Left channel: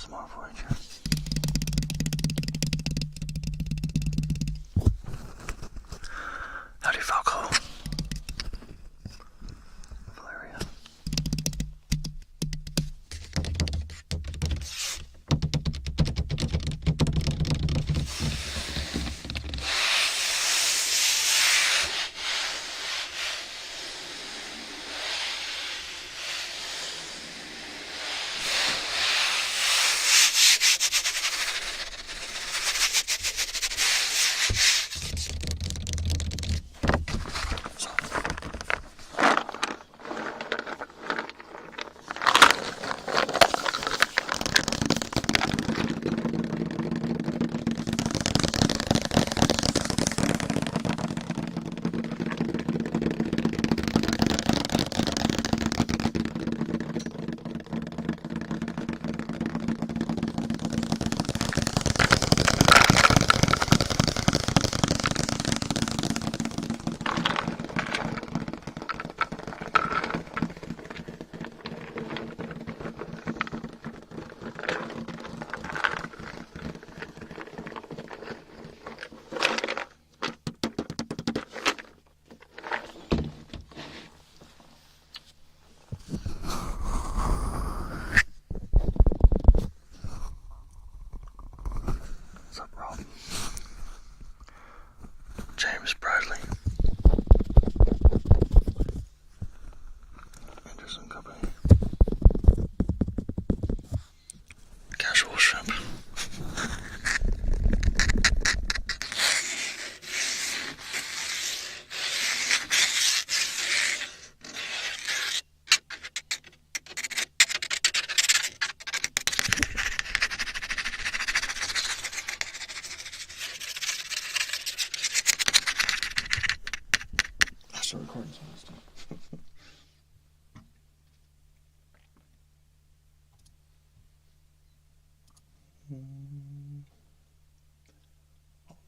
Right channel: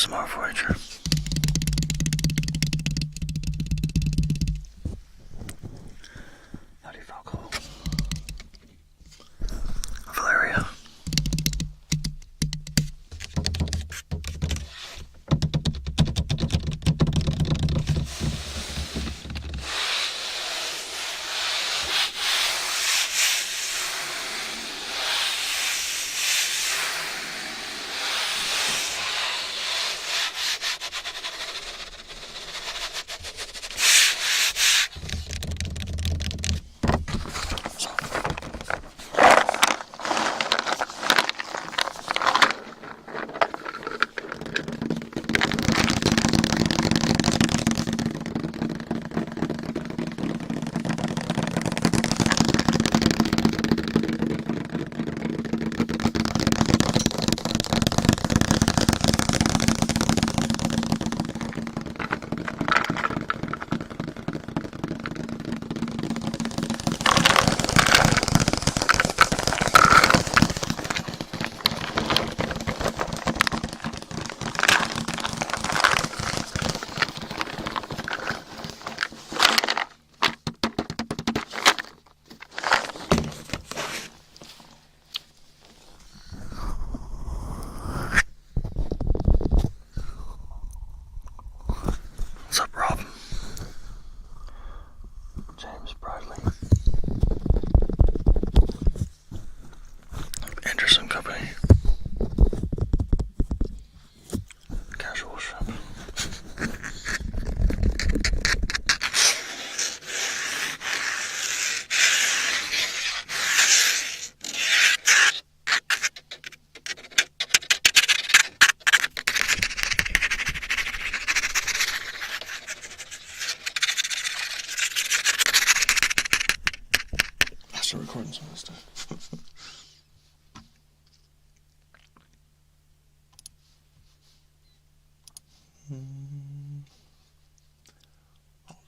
ASMR Voyager. Howdy, Falco. Valeria. What's up, Rob? James Bradley. Anderson Company. Casual Shrimp. I start recording some of this stuff.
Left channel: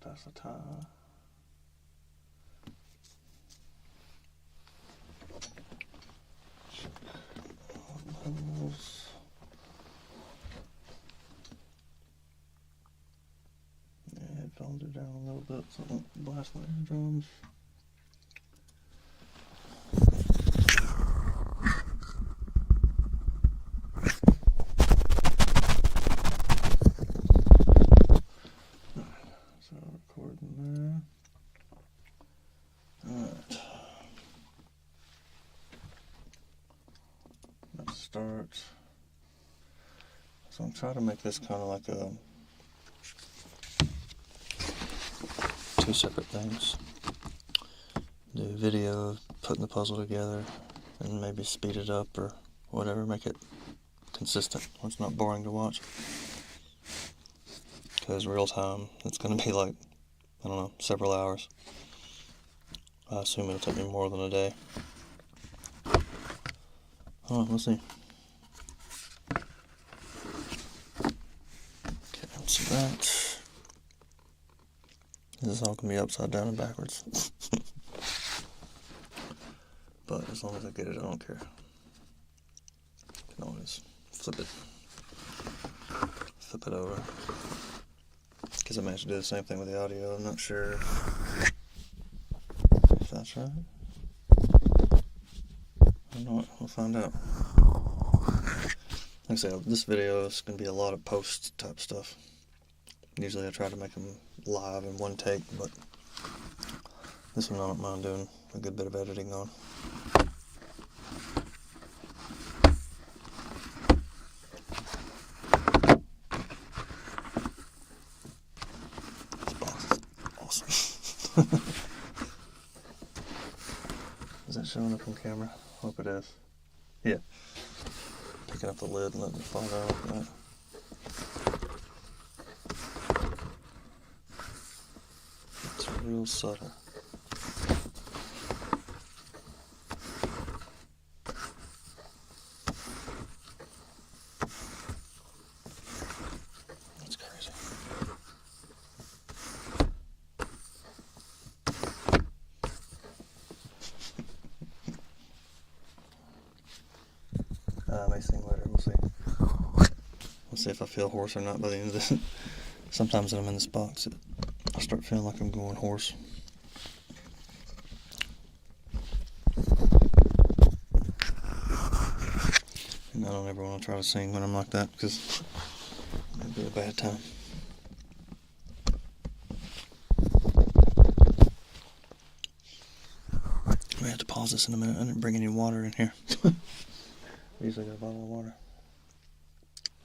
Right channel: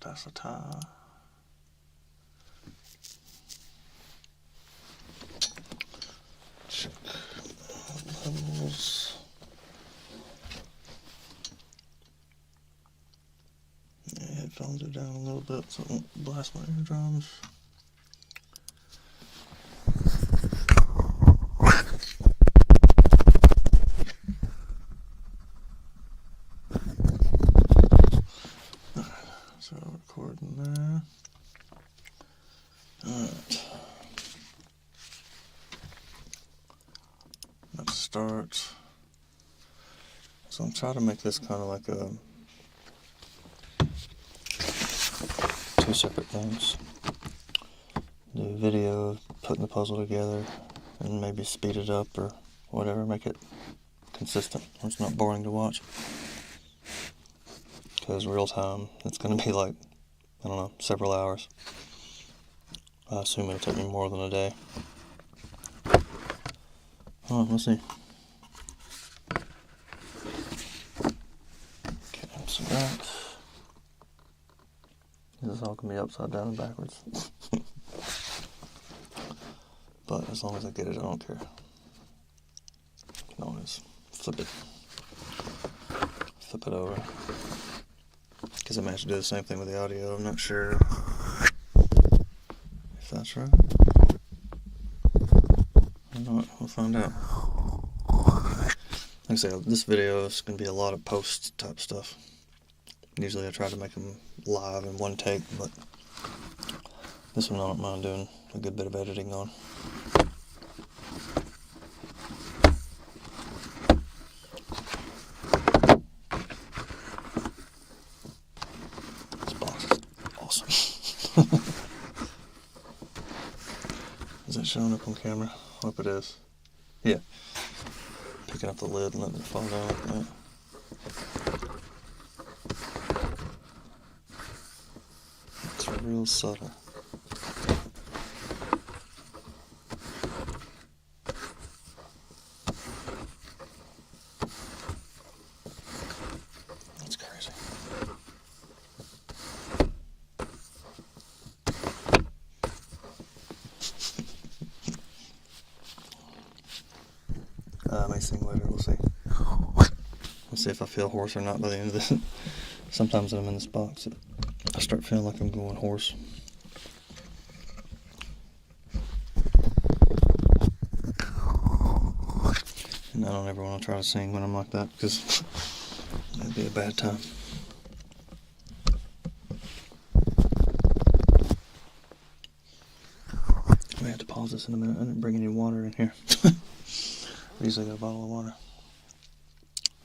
That's the time. Check levels. Yeah, headphones are down a little bit so I won't blast my eardrums. So recording there. Alright. Let's start. So I'm trying to make this kind of like two separate things. Do a video of putting the puzzle together and maybe speed it up or whatever, make it consistent where it's not boring to watch. Because real time, it's going to be like, I don't know, several hours. I assume it'll take me more than a day. Oh, let's see. Okay, see that. This is all going to be upside down and backwards. But as long as I get it, I don't care. I can always flip it over. Because I managed to do the same thing with the audio. I'm not sure if that's right. I don't know. We'll find out. Like I say, this video is going to be a lot of post type stuff. Usually I try to make them live in one take, but this one I don't mind doing a good bit of editing on. Is that showing up on camera? I hope it is. Yeah. Picking up the lid and letting it fall down like that. It's real subtle. That's crazy. I may sing later, we'll see. We'll see if I feel hoarse or not by the end of this. Sometimes when I'm in this box, I start feeling like I'm going hoarse. And I don't ever want to try to sing when I'm like that, because it'd be a bad time. I'm gonna have to pause this in a minute. I didn't bring any water in here. I usually got a bottle of water.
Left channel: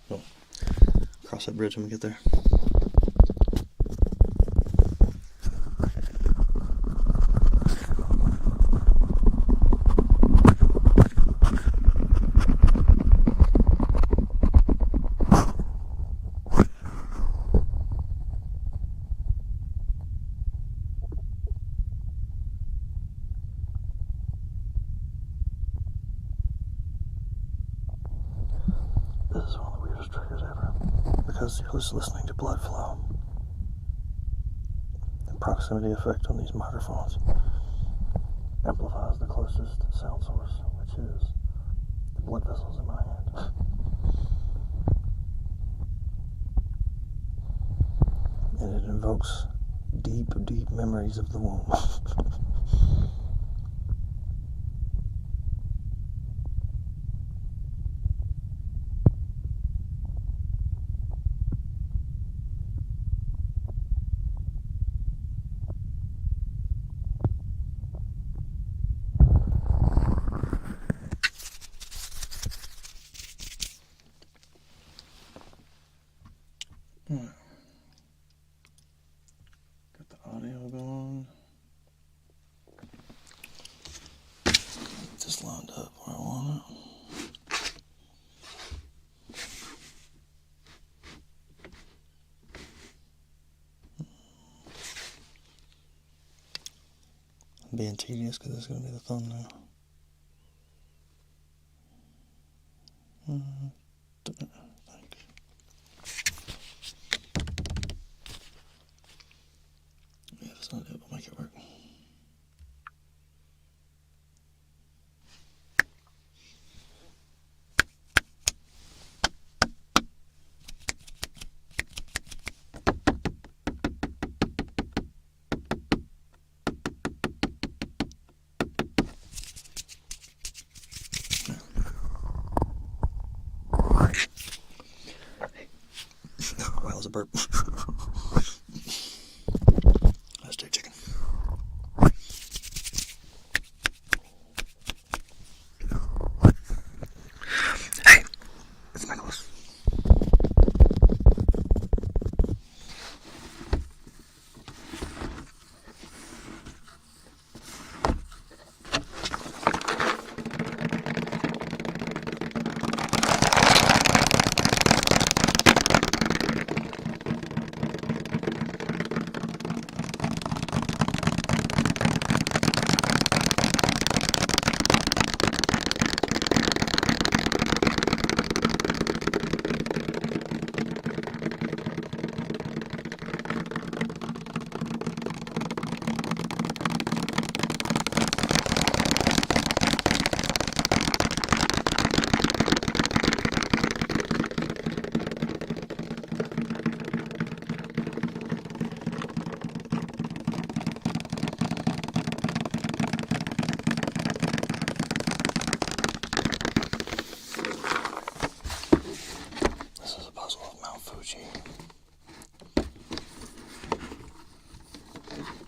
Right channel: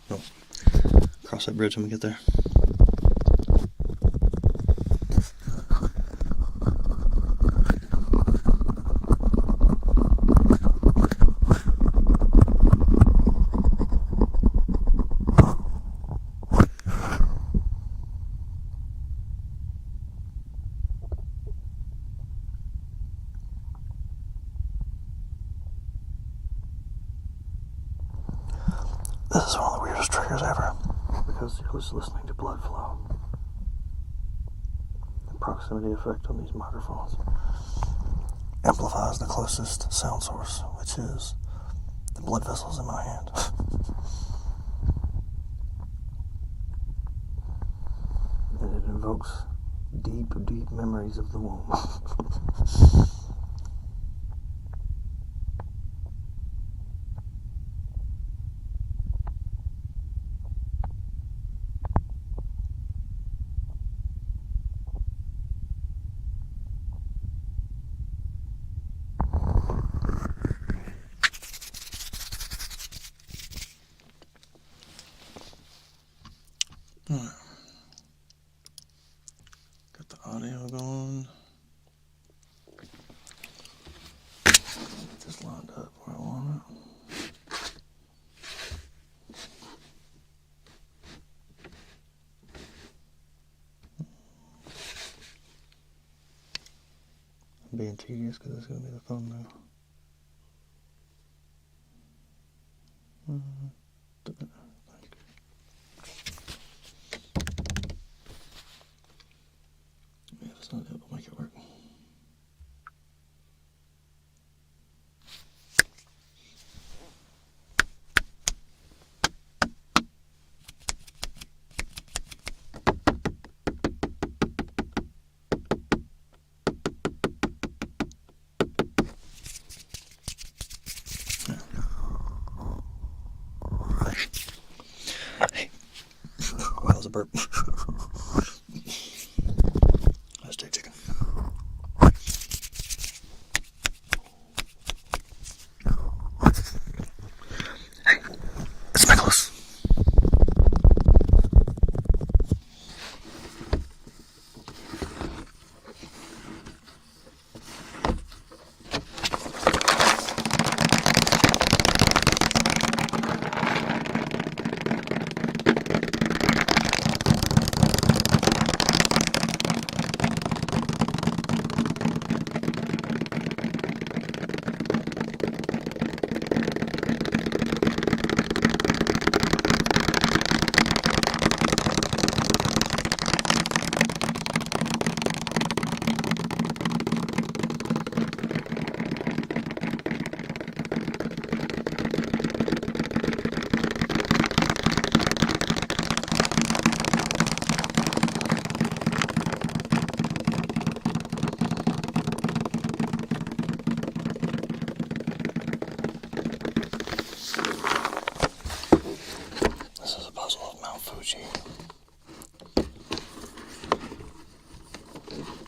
Go. Cross that bridge when we get there. This is one of the weirdest triggers ever, because you're just listening to blood flow. The proximity effect on these microphones amplifies the closest sound source, which is the blood vessels in my hand. And it invokes deep, deep memories of the womb. Alright. Got the audio going. Get this lined up where I want it. I'm being tedious because it's going to be the thumbnail. Yeah, that's not it, but make it work. Wow, that was a burp. That's steak chicken. Hey, it's Nicholas.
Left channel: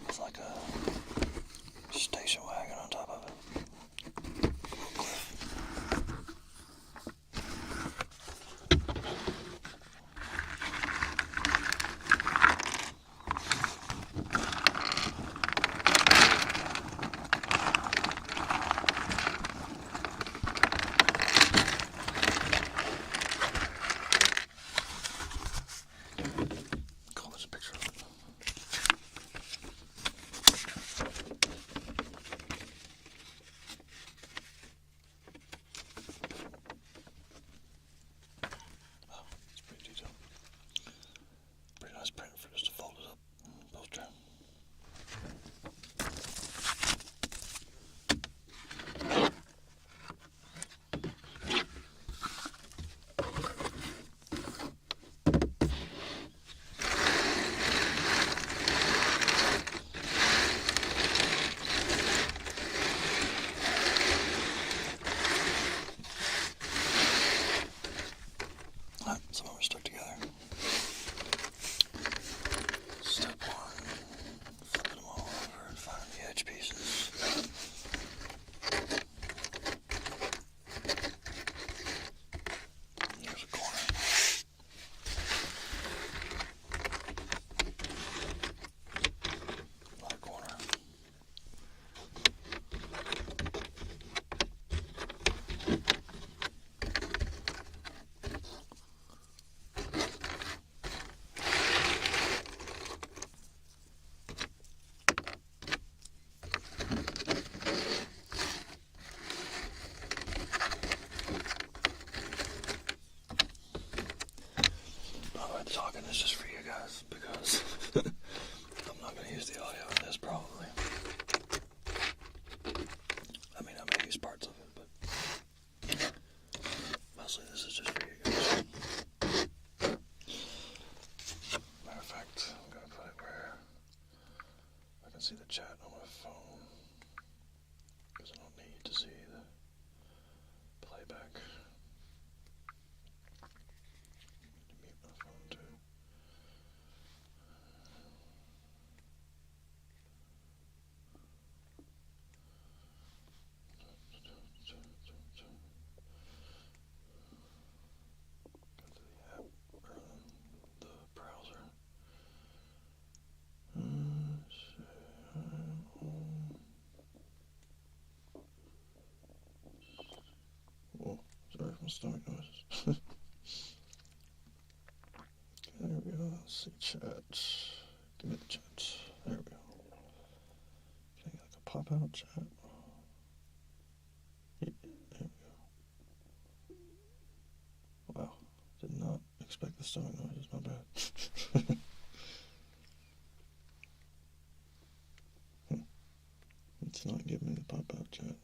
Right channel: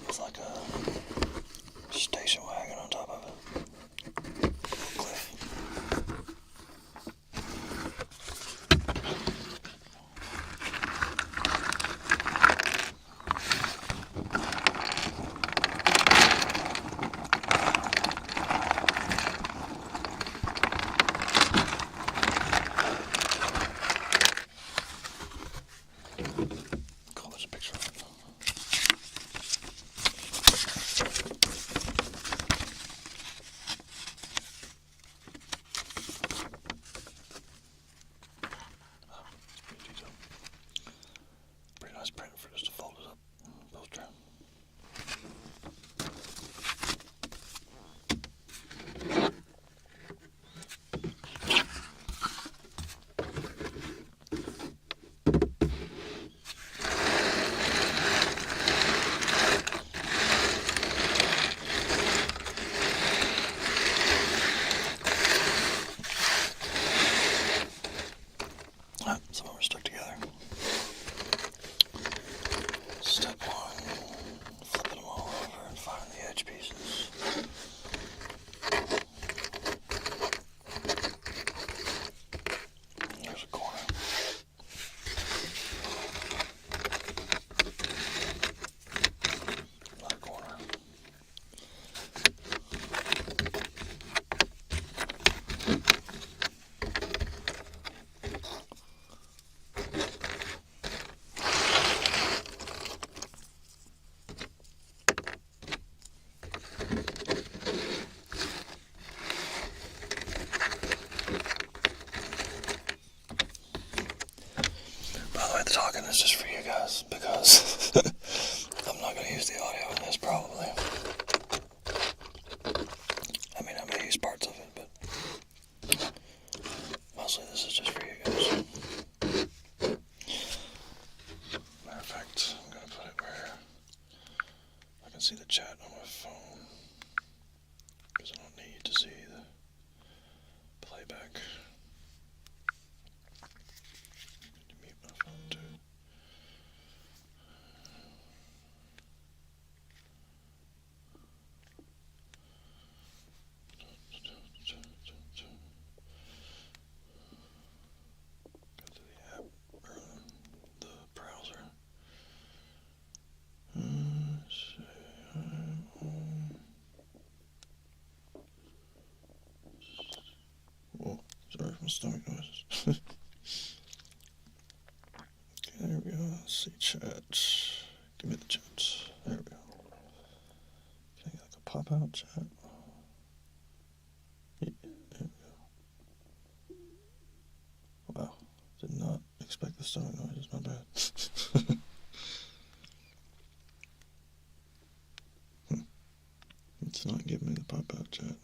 It's like a station wagon on top of it. Cliff. Cool, there's a picture of it. Nice print for just a folded up poster. Step one, flipping them all over and finding the edge pieces. Here's a corner. Another corner. By the way, the talking is just for you guys because I'm not going to use the audio in this probably. I mean, I may use parts of it, but mostly this is just for you guys. Matter of fact, I'm going to put it where I can see the chat on my phone because I don't need to see the playback. Mute my phone too. Go to the app or the browser. Whoa, sorry for my stomach noises. Okay, there we go. Let's see chat. Give me the chat. There we go. Can I get like a pop out chat? Yeah, there we go. Wow. Did not expect the stomach noises, my bad. It's not giving me the pop out chat.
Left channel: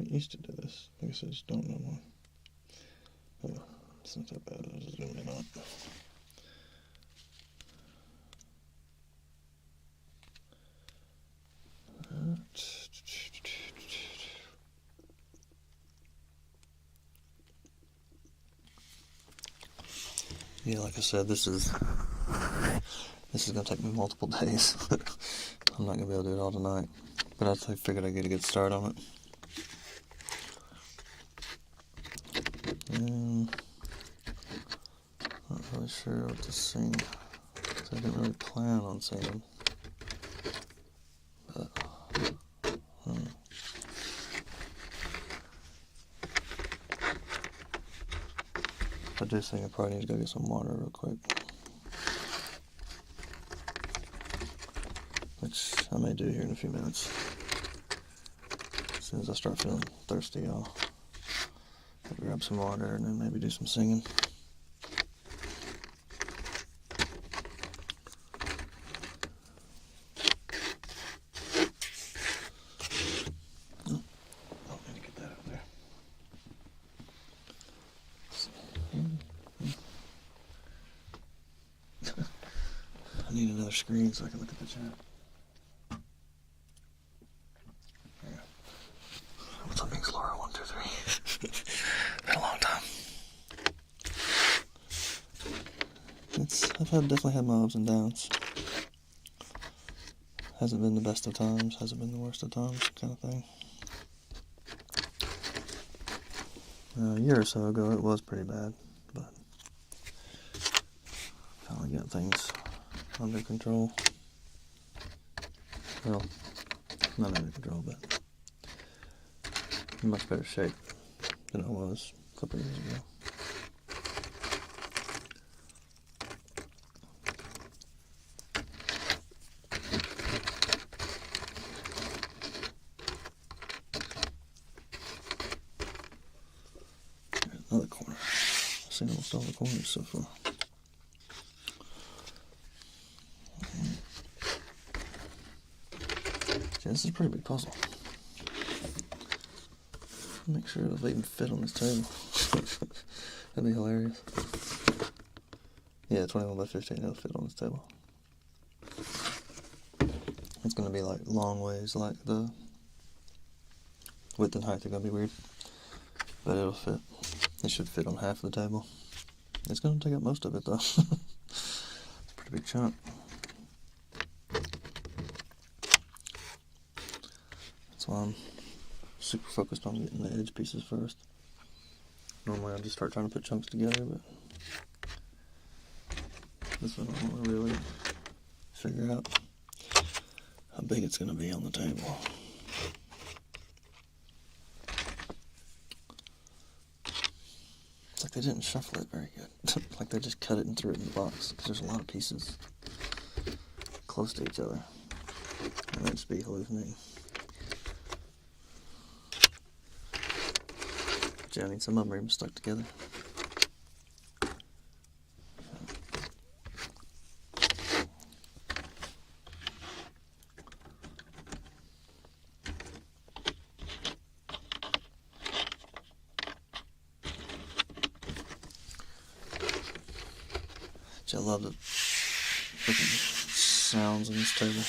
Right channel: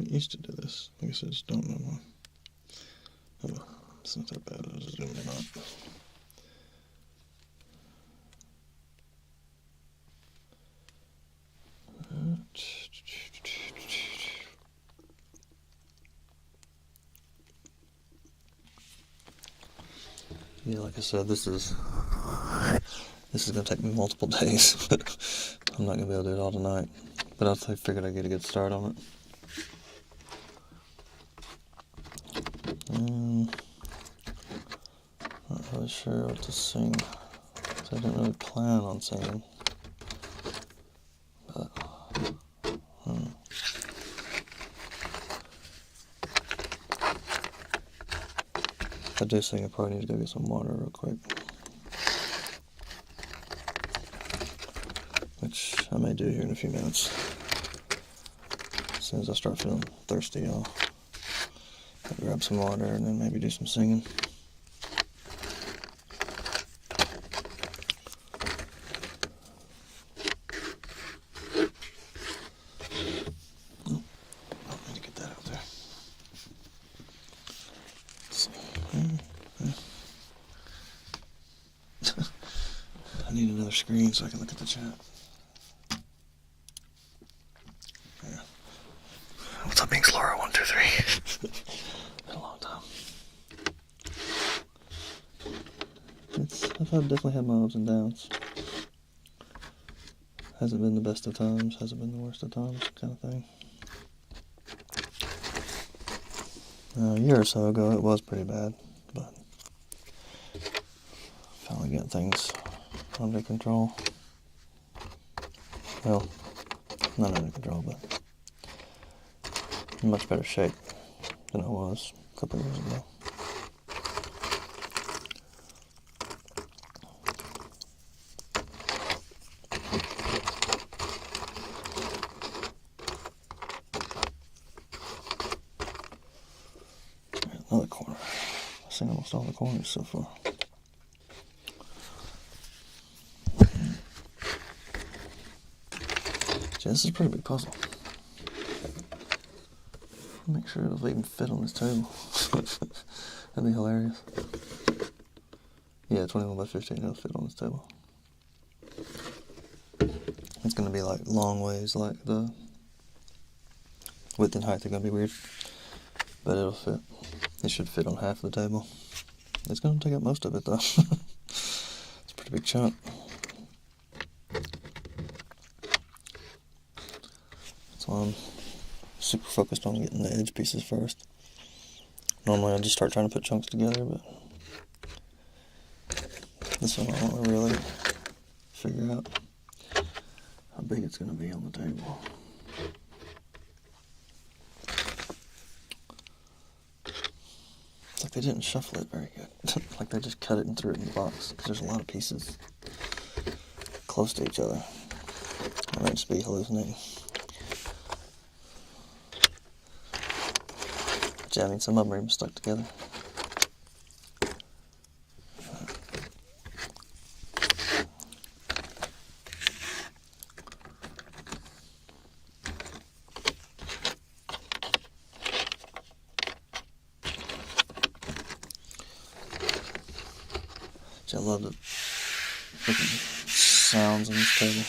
I used to do this. I guess I just don't know why. Oh, it's not that bad. I'll just zoom in on it. Yeah, like I said, this is gonna take me multiple days. I'm not gonna be able to do it all tonight. But I figured I'd get a good start on it. Not really sure what to sing. So I didn't really plan on singing. But if I do sing, I probably need to go get some water real quick. Which I may do here in a few minutes. As soon as I start feeling thirsty, I'll grab some water and then maybe do some singing. I need another screen so I can look at the chat. Yeah. What's up, Binks Laura 123? Been a long time. I've definitely had my ups and downs. Hasn't been the best of times, hasn't been the worst of times, kind of thing. A year or so ago, it was pretty bad, but finally got things under control. Well, not under control, but in much better shape than I was a couple of years ago. Another corner. I've seen almost all the corners so far. See, this is a pretty big puzzle. Make sure it'll even fit on this table. That'd be hilarious. Yeah, 21 by 15, it'll fit on this table. It's gonna be like long ways, like the width and height are gonna be weird. but it'll fit. It should fit on half of the table. It's going to take up most of it though. It's a pretty big chunk. That's why I'm super focused on getting the edge pieces first. Normally I just start trying to put chunks together, but this one I want to really figure out how big it's going to be on the table. It's like they didn't shuffle it very good. Like they just cut it and threw it in the box, because there's a lot of pieces close to each other. I might just be hallucinating. Yeah, I mean, some of them are even stuck together. I love the freaking sounds on this table.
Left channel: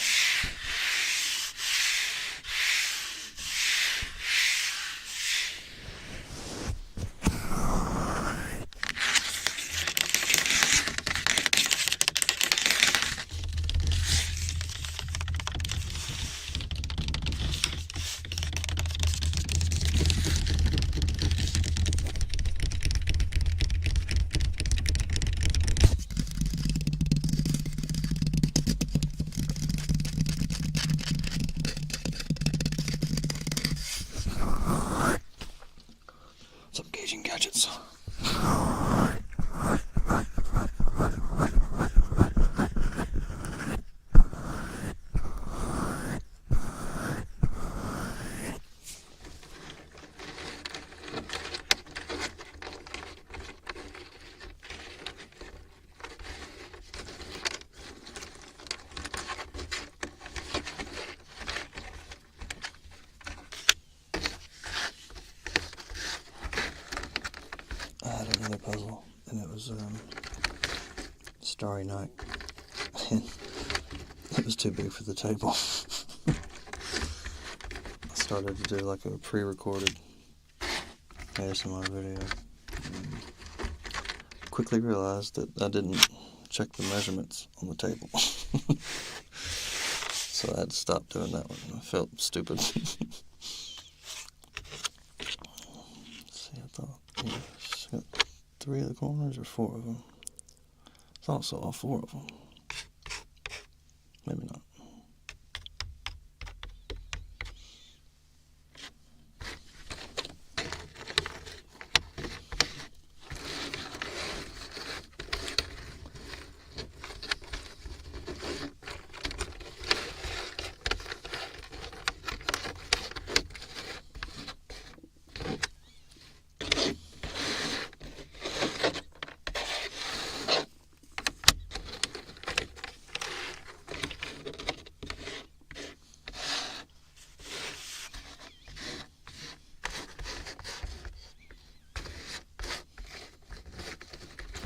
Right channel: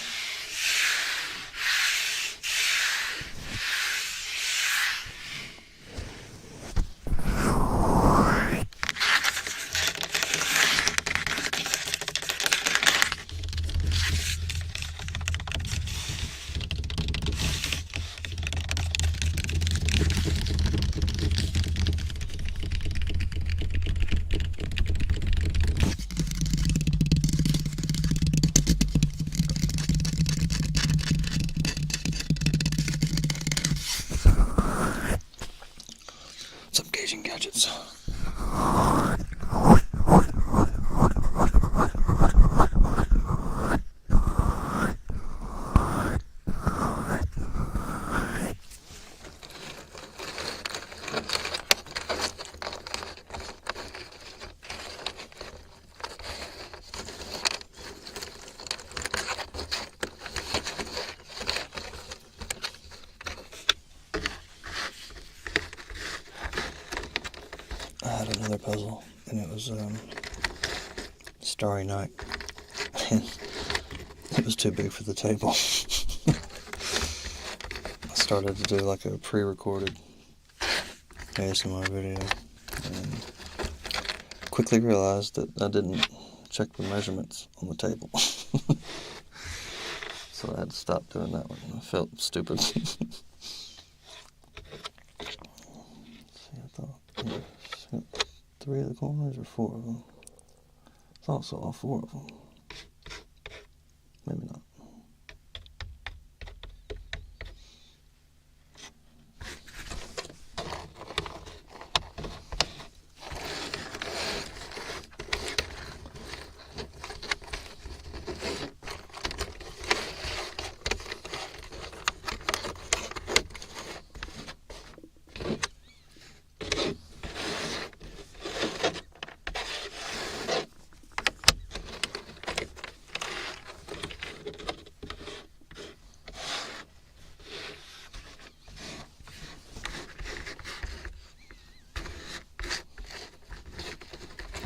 Some gauging gadgets. I had another puzzle, and it was Starry Night, and it was too big for the table. I started to do like a pre-recorded ASMR video, and quickly realized that I didn't check the measurements on the table. So I had to stop doing that one. I felt stupid. See, I thought... Got 3 of the corners or 4 of them? I thought I saw all 4 of them. Maybe not.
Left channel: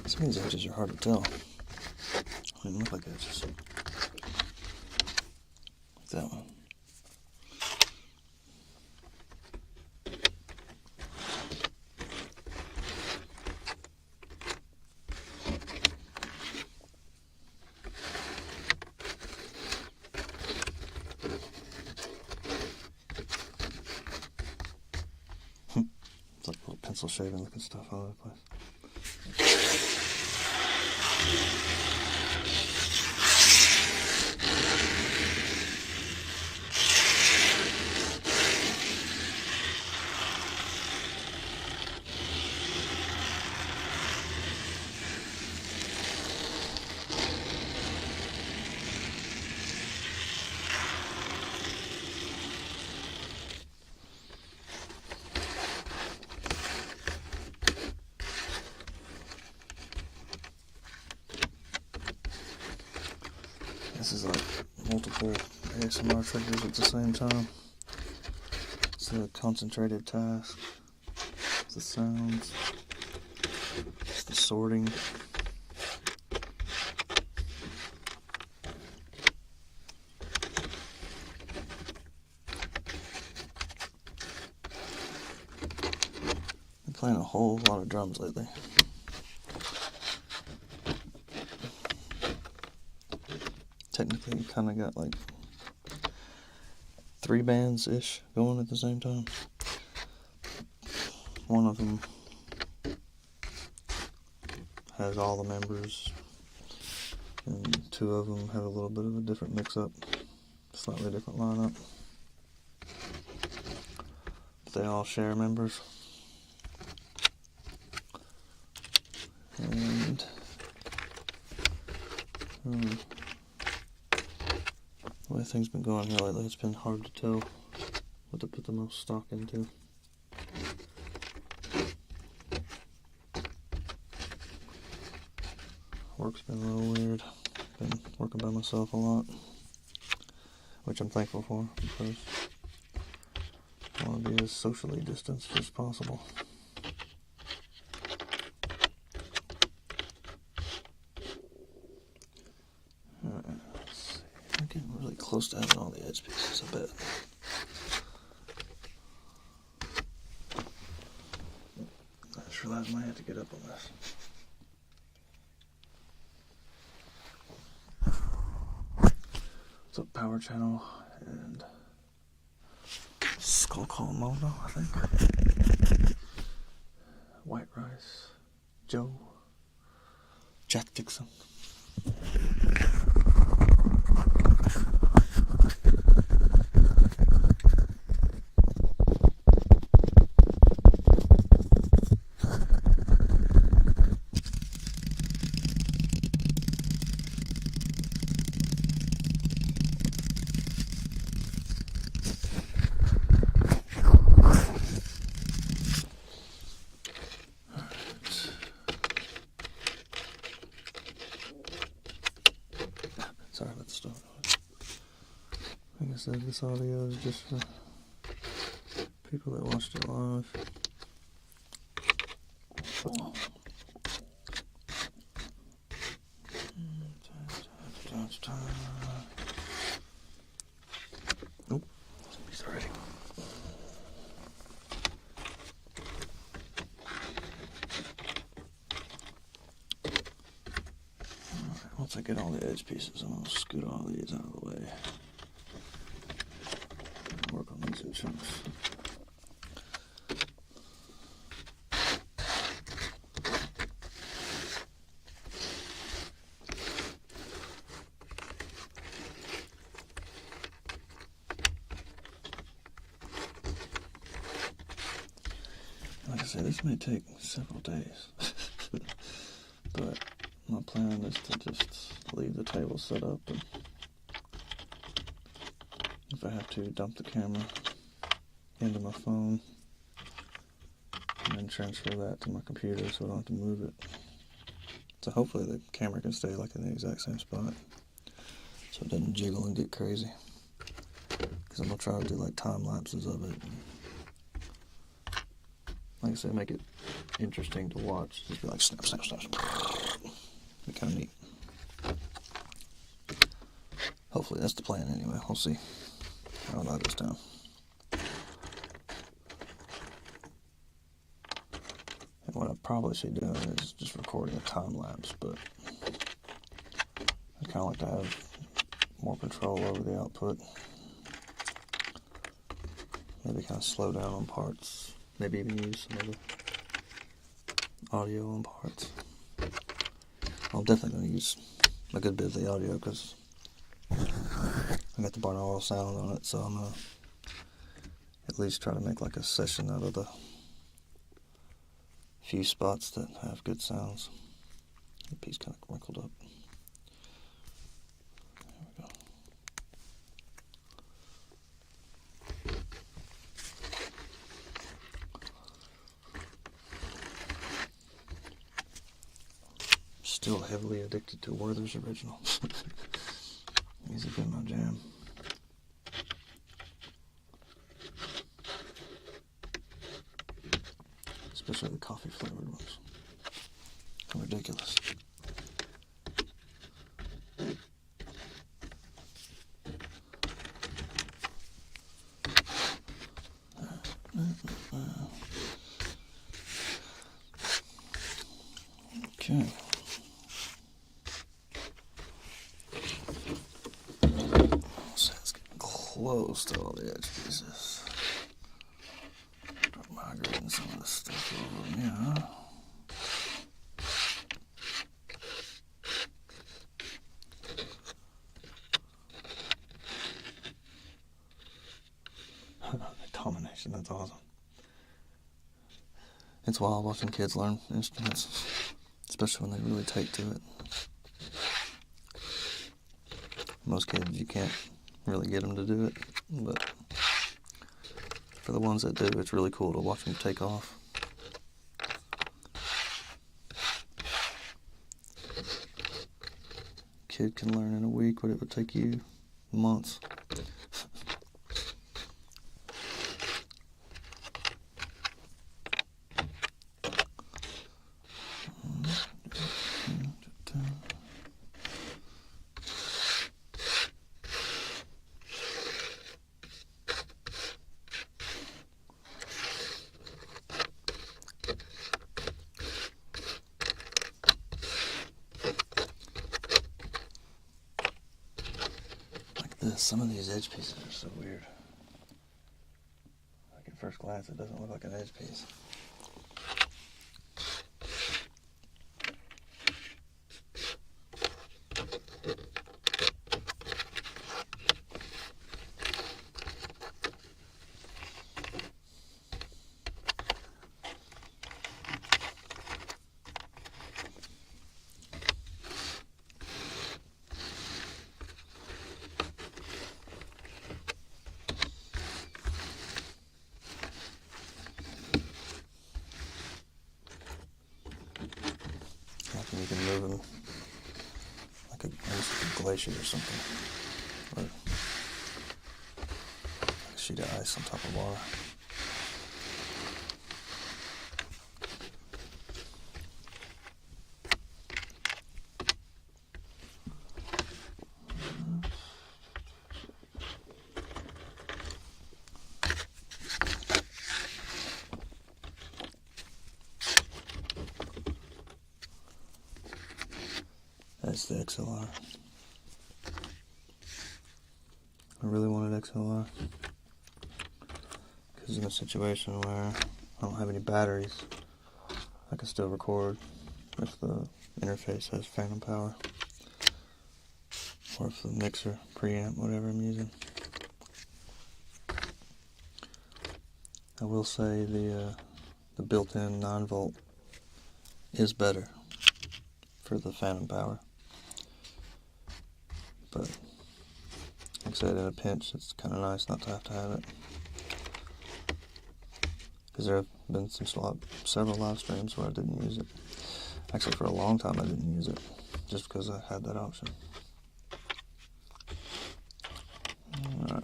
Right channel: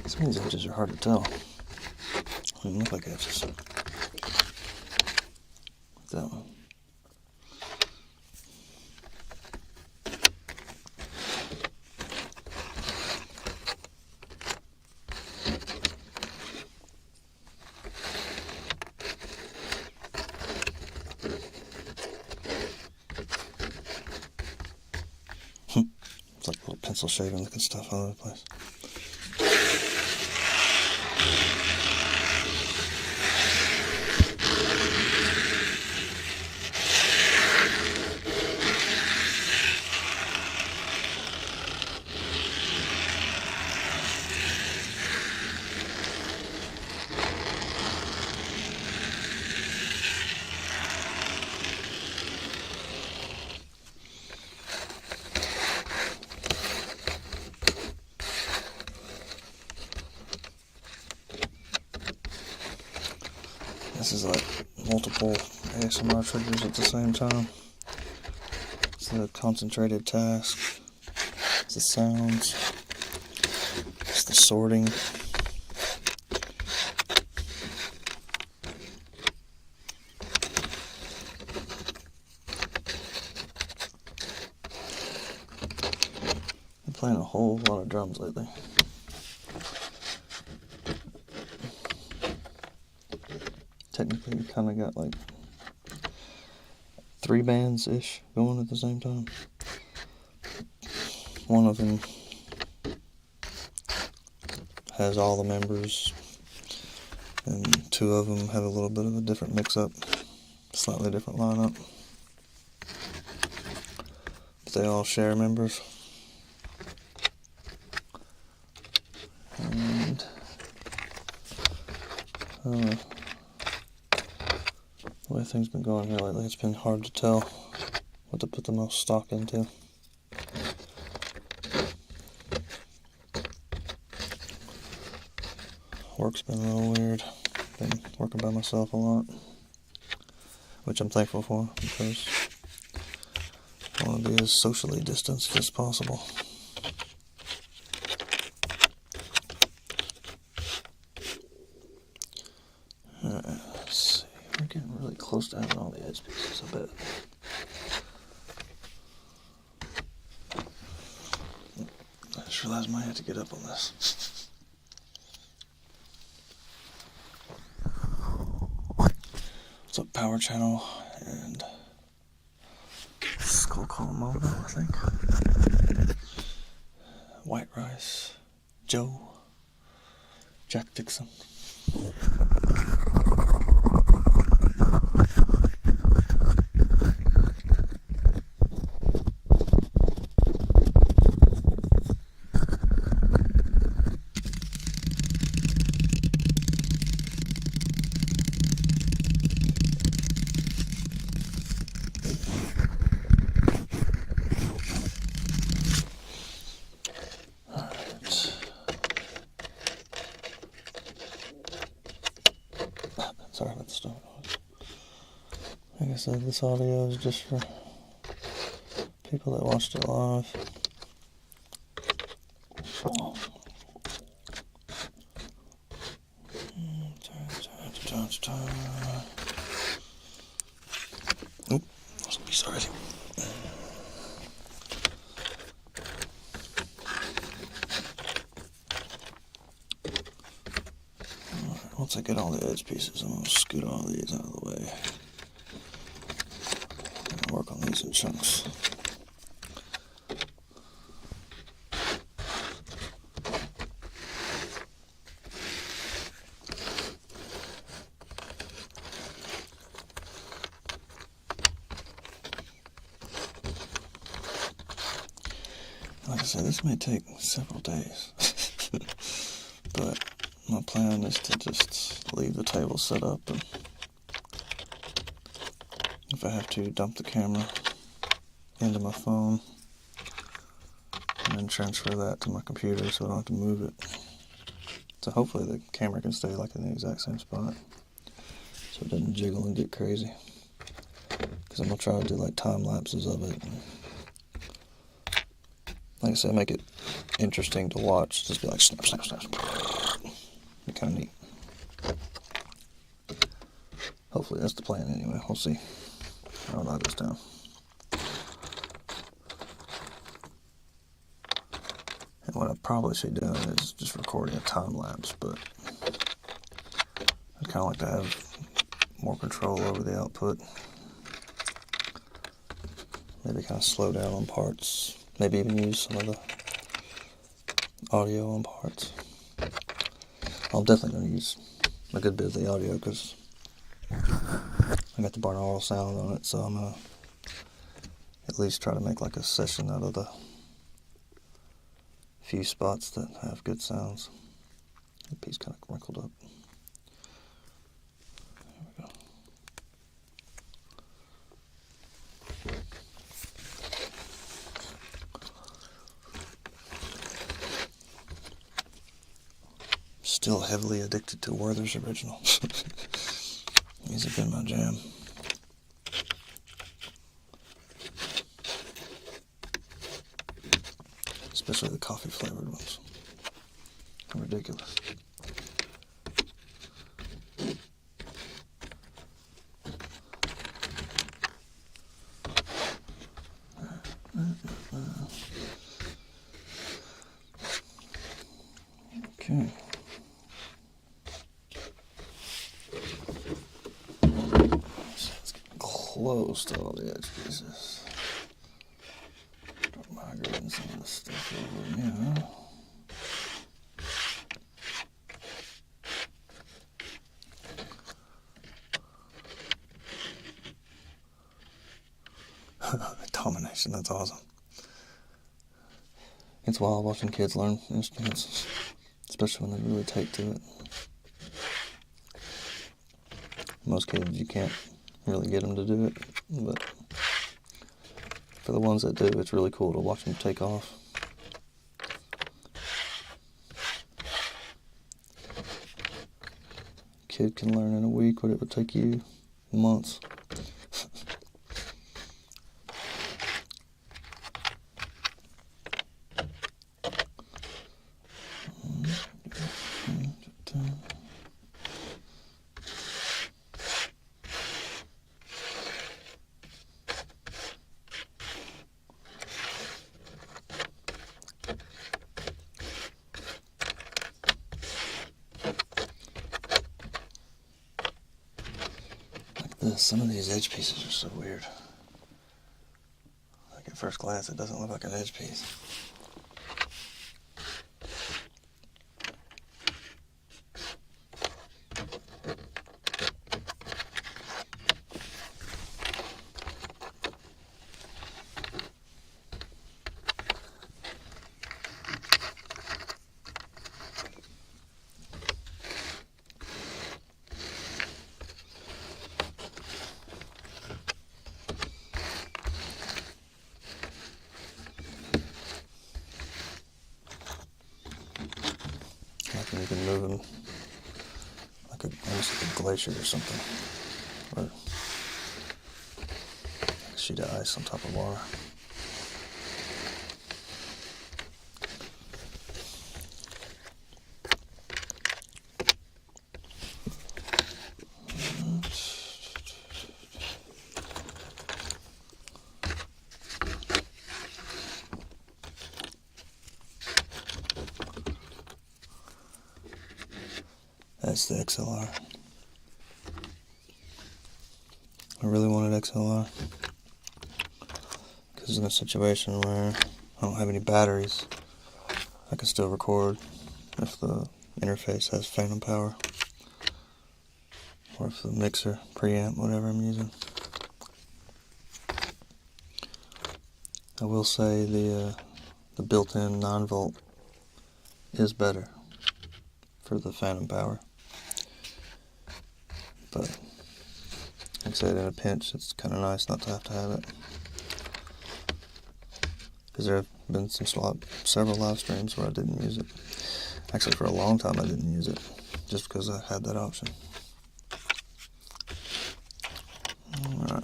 Some of these edges are hard to tell. They don't look like edges. Like that one. It's like little pencil shaving looking stuff all over the place. This is like multiple ASMR triggers at the same time. It's the concentrated task. It's the sounds. It's the sorting. playing a whole lot of drums lately. Technically, kind of got like 3 bands-ish going at the same time. One of them has all the members, and 2 of them have a little bit of a different mix-up, slightly different lineup. But they all share members. And the way things been going here lately, it's been hard to tell what to put the most stock into. Work's been a little weird. Been working by myself a lot, which I'm thankful for, because I want to be as socially distanced as possible. Alright, let's see. We're getting really close to having all the edge pieces, I bet. I just realized I might have to get up on this. It's a power channel and skull column mono, I think. White rice, Joe, Jack Dixon. Sorry about the start. Like I said, this audio is just for people that watched it live. Oop, sorry. Once I get all the edge pieces, I'm going to scoot all these out of the way and work on these in chunks. Like I said, this may take several days, but my plan is to just leave the table set up, and if I have to, dump the camera into my phone and then transfer that to my computer so I don't have to move it. So hopefully the camera can stay like in the exact same spot so it doesn't jiggle and get crazy, because I'm going to try to do like time lapses of it. Like I said, make it interesting to watch. Just be like snap, snap, snap. Be kind of neat. Hopefully that's the plan anyway. We'll see. I'll knock this down. And what I probably should be doing is just recording a time lapse, but I kind of like to have more control over the output. Maybe kind of slow down on parts. Maybe even use some of the audio on parts. I'm definitely going to use a good bit of the audio because I got the binaural sound on it, so I'm going to at least try to make like a session out of the few spots that have good sounds. The piece kind of wrinkled up. There we go. Still heavily addicted to Werther's Original. These have been my jam. Especially the coffee flavored ones. They're ridiculous. Okay. So let's get close to all the edge pieces. Start migrating some of the stuff over here. Domination, that's awesome. It's wild watching kids learn instruments, especially when they really take to it. Most kids, you can't really get them to do it, but for the ones that do, it's really cool to watch them take off. Kid can learn in a week what it would take you months. Some of these edge pieces are so weird. Like at first glance, it doesn't look like an edge piece. Like when you can move them like almost like a glacier or something, or like a sheet of ice on top of water. That's the XLR. I really wanted XLR because in a situation where I don't have any batteries, I can still record if the interface has phantom power, or if the mixer, preamp, whatever I'm using. I will say the built-in 9-volt is better for the phantom power. But, like I said, in a pinch, it's kind of nice not to have it. Because there have been several live streams where I didn't use it. Actually, for a long time I didn't use it, just because I had that option. Alright.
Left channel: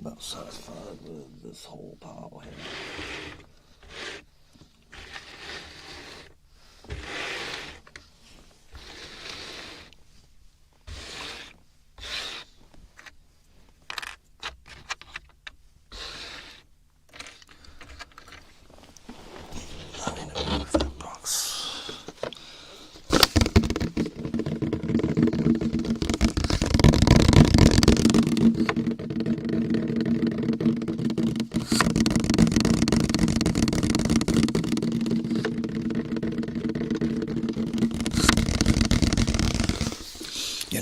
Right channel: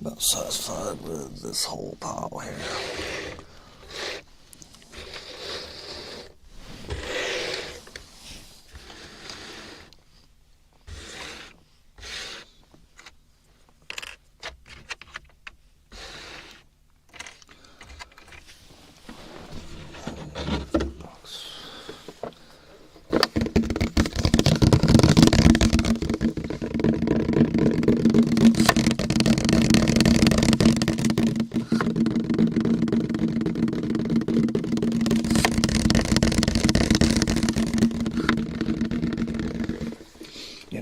About satisfied with this whole pile here.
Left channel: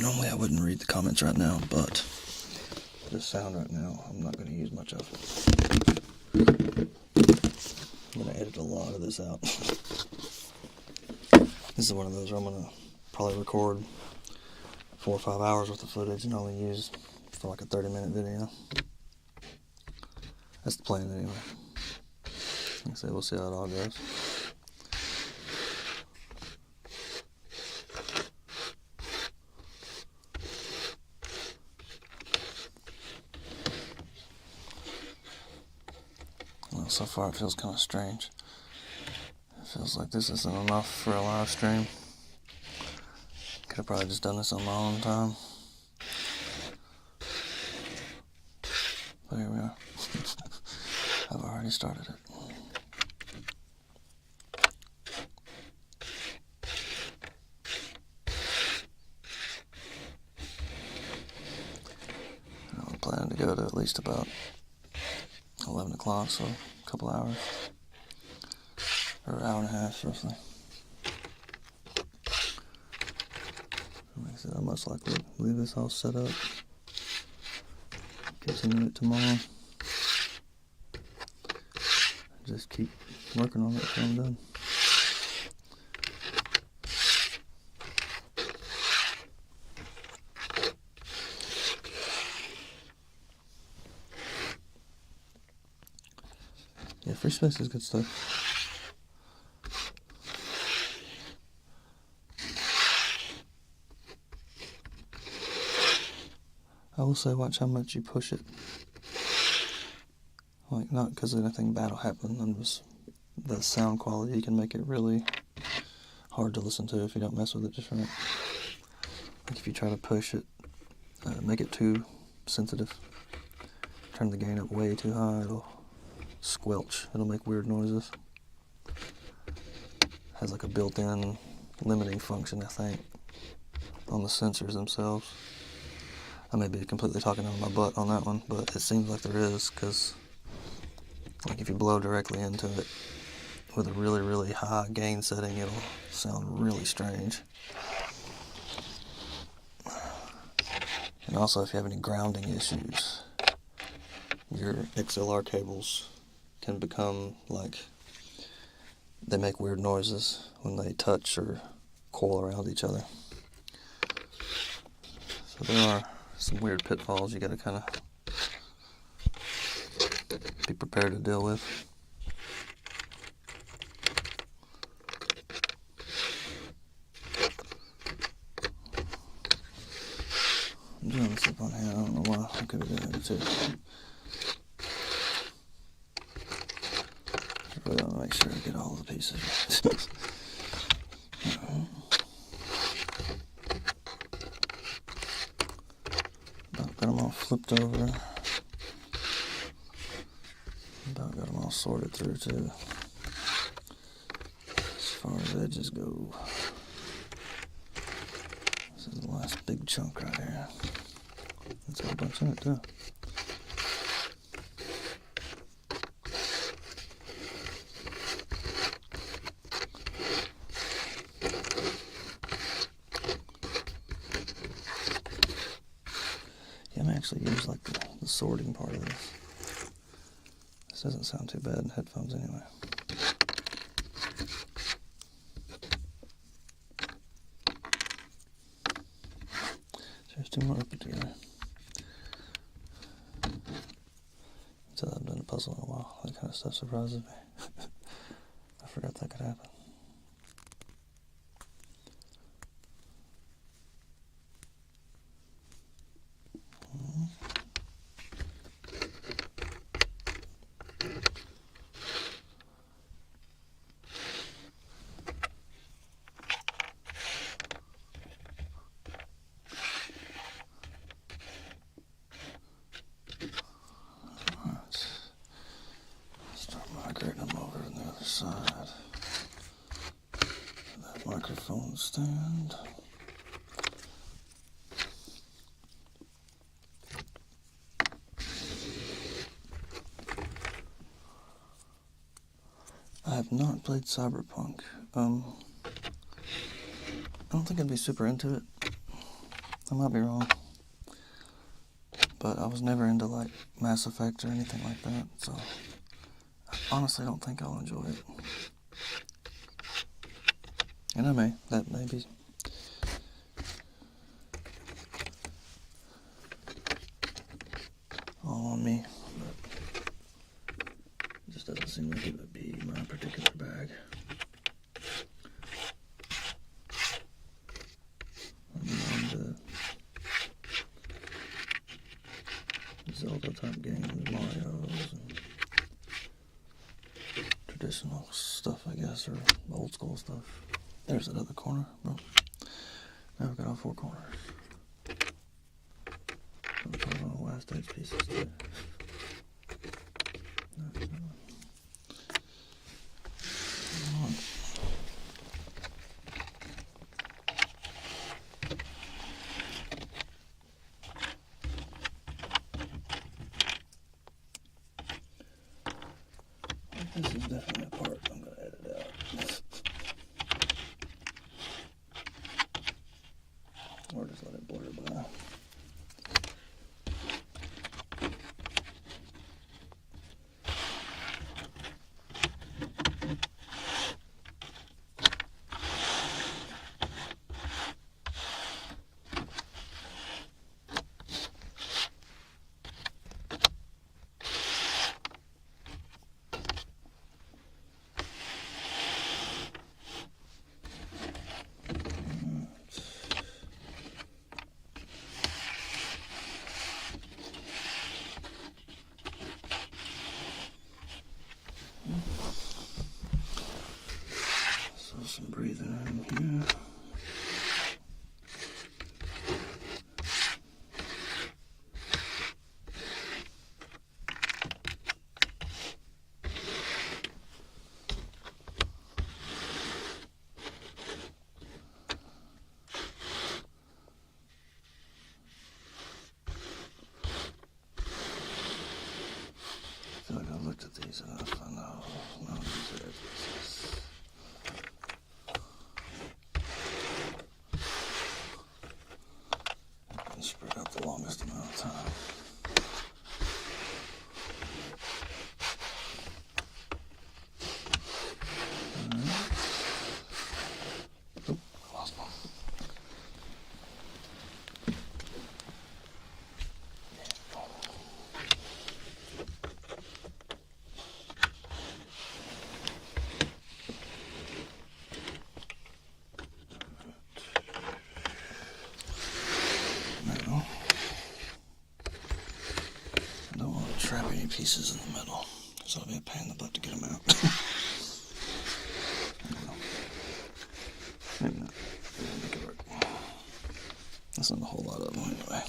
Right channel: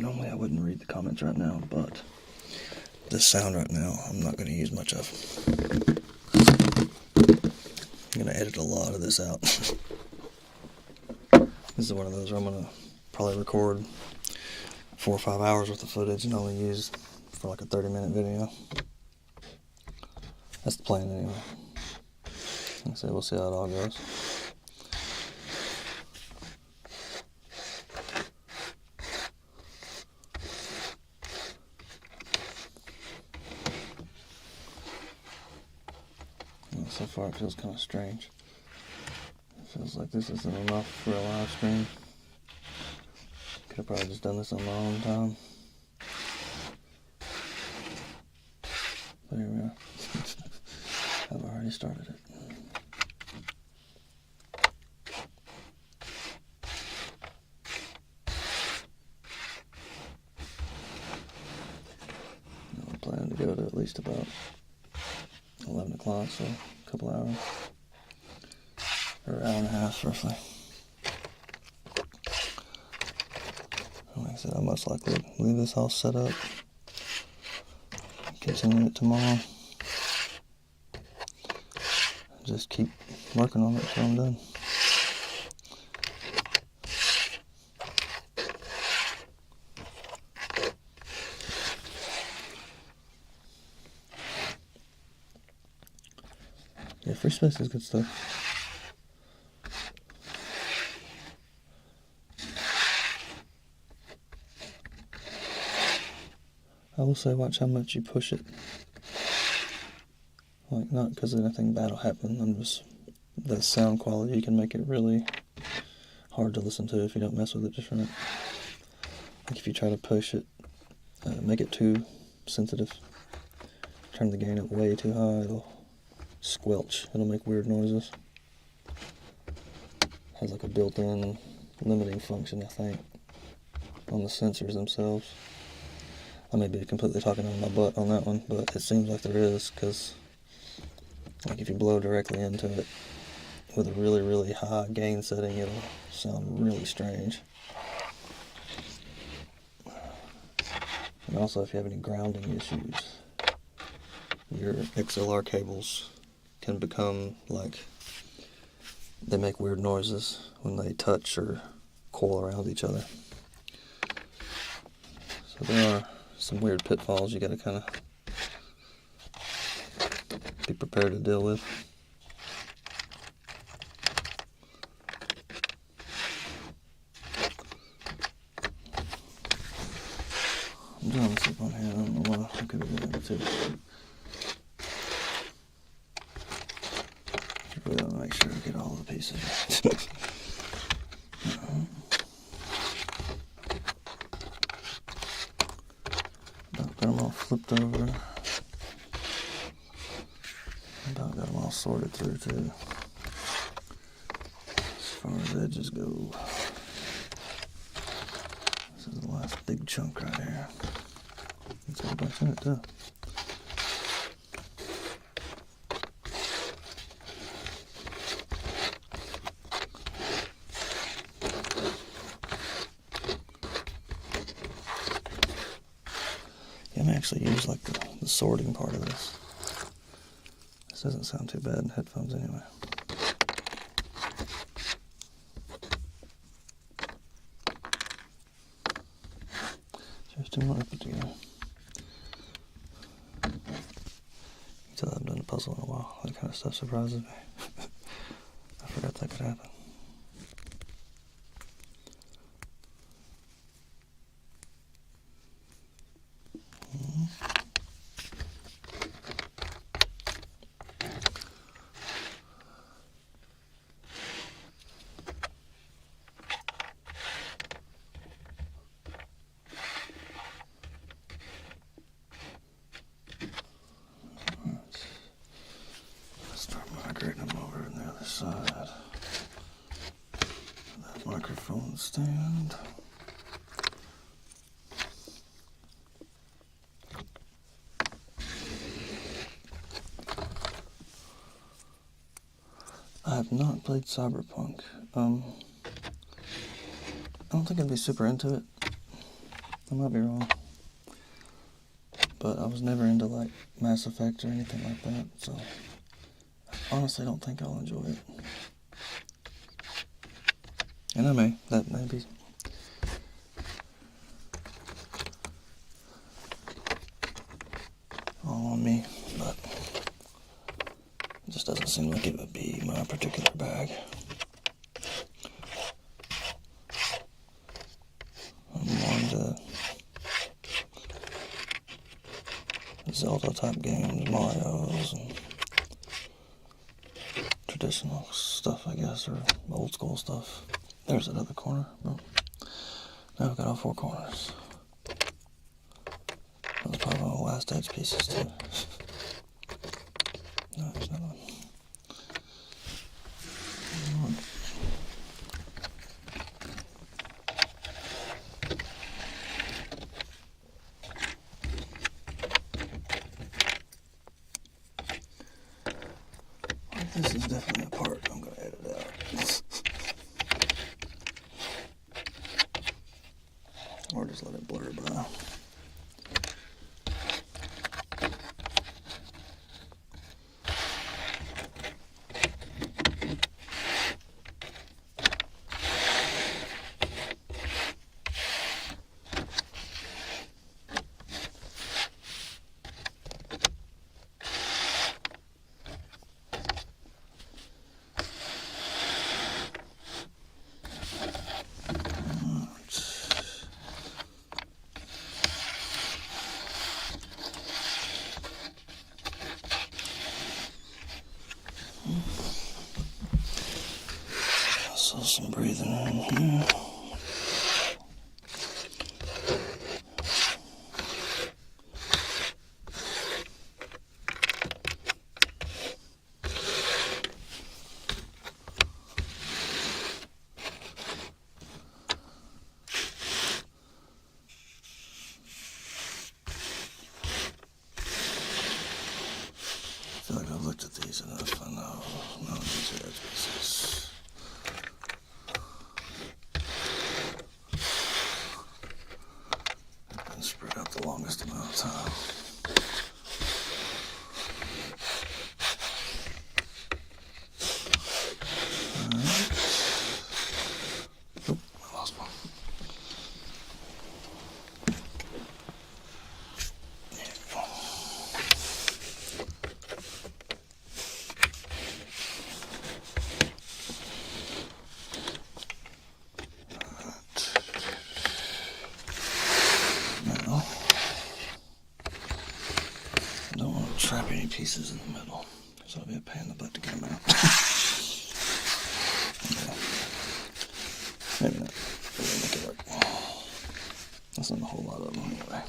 Normally I wouldn't read the comments right now, but this sound right now I'm not going to use much of. I'm going to edit a lot of this out. This is one of those where I'm going to probably record 4 or 5 hours worth of footage and only use for like a 30-minute video. That's the plan anyway. Like I said, we'll see how it all goes. Well, so far it feels kind of strange. It feels like this isn't enough for a live stream. Could have probably just done this on my own time. But here we are. I've already started it. least about 11 o'clock, so a couple hours. Or an hour and a half, roughly. Like I said, I'll most likely leave this all set up. Continue it tomorrow. Just keep working on it until I'm done. Yeah, free space is good stuff. I will say, watch how much you push it. Like, not because anything bad will happen. I'm just, the sound quality, you can make it really hard to listen to if you don't mess with it just right. Like if you try to push it, make it too sensitive, turn the gain up way too high, it'll squelch. It'll make weird noises. Has like a built-in limiting function, I think, on the sensors themselves. I may be completely talking out of my butt on that one, but it seems like there is, because like if you blow directly into it with a really, really high gain setting, it'll sound really strange. And also, if you have any grounding issues, your XLR cables can become like, they make weird noises when they touch or coil around each other. So there are some weird pitfalls you gotta kind of be prepared to deal with. I'm doing this up on here, I don't know why. I could have done it too. I really want to make sure I get all the pieces right. About got them all flipped over. About got them all sorted through too. As far as edges go. This is the last big chunk right here. It's got a bunch in it too. Yeah, I may actually use like the sorting part of this. This doesn't sound too bad in headphones anyway. Just didn't want to put together. You can tell I haven't done a puzzle in a while. That kind of stuff surprises me. I forgot that could happen. Migrating them over on the other side. That microphone stand. I have not played Cyberpunk. I don't think I'd be super into it. I might be wrong. But I was never into like Mass Effect or anything like that, so honestly, I don't think I'll enjoy it. And I may. That may be. All on me, but it just doesn't seem like it would be my particular bag. I'm more into Zelda type games, Mario's, and traditional stuff, I guess, or old school stuff. There's that other corner. Boom. Now I've got all four corners. Those are probably one of the last edge pieces too. No, there's another one. This is definitely a part I'm going to edit out. Or just let it blur by. So some breathing in here. I feel like I've looked at these enough. I know none of these are edge pieces. I've been spread out the longest amount of time. Alright. Oop, I lost one. Now, I don't want to trap any pieces in the middle, so it'll be a pain in the butt to get them out. Okay. Maybe not. Maybe make it work. That's not a whole lot of them anyway.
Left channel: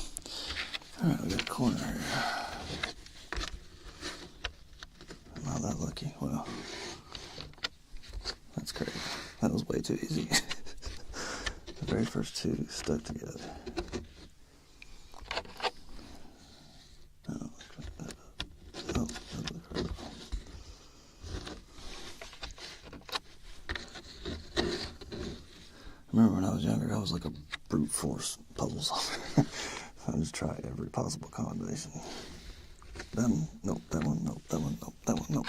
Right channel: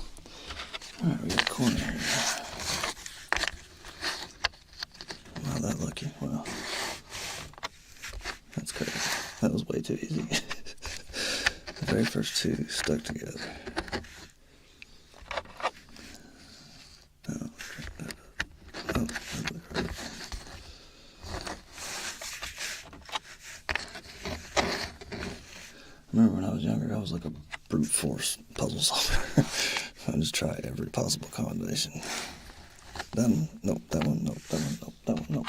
Alright, we got a corner here. I'm not that lucky. Well, that's crazy. That was way too easy. The very first two stuck together. I remember when I was younger, I was like a brute force puzzle solver. I just try every possible combination. That one, nope, that one, nope, that one, nope, that one, nope.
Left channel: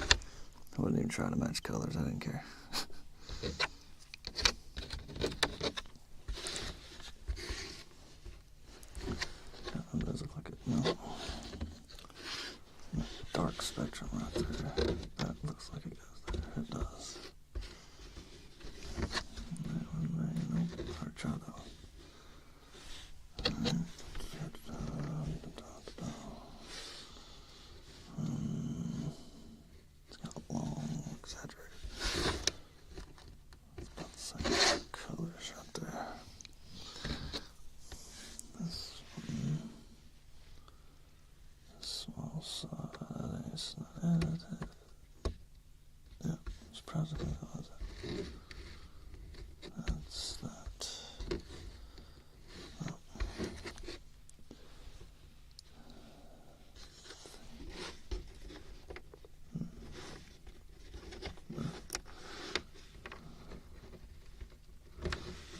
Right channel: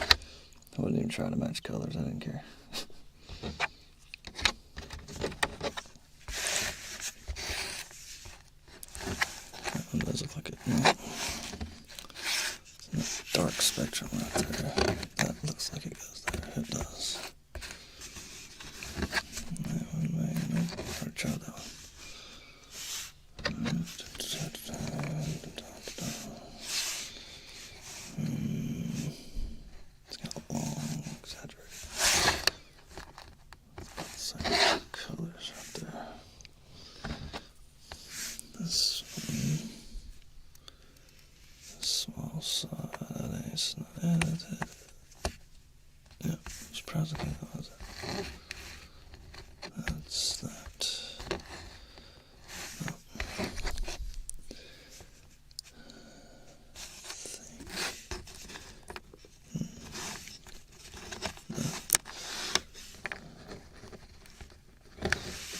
I wouldn't even try to match colors, I didn't care. That one does look like it, no. Dark spectrum right there. That looks like it goes there, it does. Try that one. It's got a long, exaggerated. Some colors right there. This one. Small side. It's not edited. Yeah, it's present. That's that.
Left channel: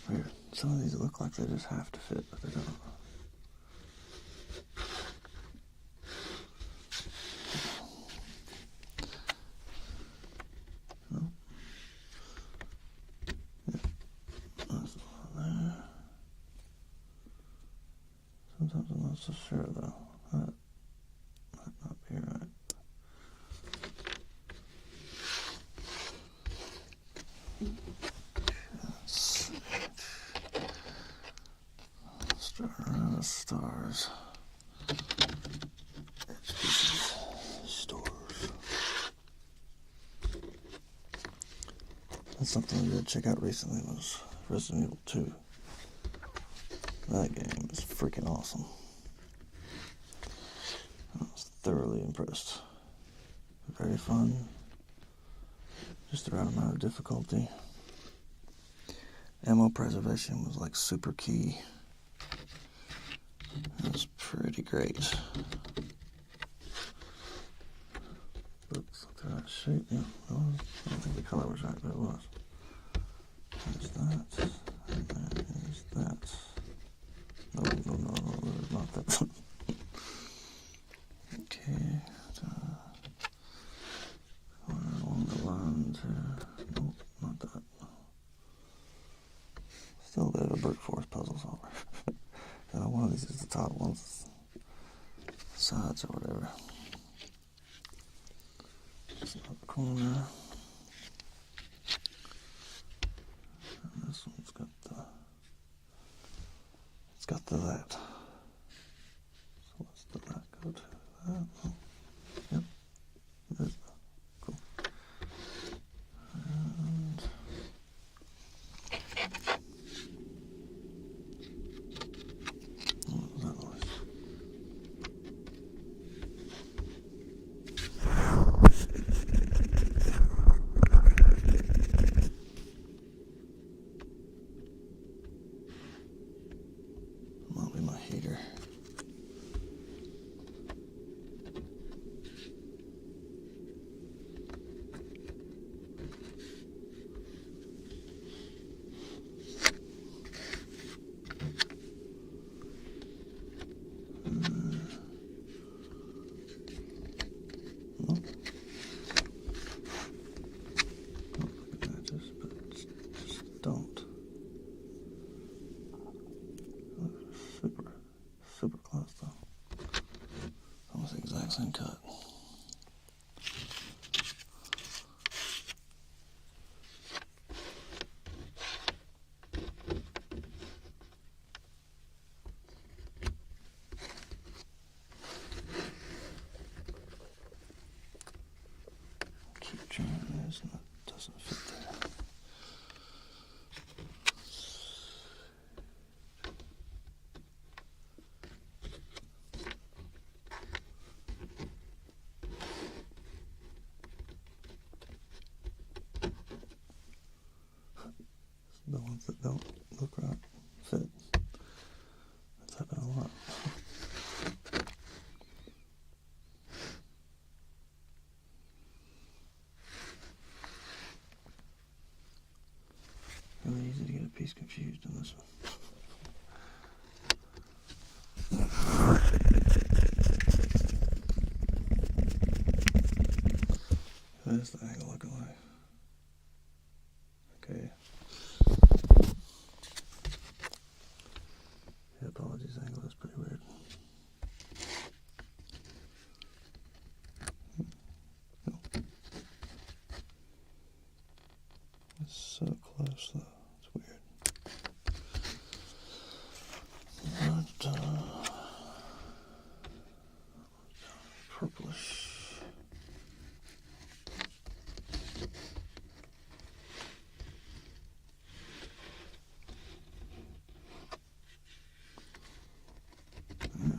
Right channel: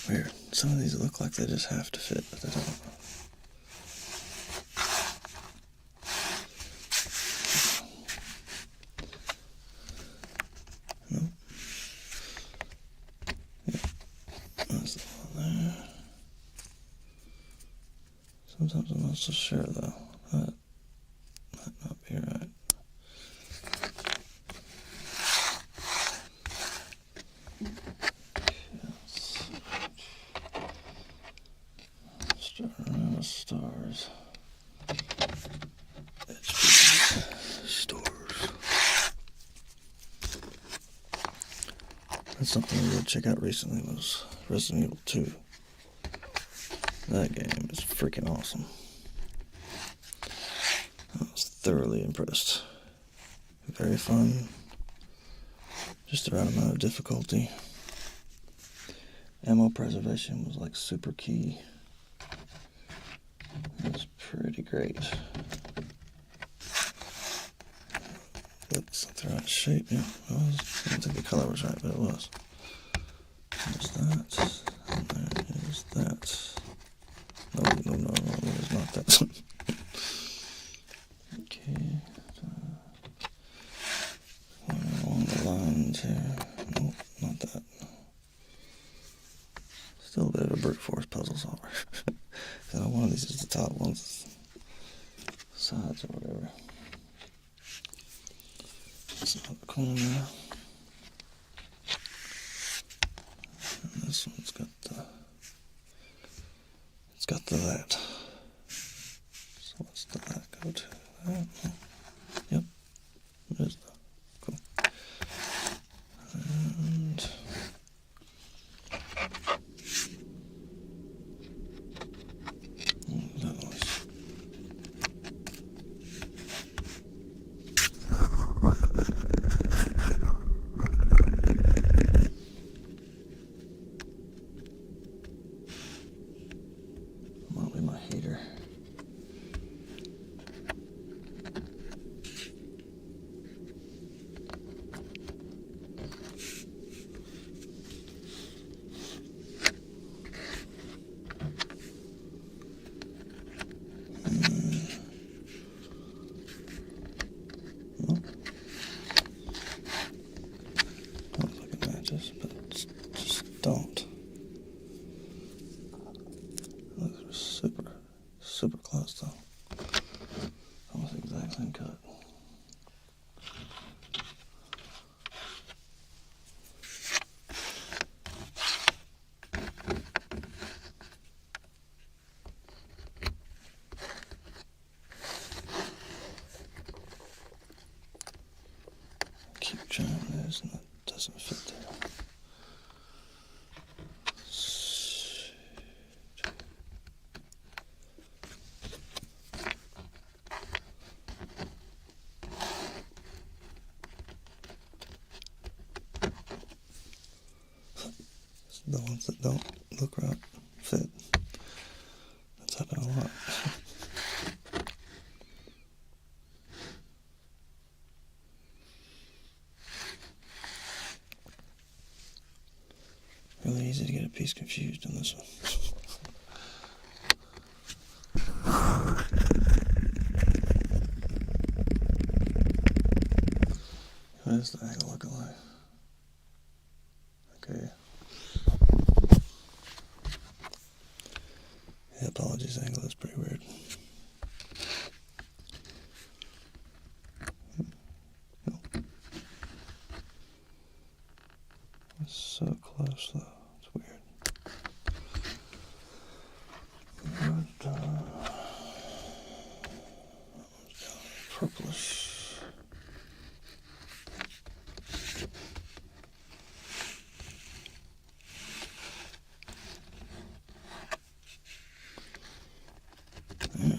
Weird. Some of these look like they just have to fit, but they don't. No? Yeah. That's the one there. Sometimes I'm not so sure though. That might not be right. Starting around the stars. Stores. That's something I did check out recently was Resident Evil 2. That game is freaking awesome. I was thoroughly impressed. Very fun. Just the right amount of difficulty. Ammo preservation was like super key. It was pretty great. Oops, the right shape. Yep, I don't think the color was right, but it was. There's that. And there is that. No, there's not that. Okay. Along the lines here. Nope, not that. Still a bit of a brute force puzzle solver. So one of these is the top, one's the sides or whatever. It's not the corner. And this one's got the that. So what's the that go to? That? Oh, yep. There's that. Cool. And that was. Might be my heater. But just don't. Looks super close though. Almost the exact same cut. Keep trying this and that doesn't fit there. The ones that don't look right fit. That's happened a lot. Really easy to get a piece confused on this one. What is the angle looking like? Okay. Yeah, apologies, angle is pretty weird. No. It's so close though, it's weird. But, purplish. There we go.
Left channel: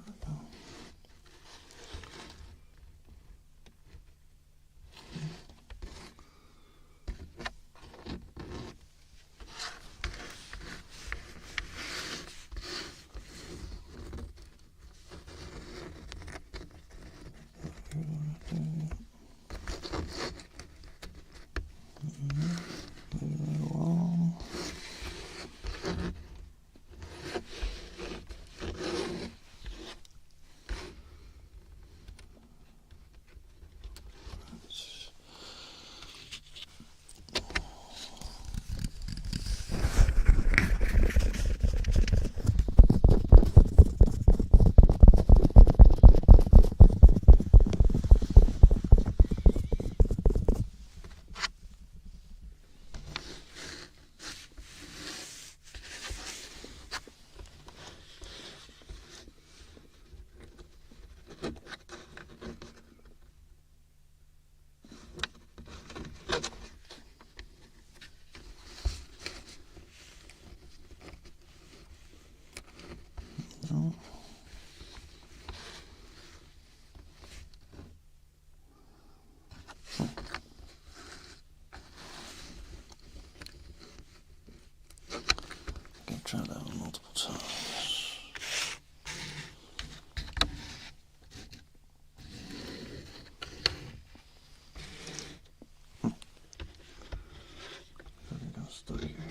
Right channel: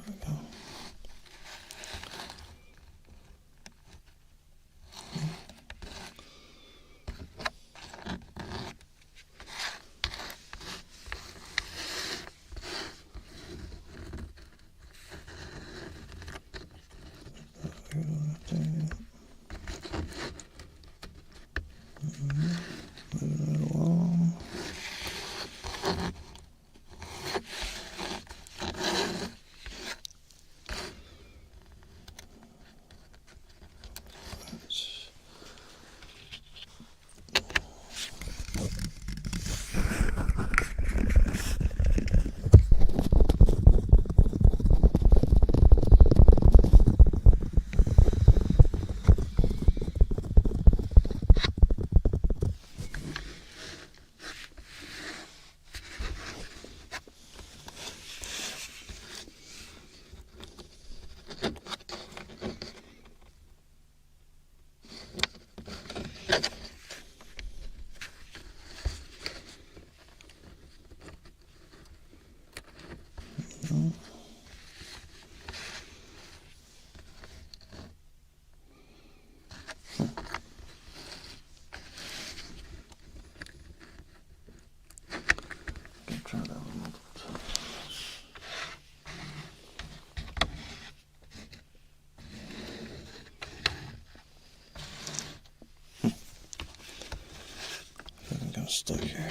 stuck here.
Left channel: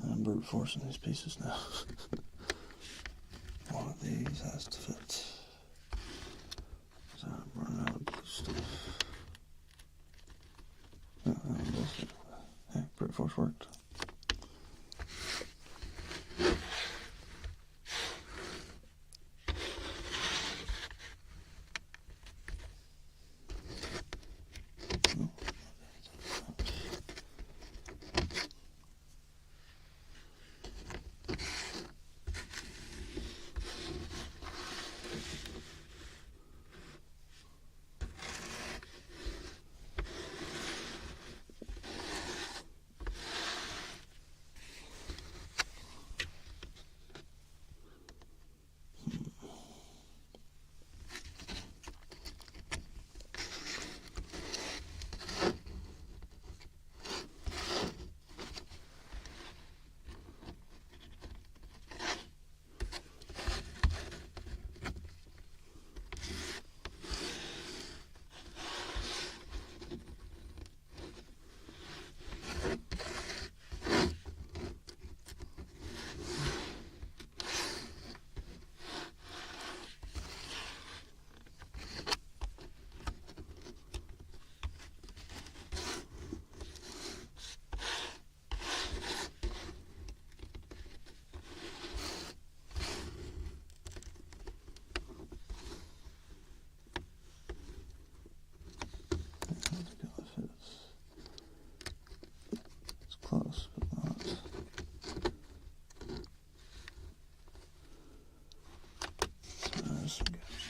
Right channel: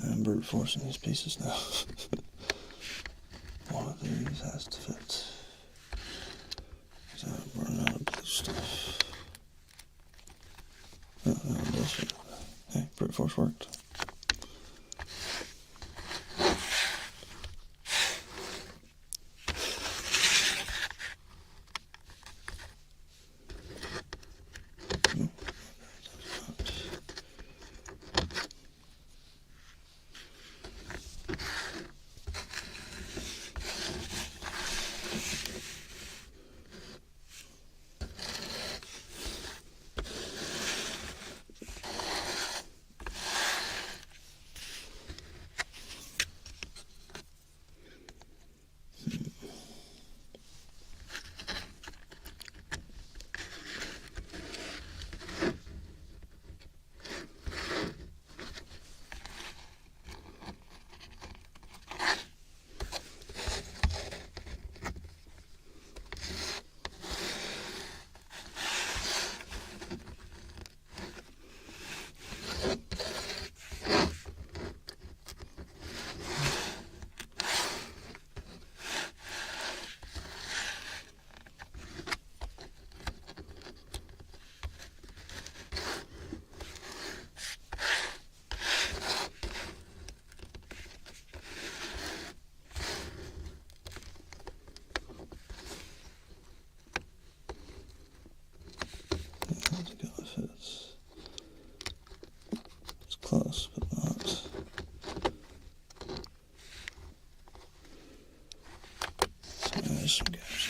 I'm brute forcing these pieces now. One of these has to fit. So I'm running out of blue stuff. Yeah, brute force worked. It's close, but not. So there's some gaps.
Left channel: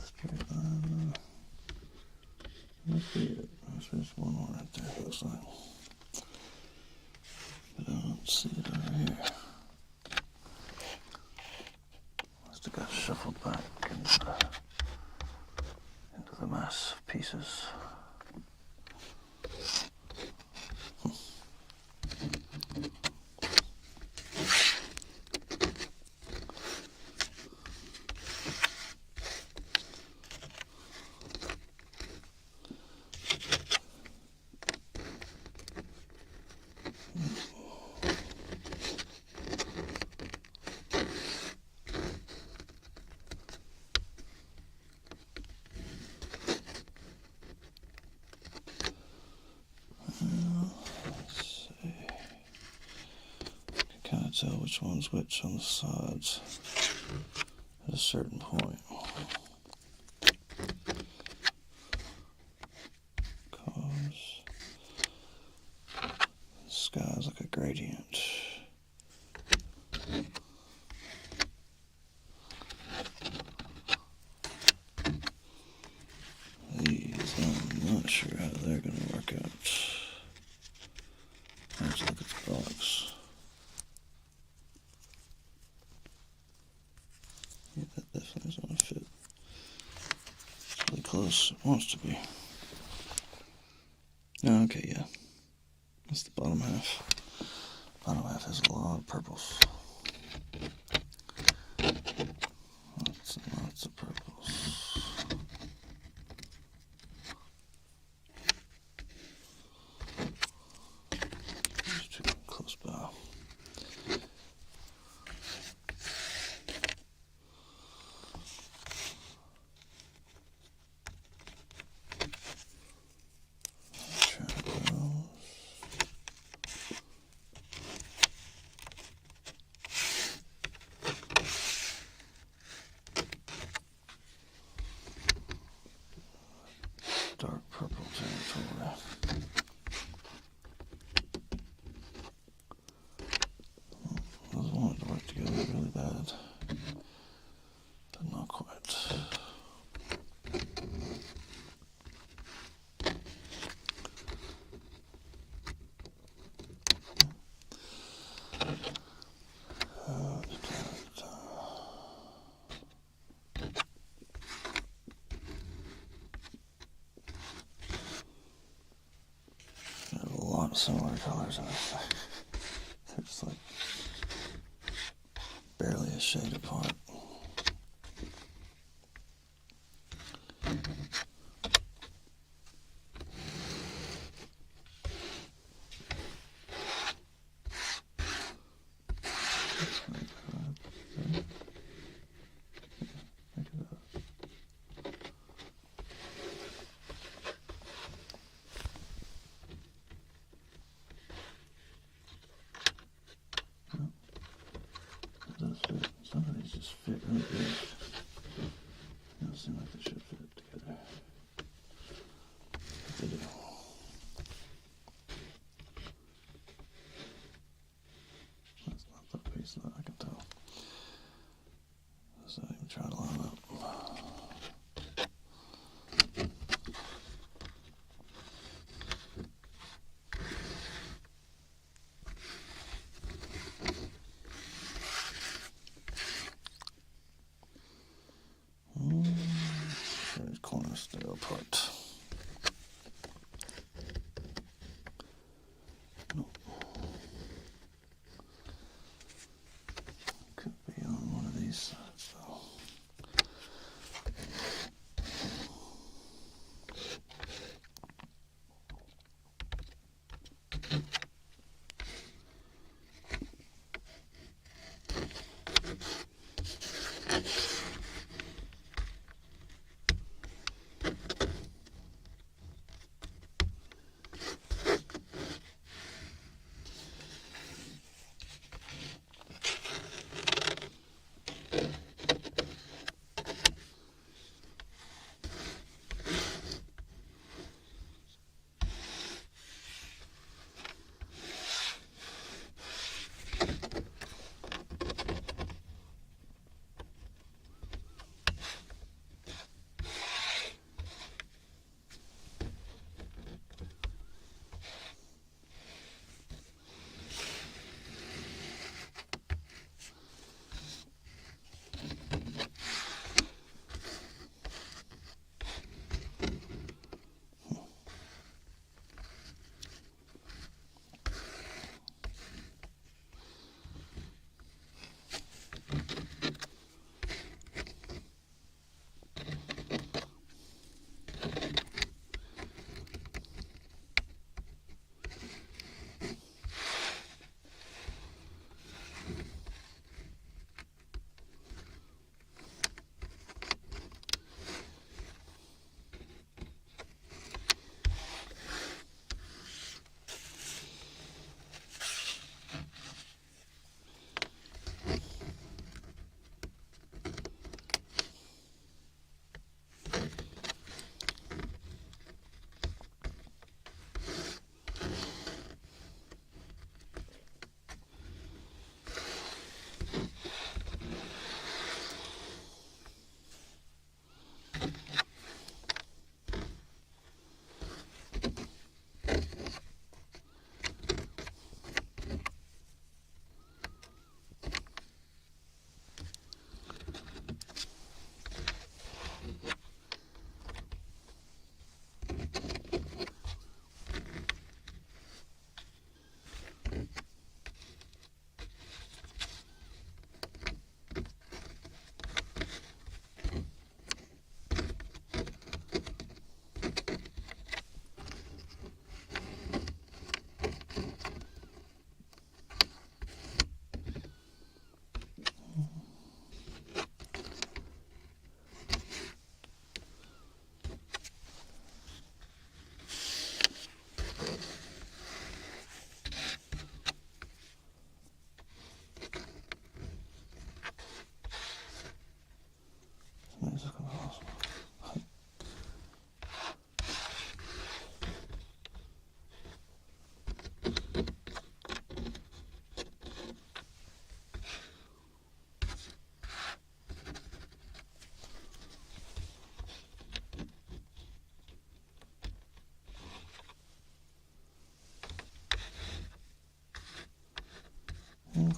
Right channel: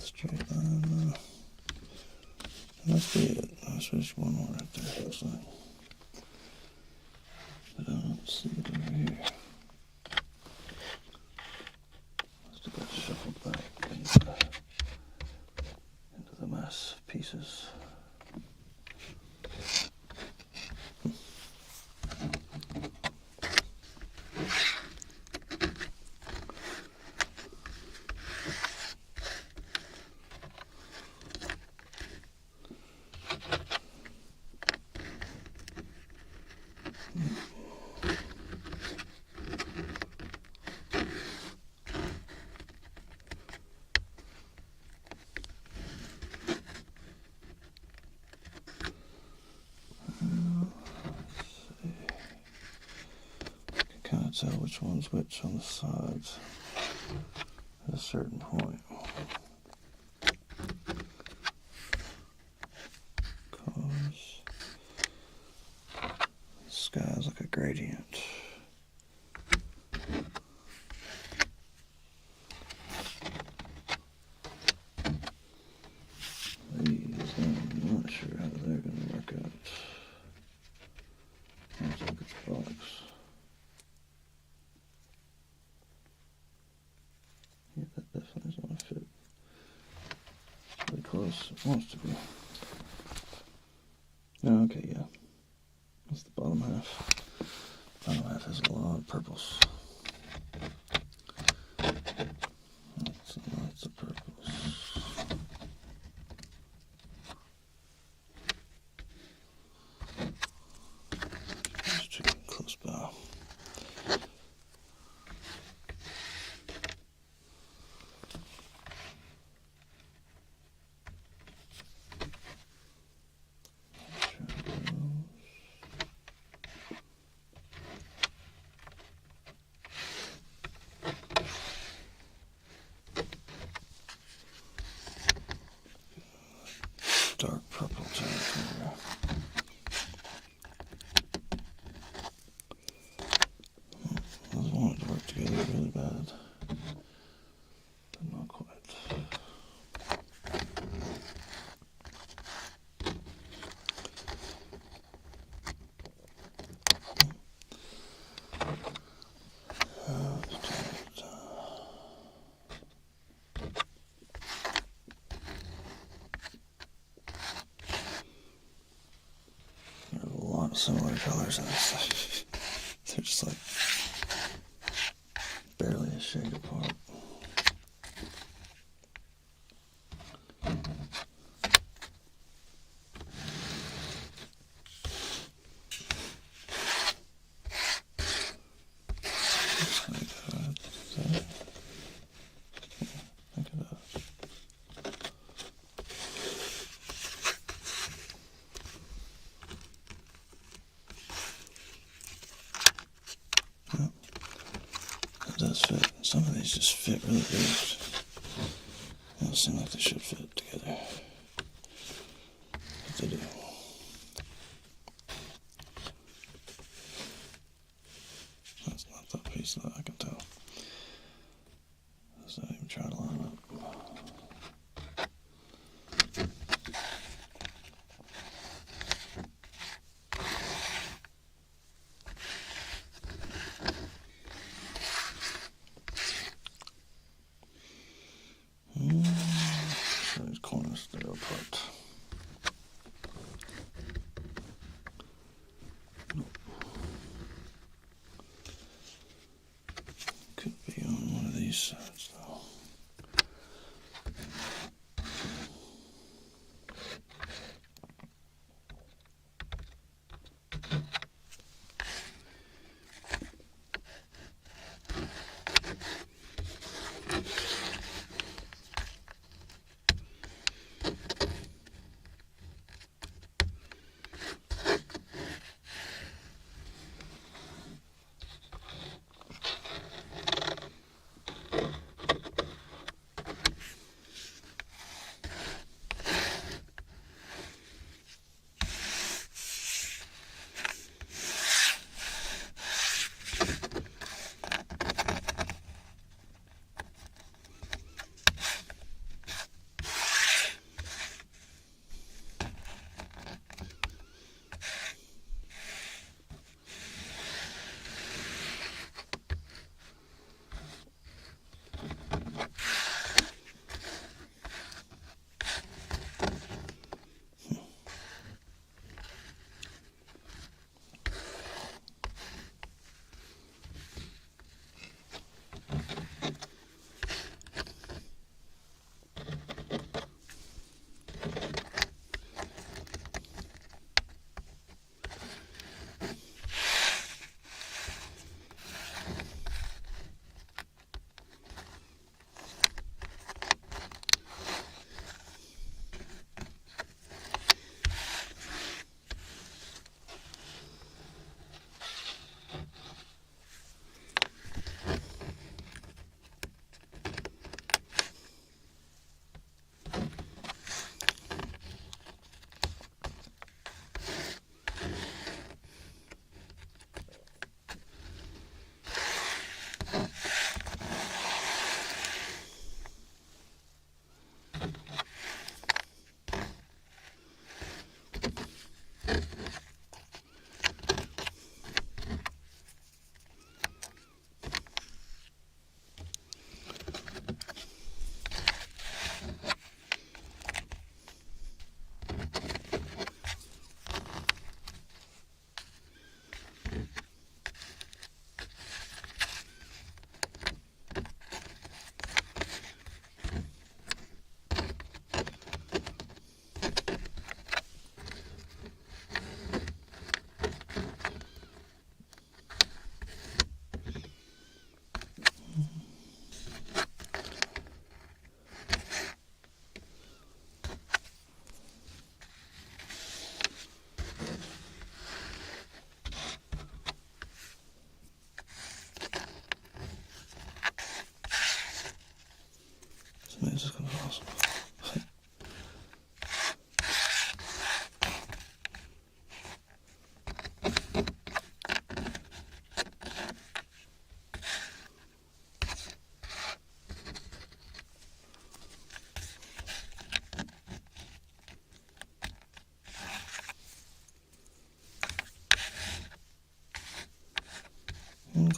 Straight line. Must be it. There's just one more right there, looks like. But I don't see it over here. Must have got shuffled back into the mass of pieces. tell which one's which on the sides at a certain point. Because the sky's like a gradient. These, I'm not sure how they're going to work out. Let's look at the box. Yeah, that definitely is going to fit. It's really close. It wants to be. Oh, okay, yeah. That's the bottom half. Bottom half has a lot of purples. Lots of purples. Just too close by. Dark purple territory. Those wanted to work together really bad, but not quite. Similar colors in this thing. They're just like barely a shade apart. Does fit. Some of these just fit really good. They don't seem like they should fit together. But they do. That's not that piece that I can tell. Let's not even try to line up. Sure, these corners stay apart. Nope. Could be on one of these sides though.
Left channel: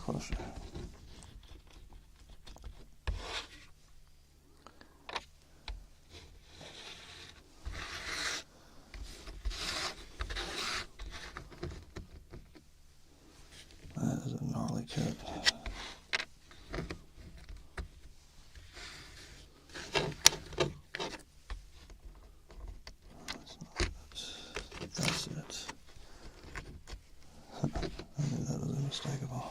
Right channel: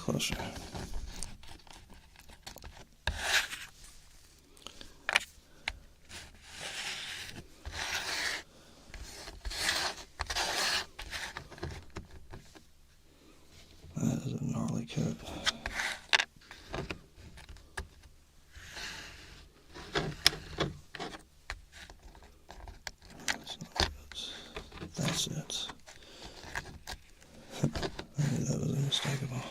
closer. That is a gnarly cut. That's it. I knew that was unmistakable.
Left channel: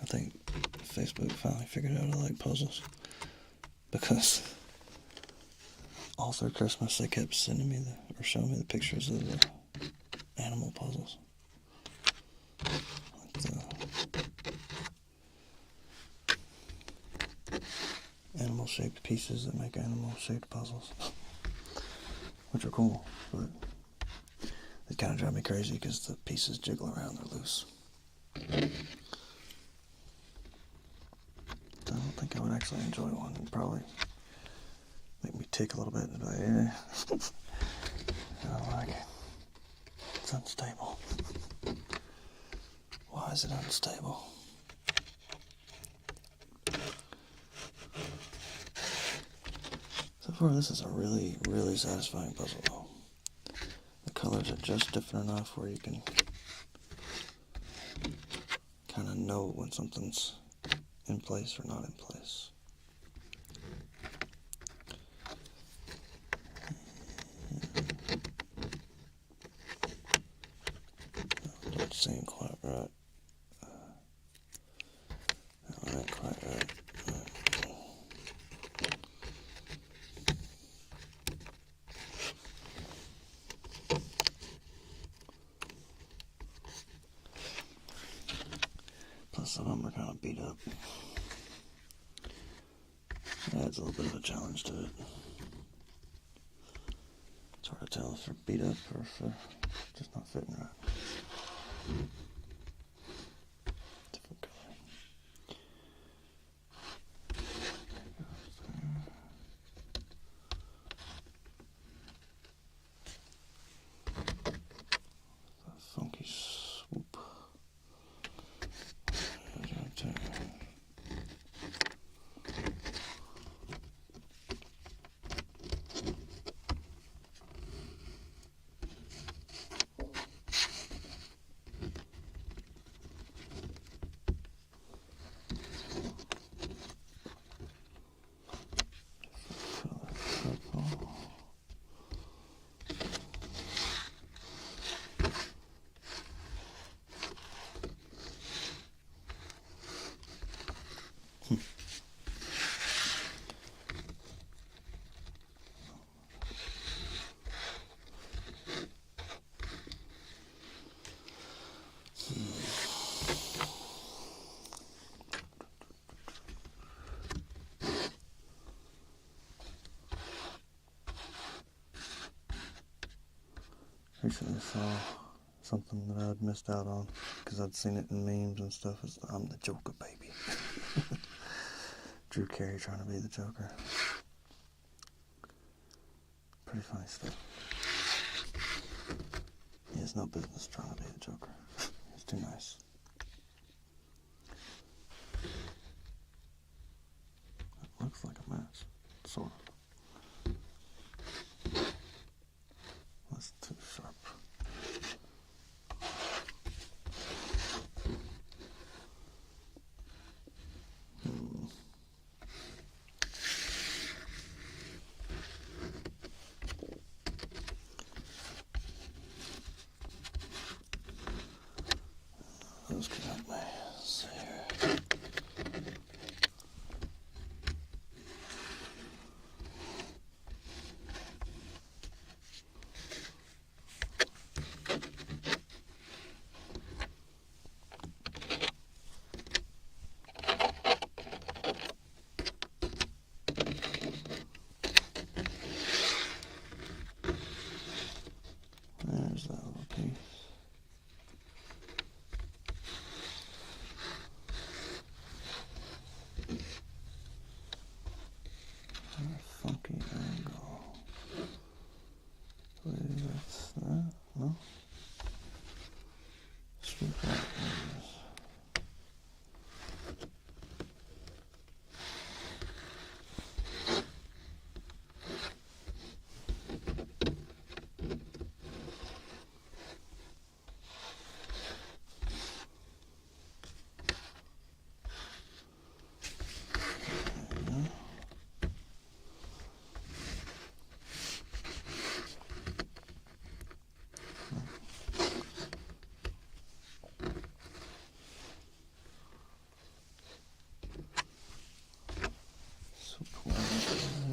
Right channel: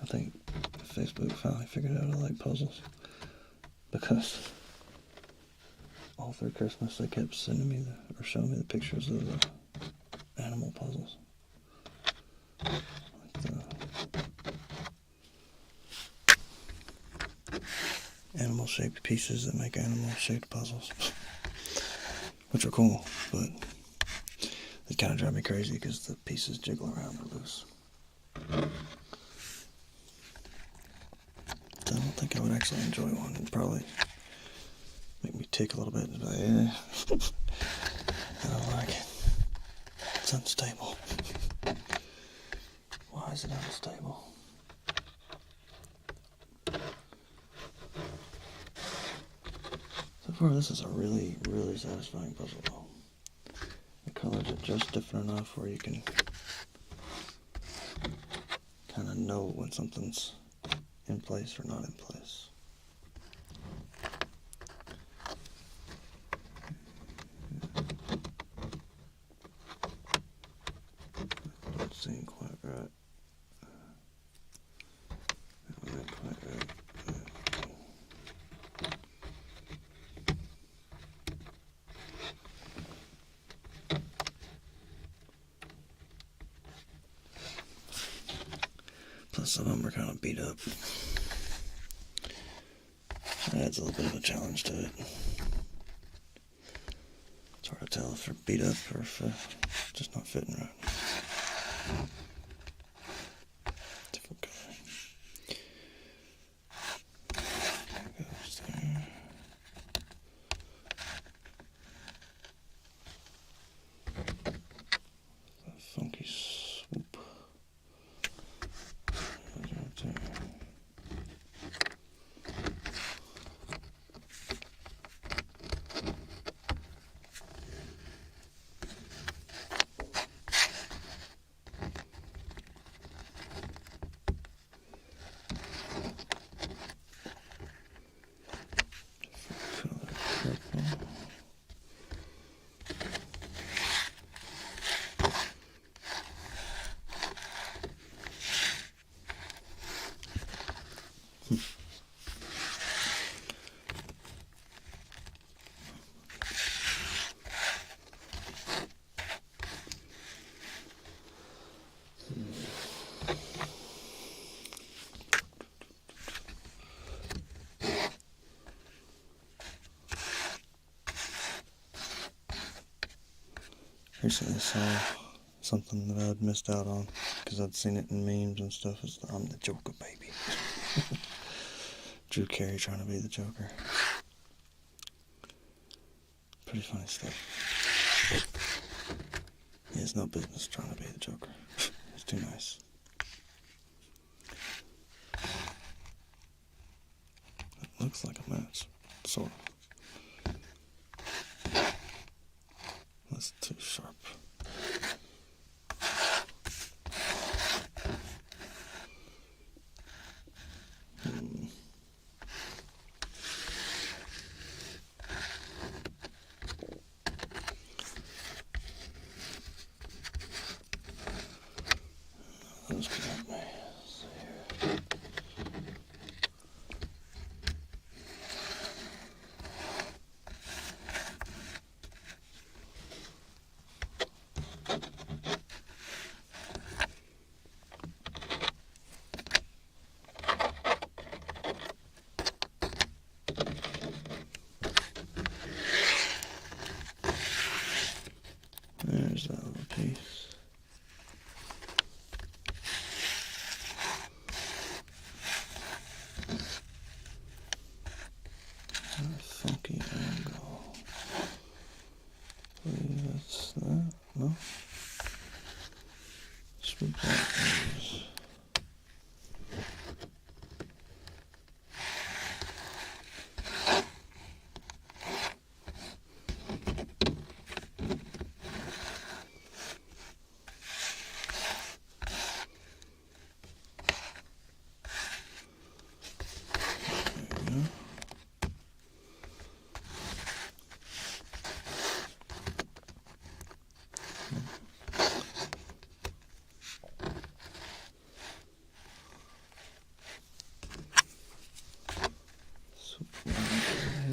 I think Facebook finally figured out I like puzzles, because all through Christmas they kept sending me or showing me the pictures of the animal puzzles, like the animal-shaped pieces that make animal-shaped puzzles, which are cool, but they kind of drive me crazy because the pieces jiggle around, they're loose. I don't think I would actually enjoy one. It'd probably make me tick a little bit. But yeah, I don't like it. It's unstable. Why is it unstable? So far, this is a really, really satisfying puzzle, though. The colors are just different enough where you can kind of know when something's in place or not in place. Don't seem quite right. That one ain't quite right. Plus some of them are kind of beat up. Adds a little bit of a challenge to it. It's hard to tell if they're beat up or if they're just not fitting right. Different color. There goes there. A funky swoop. Right there. Recently saw something that I'd missed out on because I'd seen it in memes and stuff. It's I'm the Joker, baby. Drew Carey trying to be the Joker. Pretty funny stuff. He has no business trying to be the Joker. He's too nice. It looks like a match, sort of. That's too sharp.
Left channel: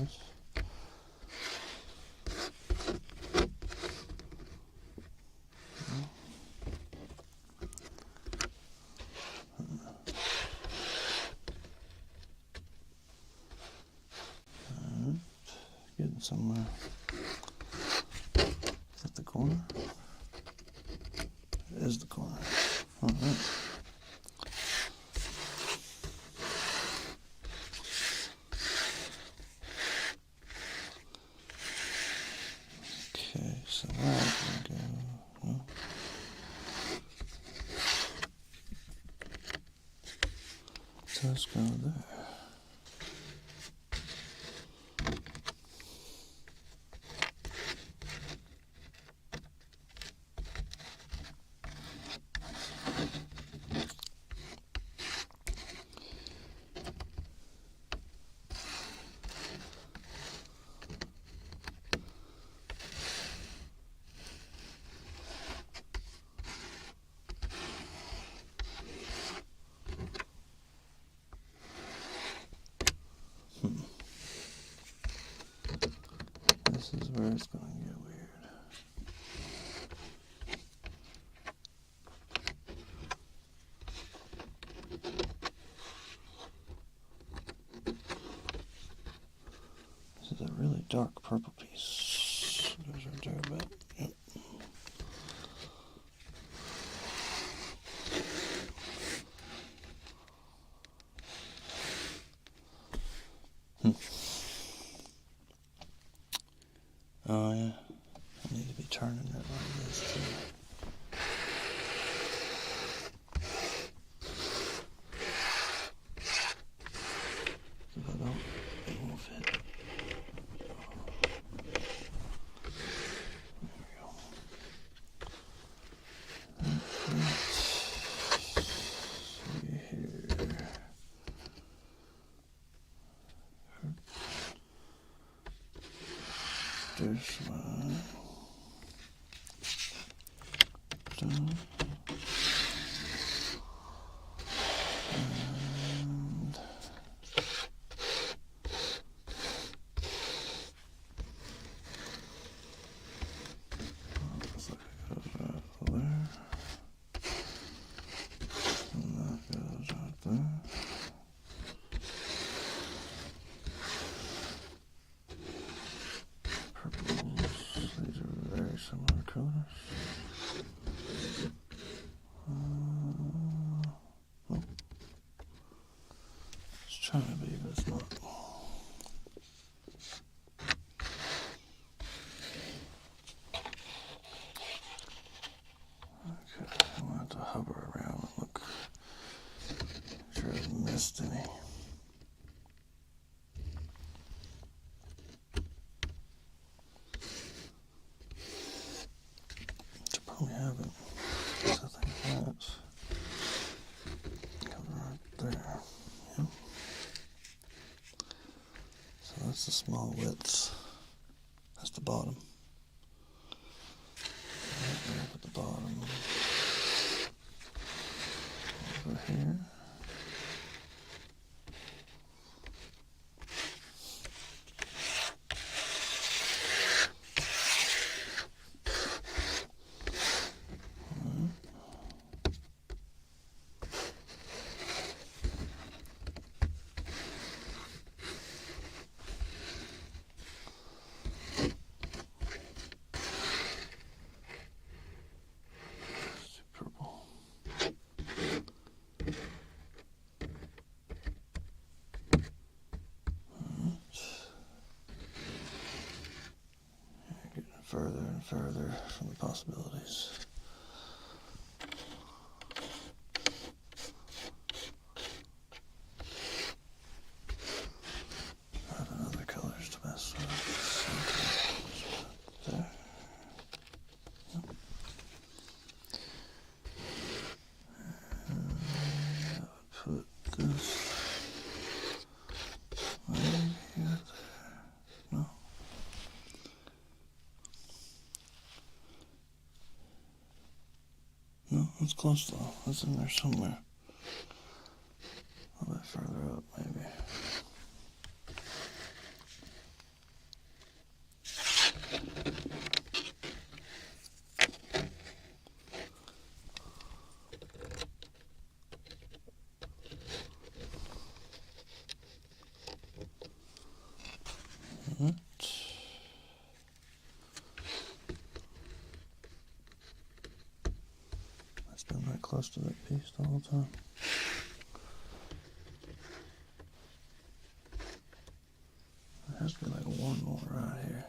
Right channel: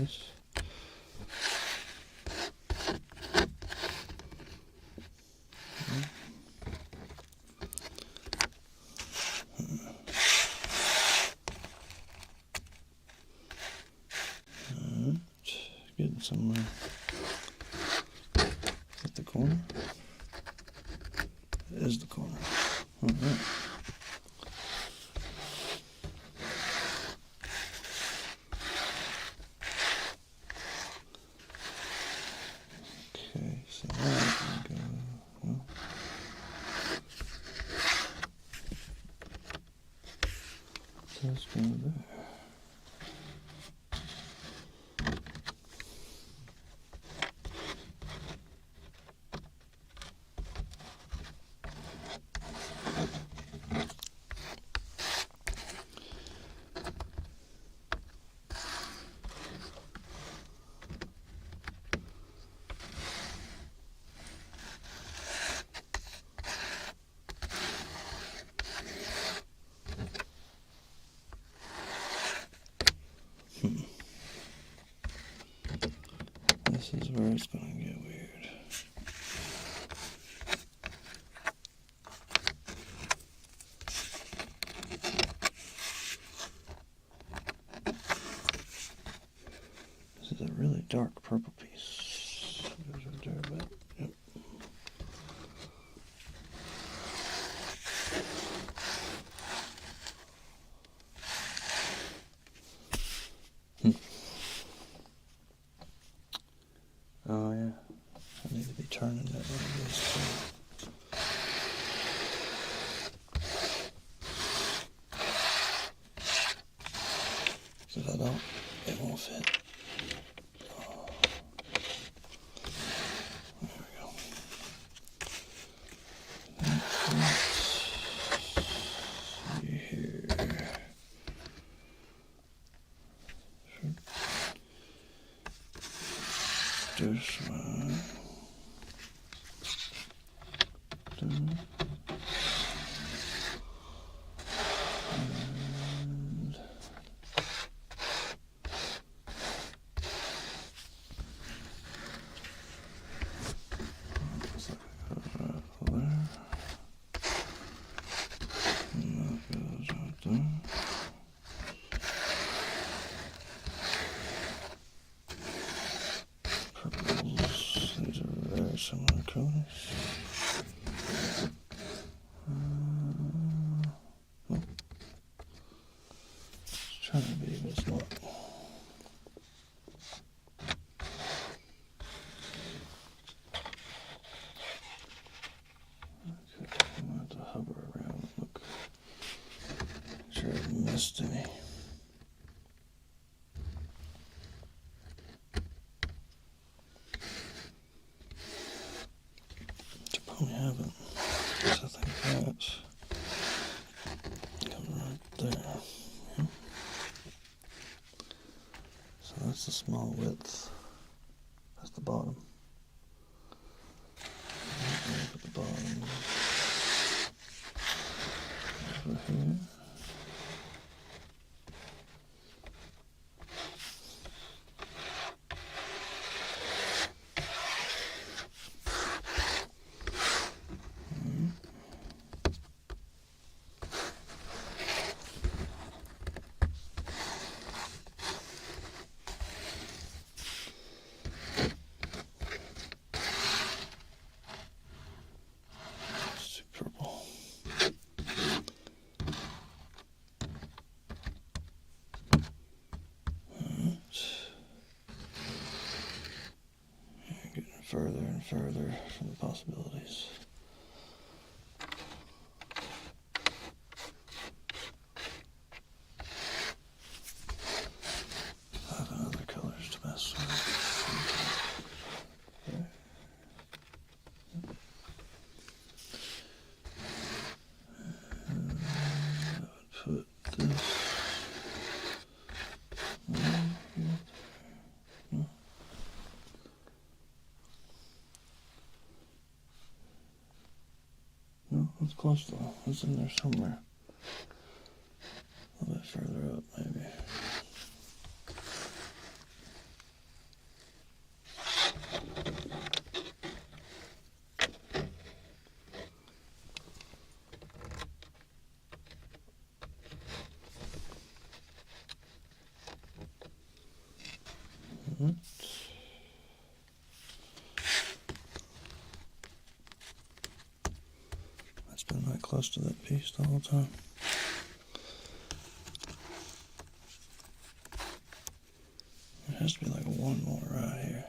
this. Getting somewhere. Is that the corner? It is the corner. Alright. Okay, so that can go. No. So let's go there. This is where it's going to get weird. This is a really dark purple piece. There's right there a bit. Yep. Oh yeah, I need to be turning that like this too. So if I don't, it won't fit. Oh. There we go. Let's see here. This one. And looks like it goes right there. And that goes right there. Purples, these are very similar colors. Nope. It's trying to be, but it's not. Okay, I'm going to have to hover around and look. Make sure I haven't missed any. Probably haven't, because I think that's comes right there. Yeah. So that's the small widths. That's the bottom. At the bottom over here. Purple. Getting further and further from the possibilities. I have other colors to mess with. There. And I would put this right here, there. No. No, it's close though. It's in there somewhere. A little bit further up, maybe. close to that piece the whole time. There has to be like one more right here.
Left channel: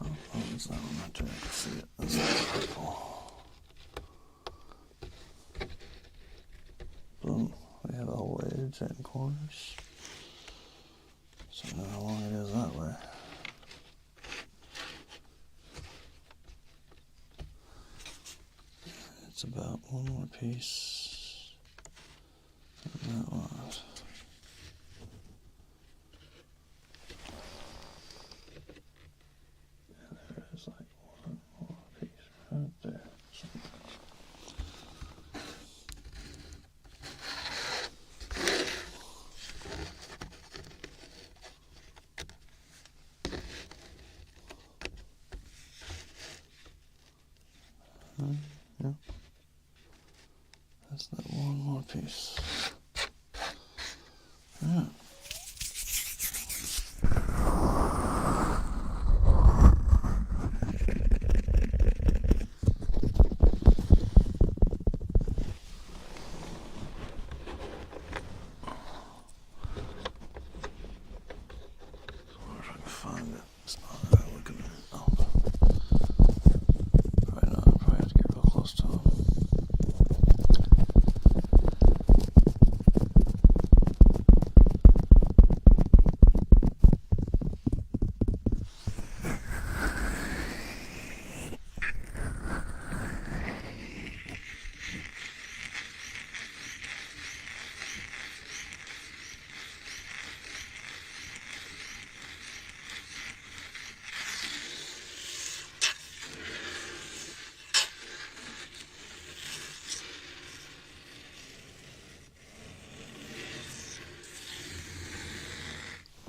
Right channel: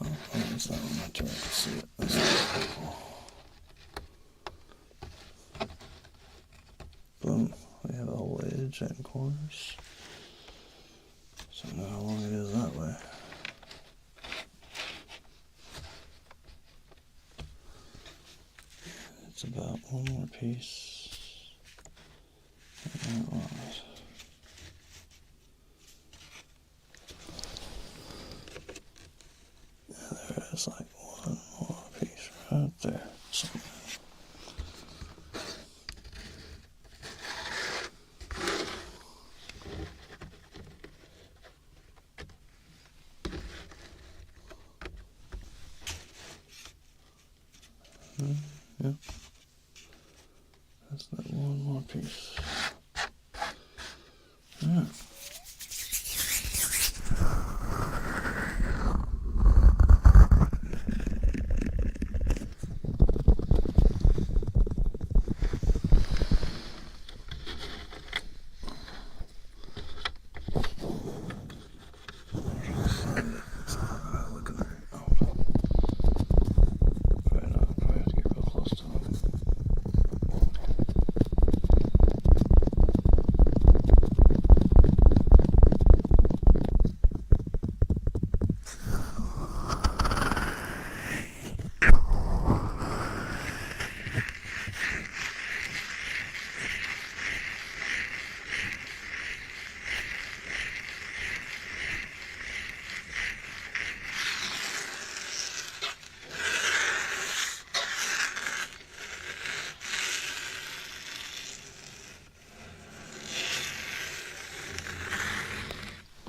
Oh, it's that one right there. I can see it. That's beautiful. Boom. We have a whole edge and corners. So now how long it is that way. It's about one more piece. And that one. There is like one more piece right there. Somewhere. Yeah. That's that one more piece. Yeah.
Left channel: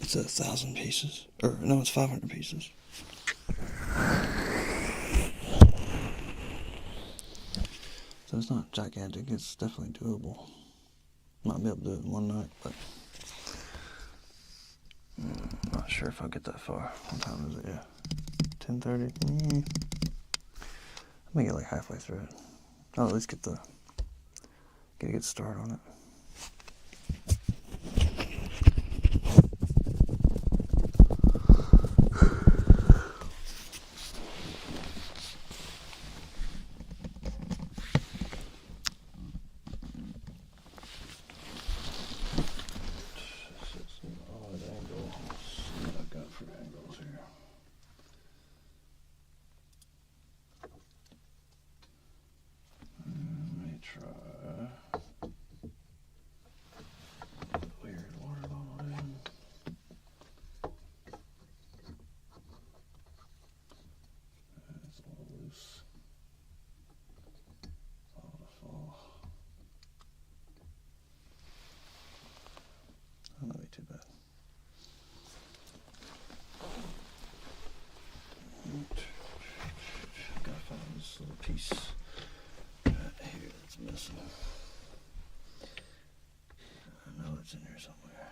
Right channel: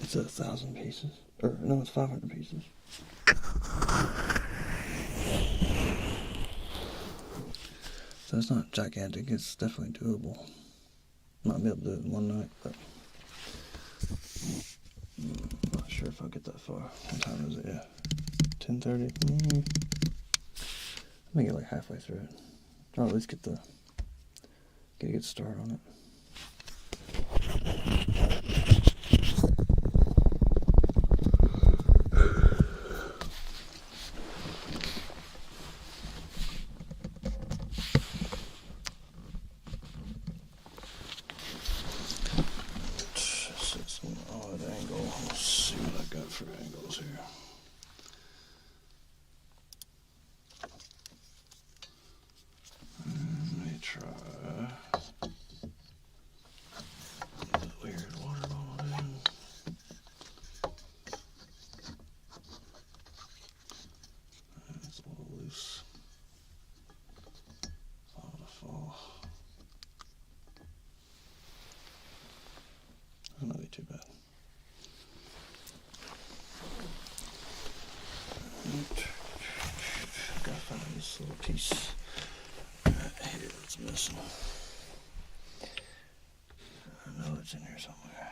It's 1,000 pieces. Or, no, it's 500 pieces. So it's not gigantic. It's definitely doable. Might be able to do it in one night, but I'm not sure if I'll get that far. What time is it? Yeah. 10:30. I may get like halfway through it. I'll at least get a good start on it. It's an odd angle. Let's see what I got for angles here. Let me try. Weird water bottle in. It's a little loose. Fall to fall. That'll be too bad. Gotta find this little piece right here that's missing. I know it's in here somewhere.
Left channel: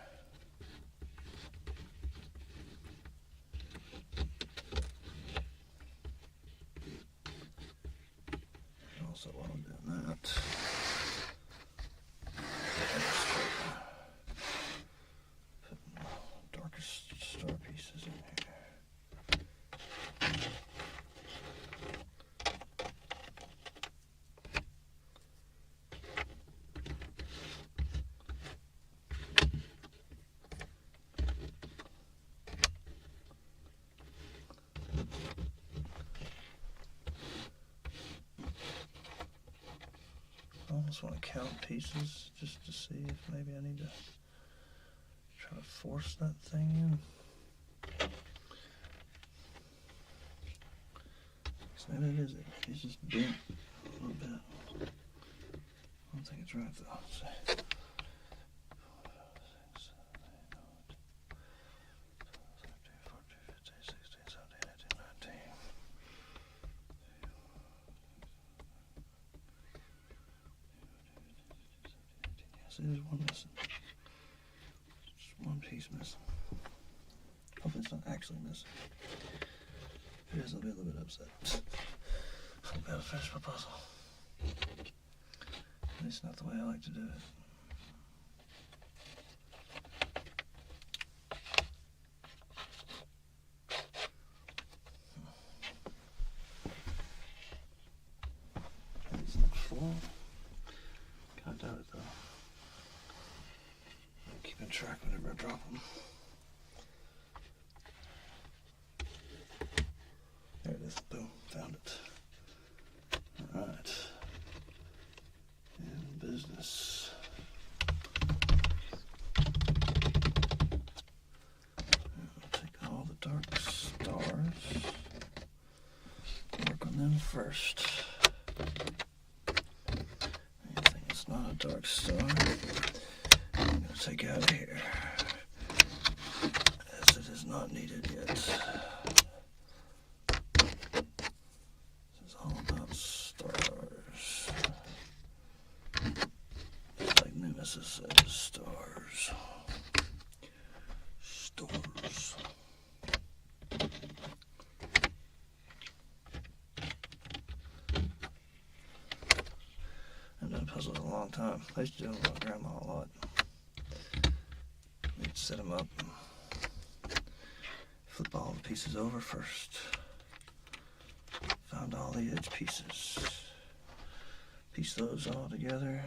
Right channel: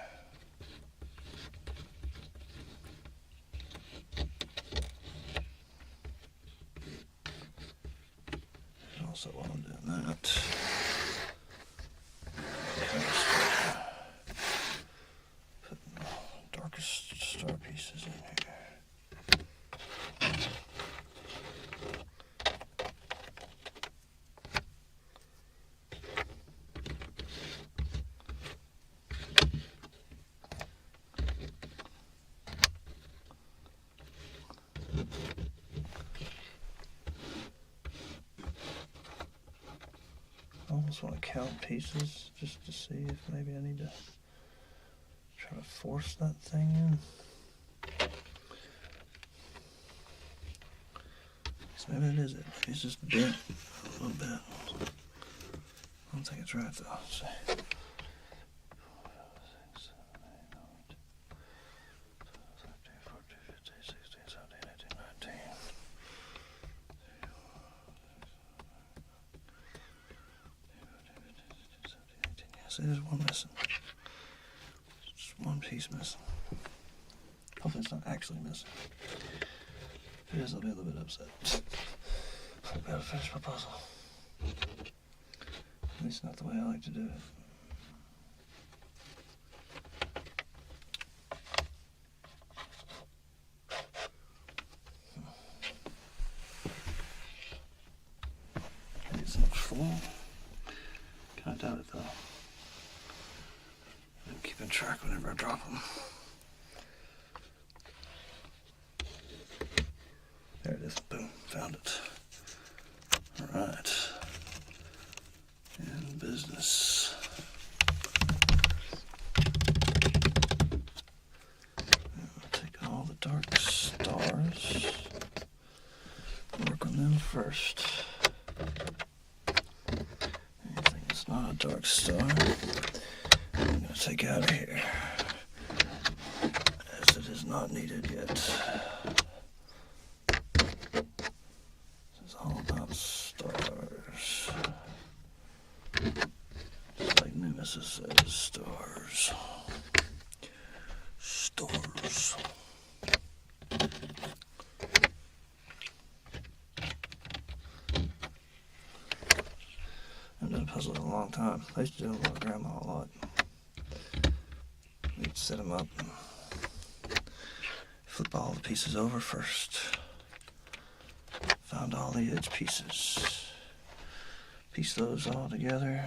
Also, while I'm doing that, putting the darkest star pieces in here. I almost want to count pieces just to see if maybe I need to try to force that thing in. It's Maybe it is it. Maybe it's just bent a little bit. I don't think it's right though. Let's see. See, there's one missing. Just one piece missing. Hopefully it's not actually missing. If it is, I'll be a little bit upset. I'll be able to finish my puzzle. At least not the way I like to do it. It's not full. Kind of doubt it though. I'm keeping track whenever I drop them. There it is. Boom. Found it. Alright. In business. I'll take all the dark stars. Work on them first. Anything that's not a dark star, I'm going to take out of here. As it is not needed yet. This is all about stars. Just like Nemesis says, stars. Stars. I've done puzzles a long time. I used to do them with my grandma a lot. We'd set them up and flip all the pieces over first. Found all the edge pieces. Piece those all together.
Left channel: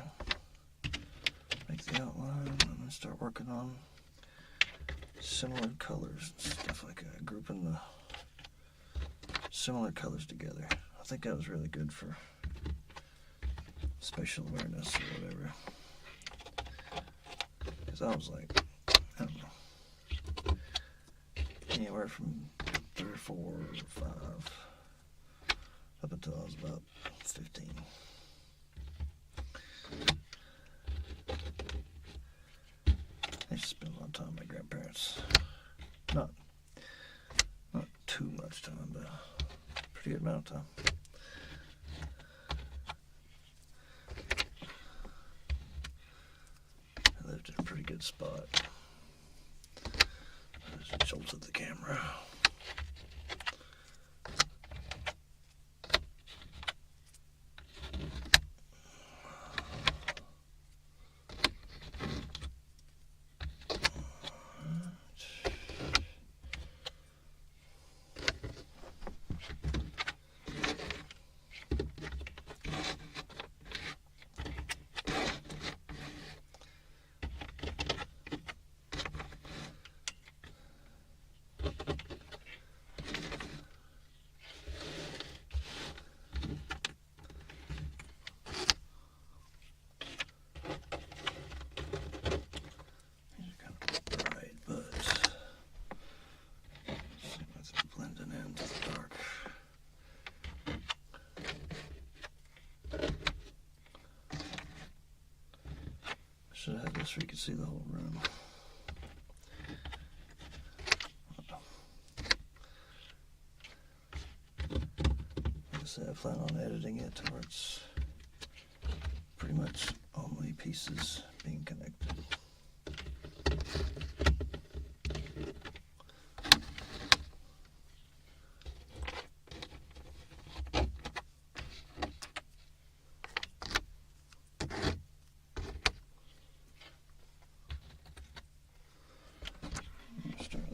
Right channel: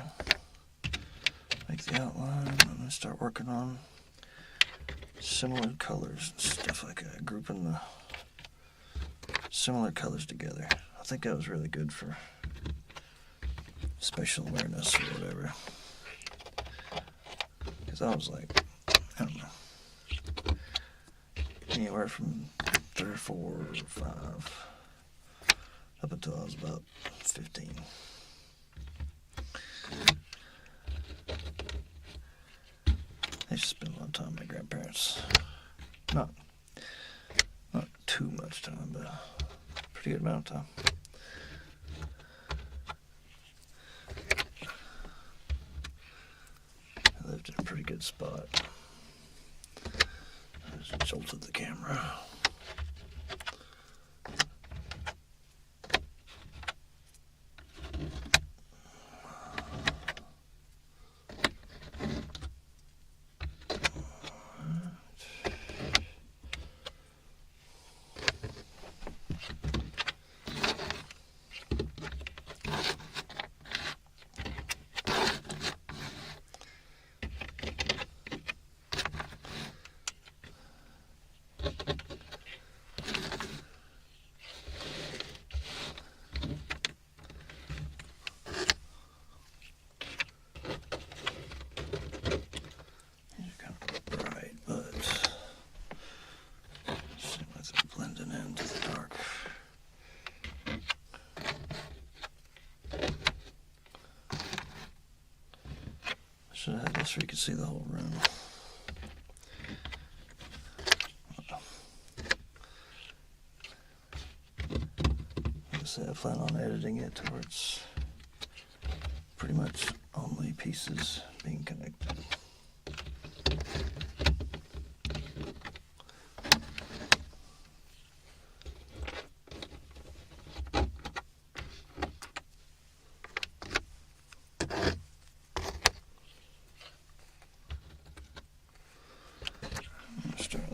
Make the outline and then start working on similar colors and stuff like that. Grouping the similar colors together. I think that was really good for spatial awareness or whatever. Because I was like, I don't know, anywhere from 3 or 4 or 5 up until I was about 15. I used to spend a lot of time with my grandparents. Not too much time, but a pretty good amount of time. I lived in a pretty good spot. I just jolted the camera. Should have had this so you could see the whole room. Like I said, I plan on editing it to where it's pretty much only pieces being connected.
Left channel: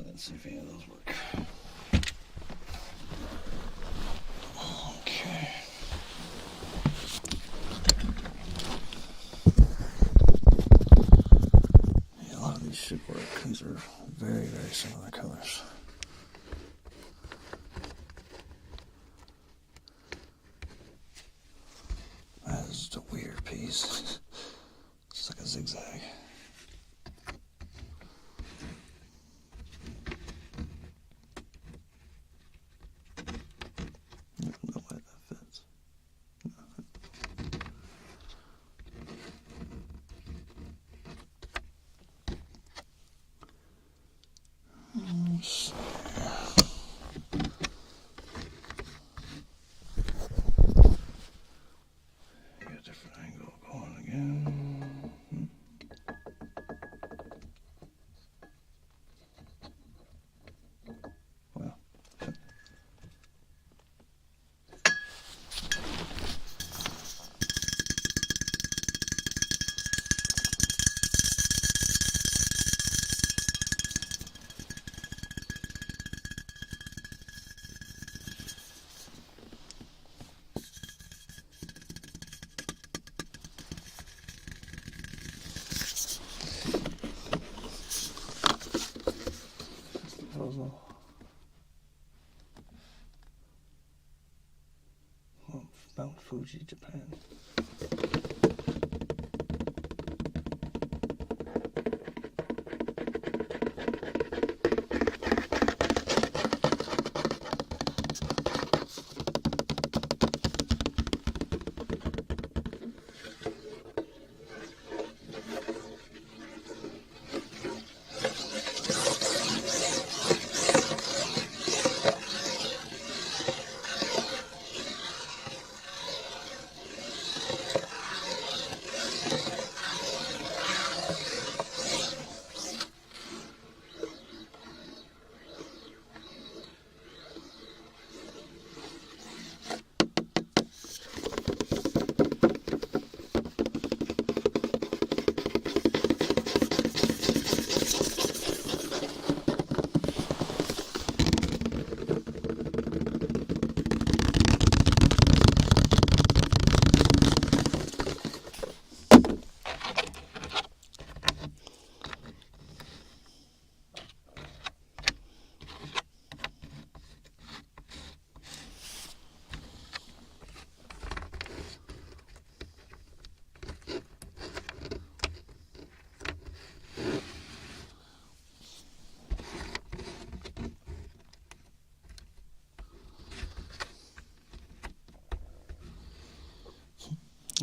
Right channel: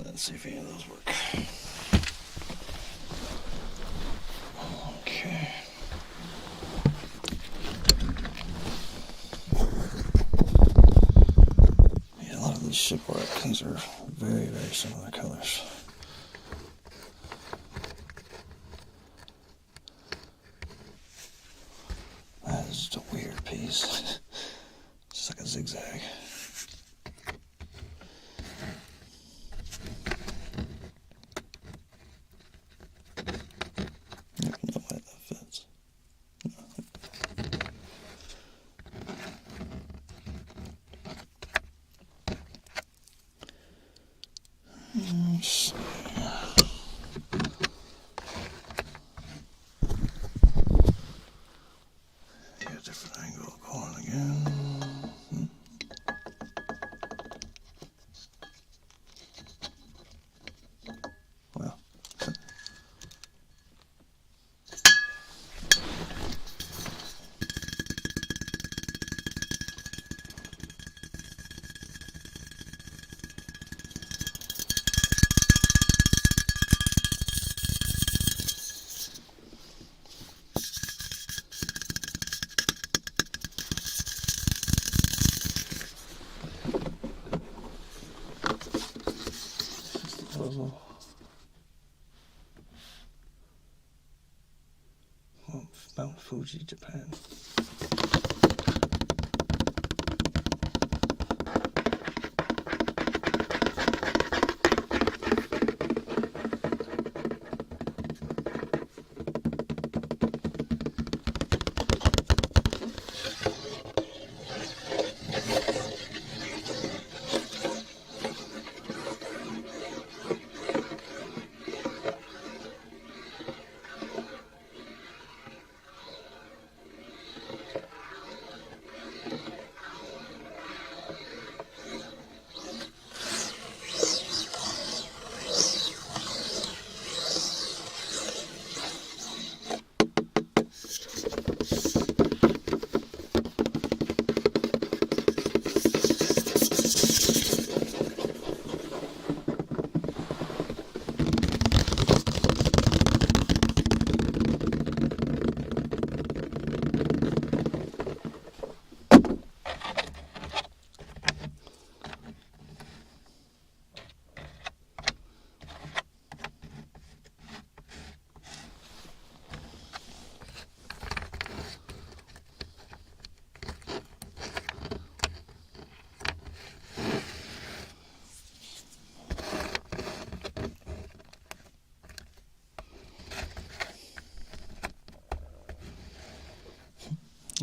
Let's see if any of those work. Okay. Yeah, a lot of these should work because they're very, very similar colors. That is just a weird piece. It's like a zigzag. Fuji, Japan.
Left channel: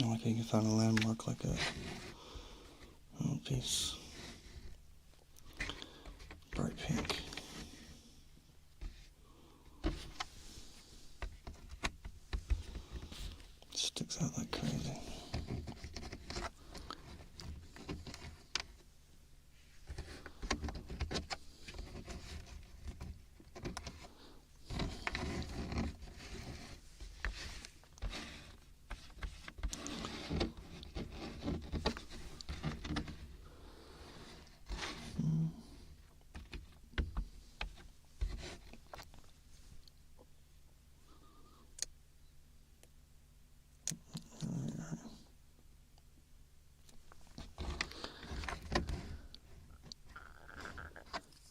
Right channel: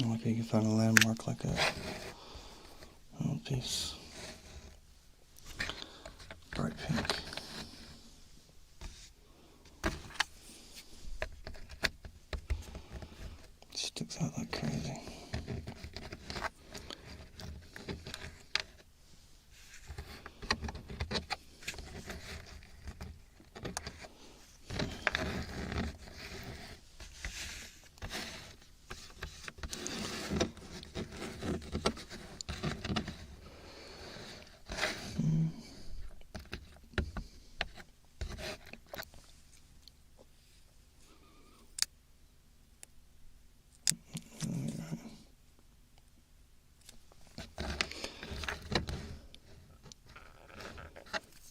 Like you can find a landmark like a little piece, bright pink. Sticks out like crazy.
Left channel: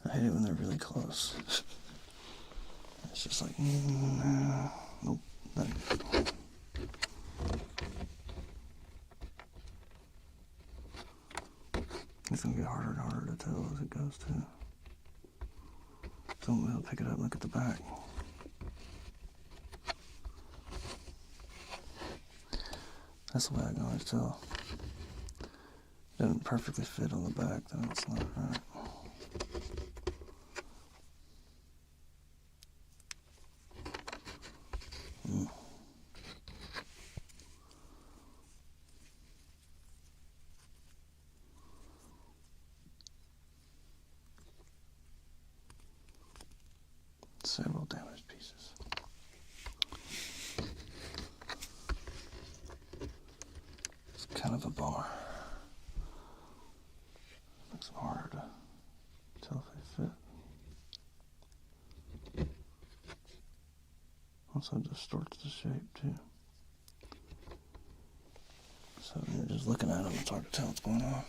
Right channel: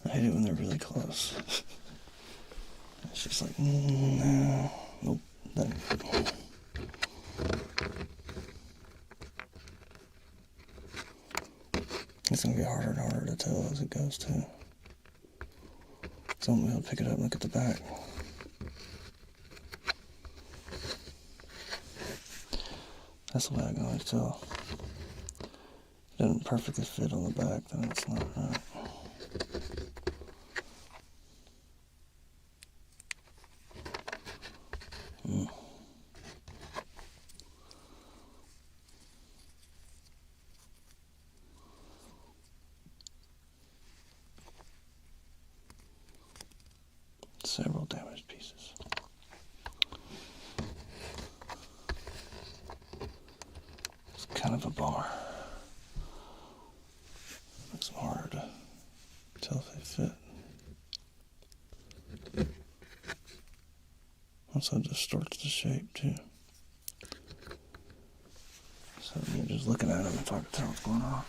I hate it when they're really close. It's just like, no, nope, nothing. It's gonna get harder and harder to tell as it goes too. So I'm gonna pick it up and look at the back. That's the way I can always tell. If it doesn't perfectly fit on the back, then it's not right. Several damaged pieces. It's kind of a bummer. Makes it hard to tell if they fit. Also distorts the shape too. So when you're just looking at them, it's hard to tell what's going on.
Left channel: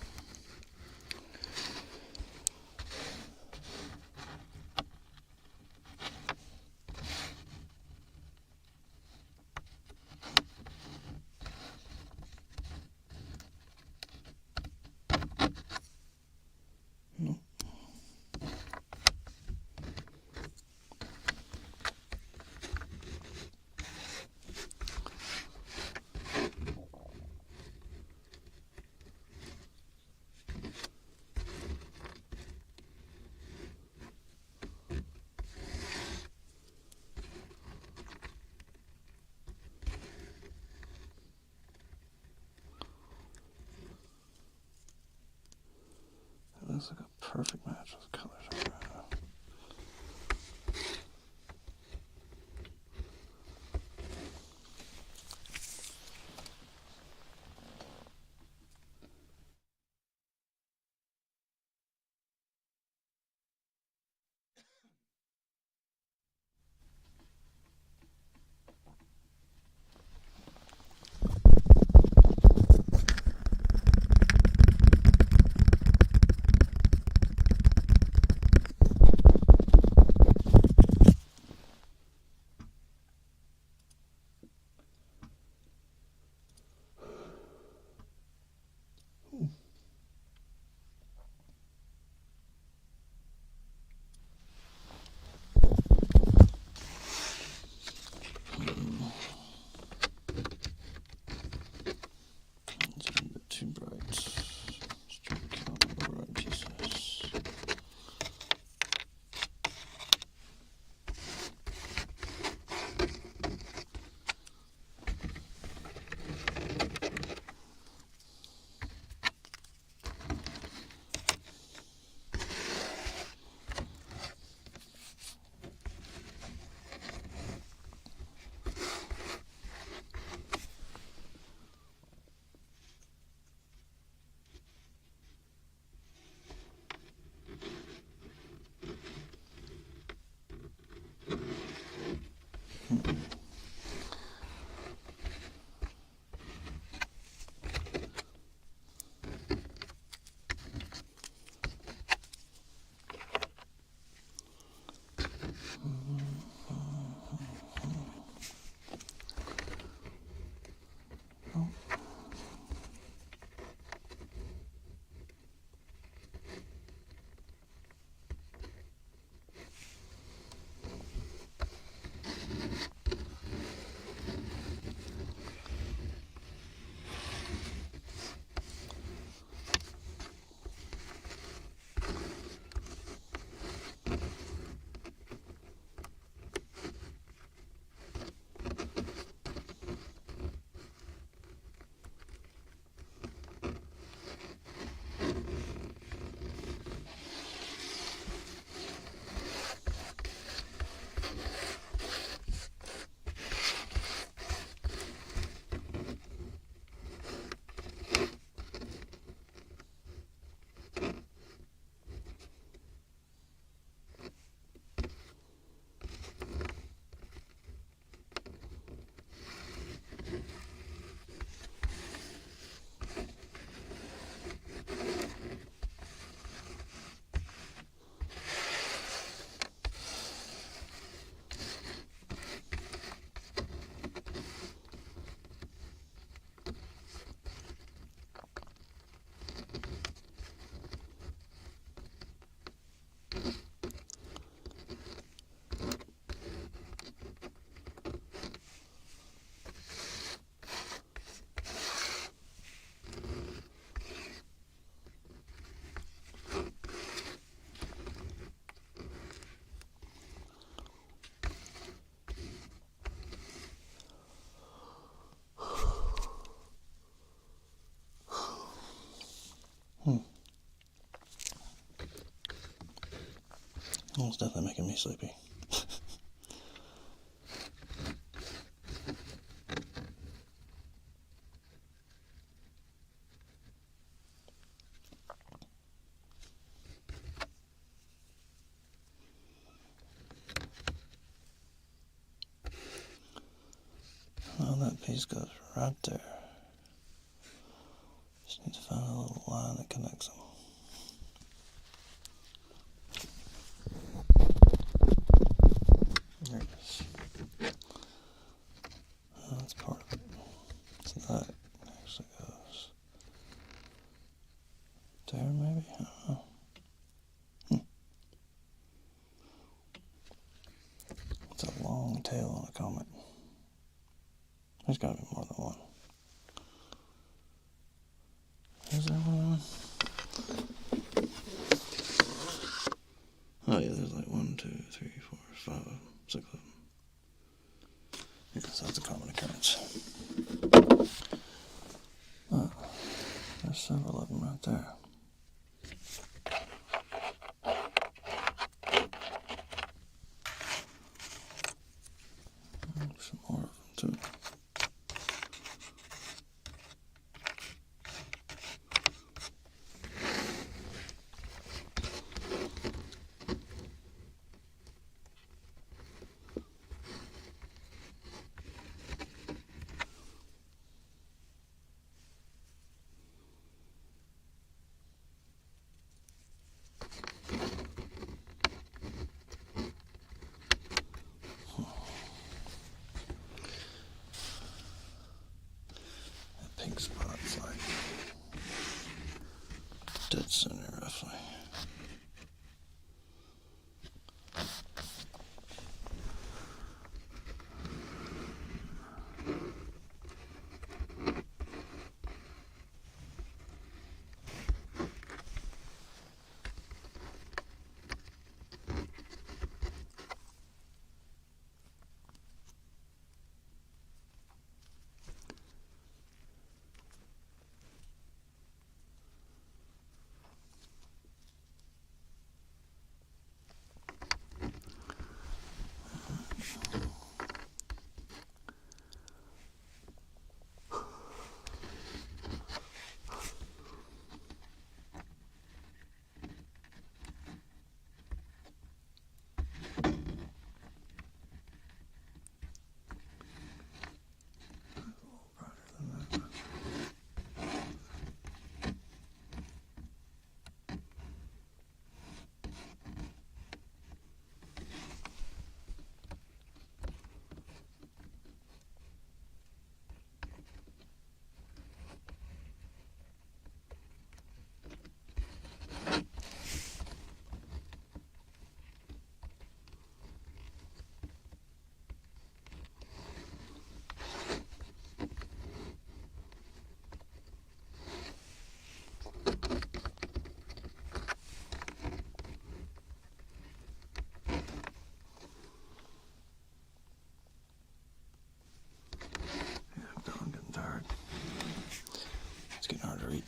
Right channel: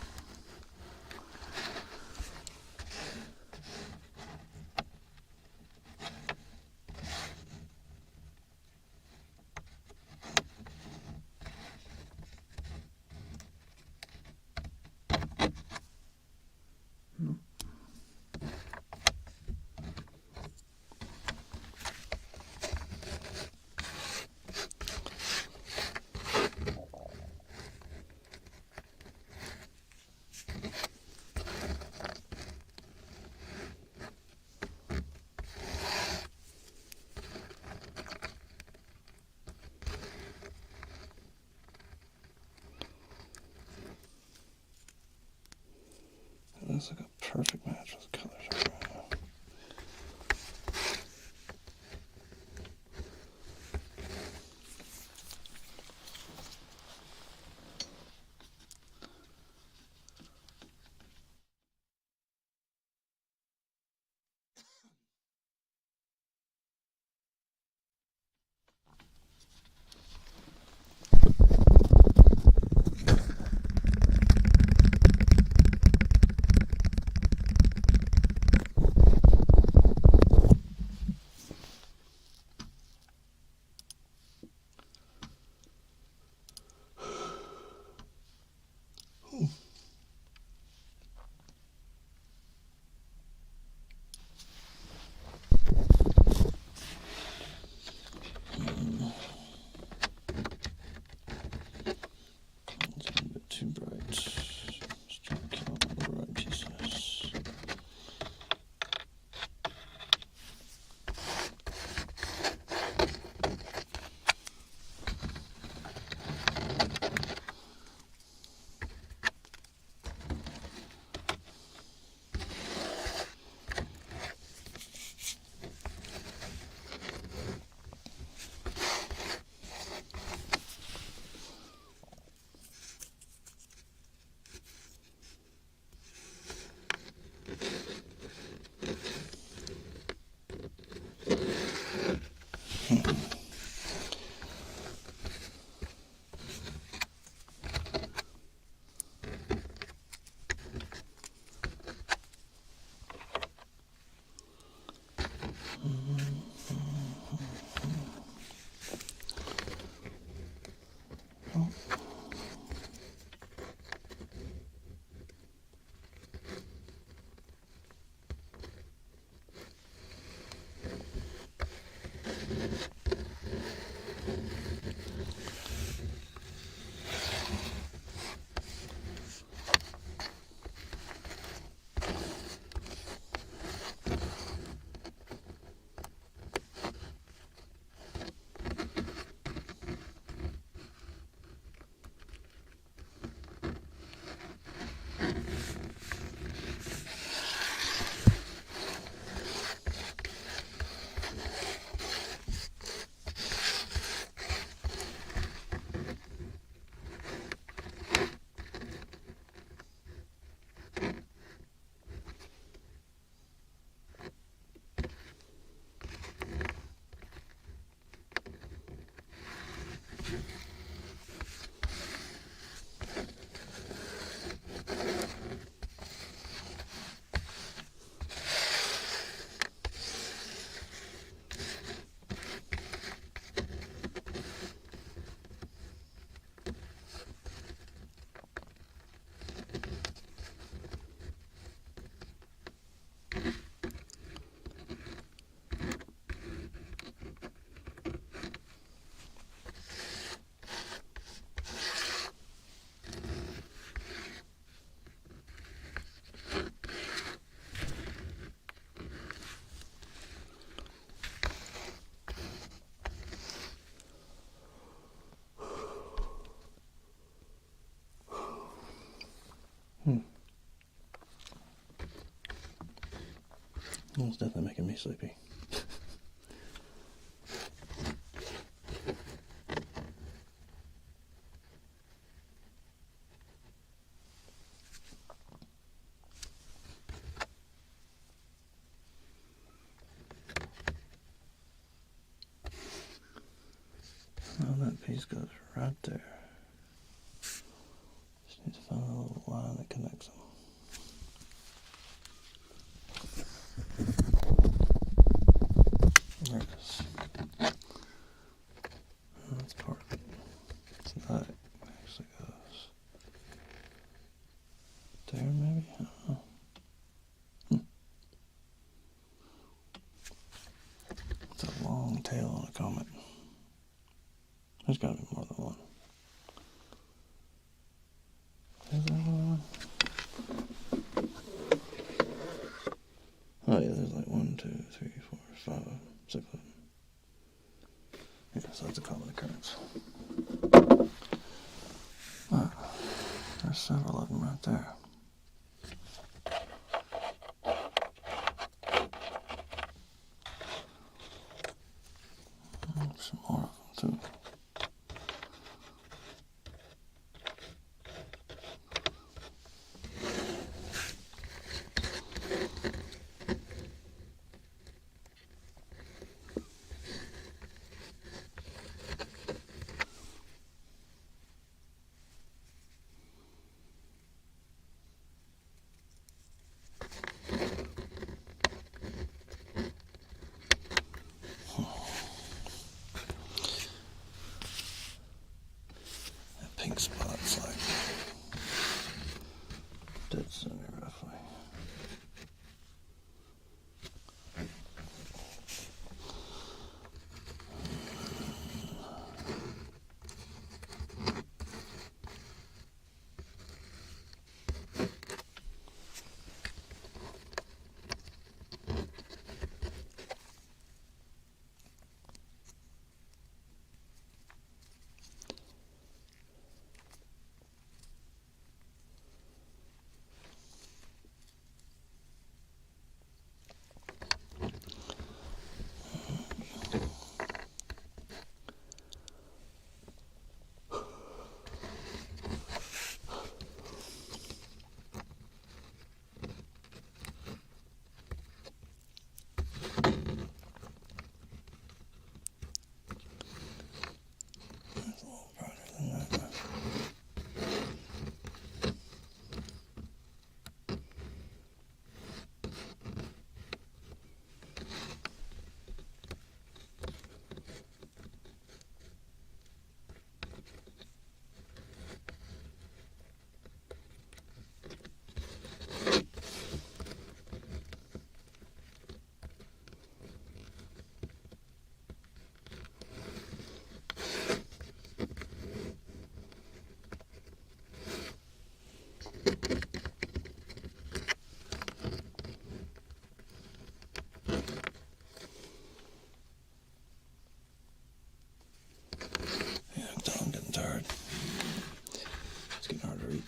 Oh, it's definitely making me sleepy. Oh, that piece goes right there. Just need to find a little line that connects them. There it is. Oh, that's part of it. So that actually goes there, maybe? I don't know. It's a long tail on a comet. There's got to be more than one. Is there one? Oh yeah, there's like 1, 2, 3, 4, 5, 6 of them. Yeah, so that's a common occurrence. But there's several of them right there. Some more of them too. Pink spot's like dead center roughly.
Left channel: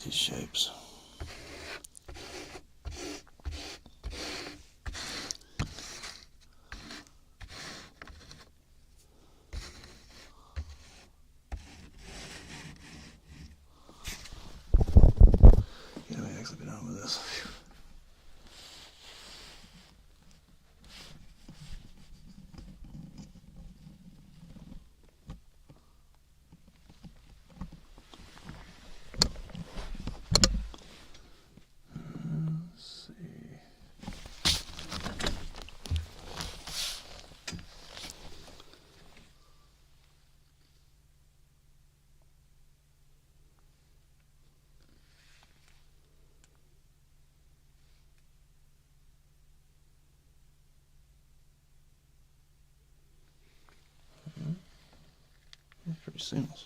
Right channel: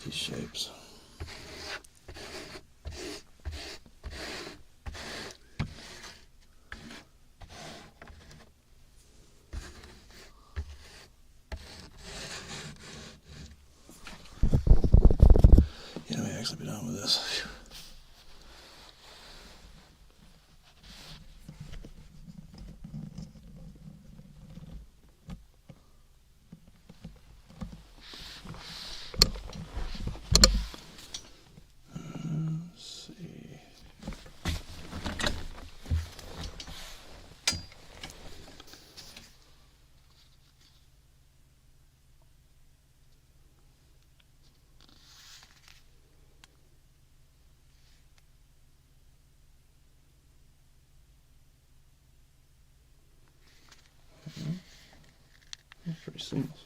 These shapes. Yeah, let me actually be done with this. That's pretty seamless.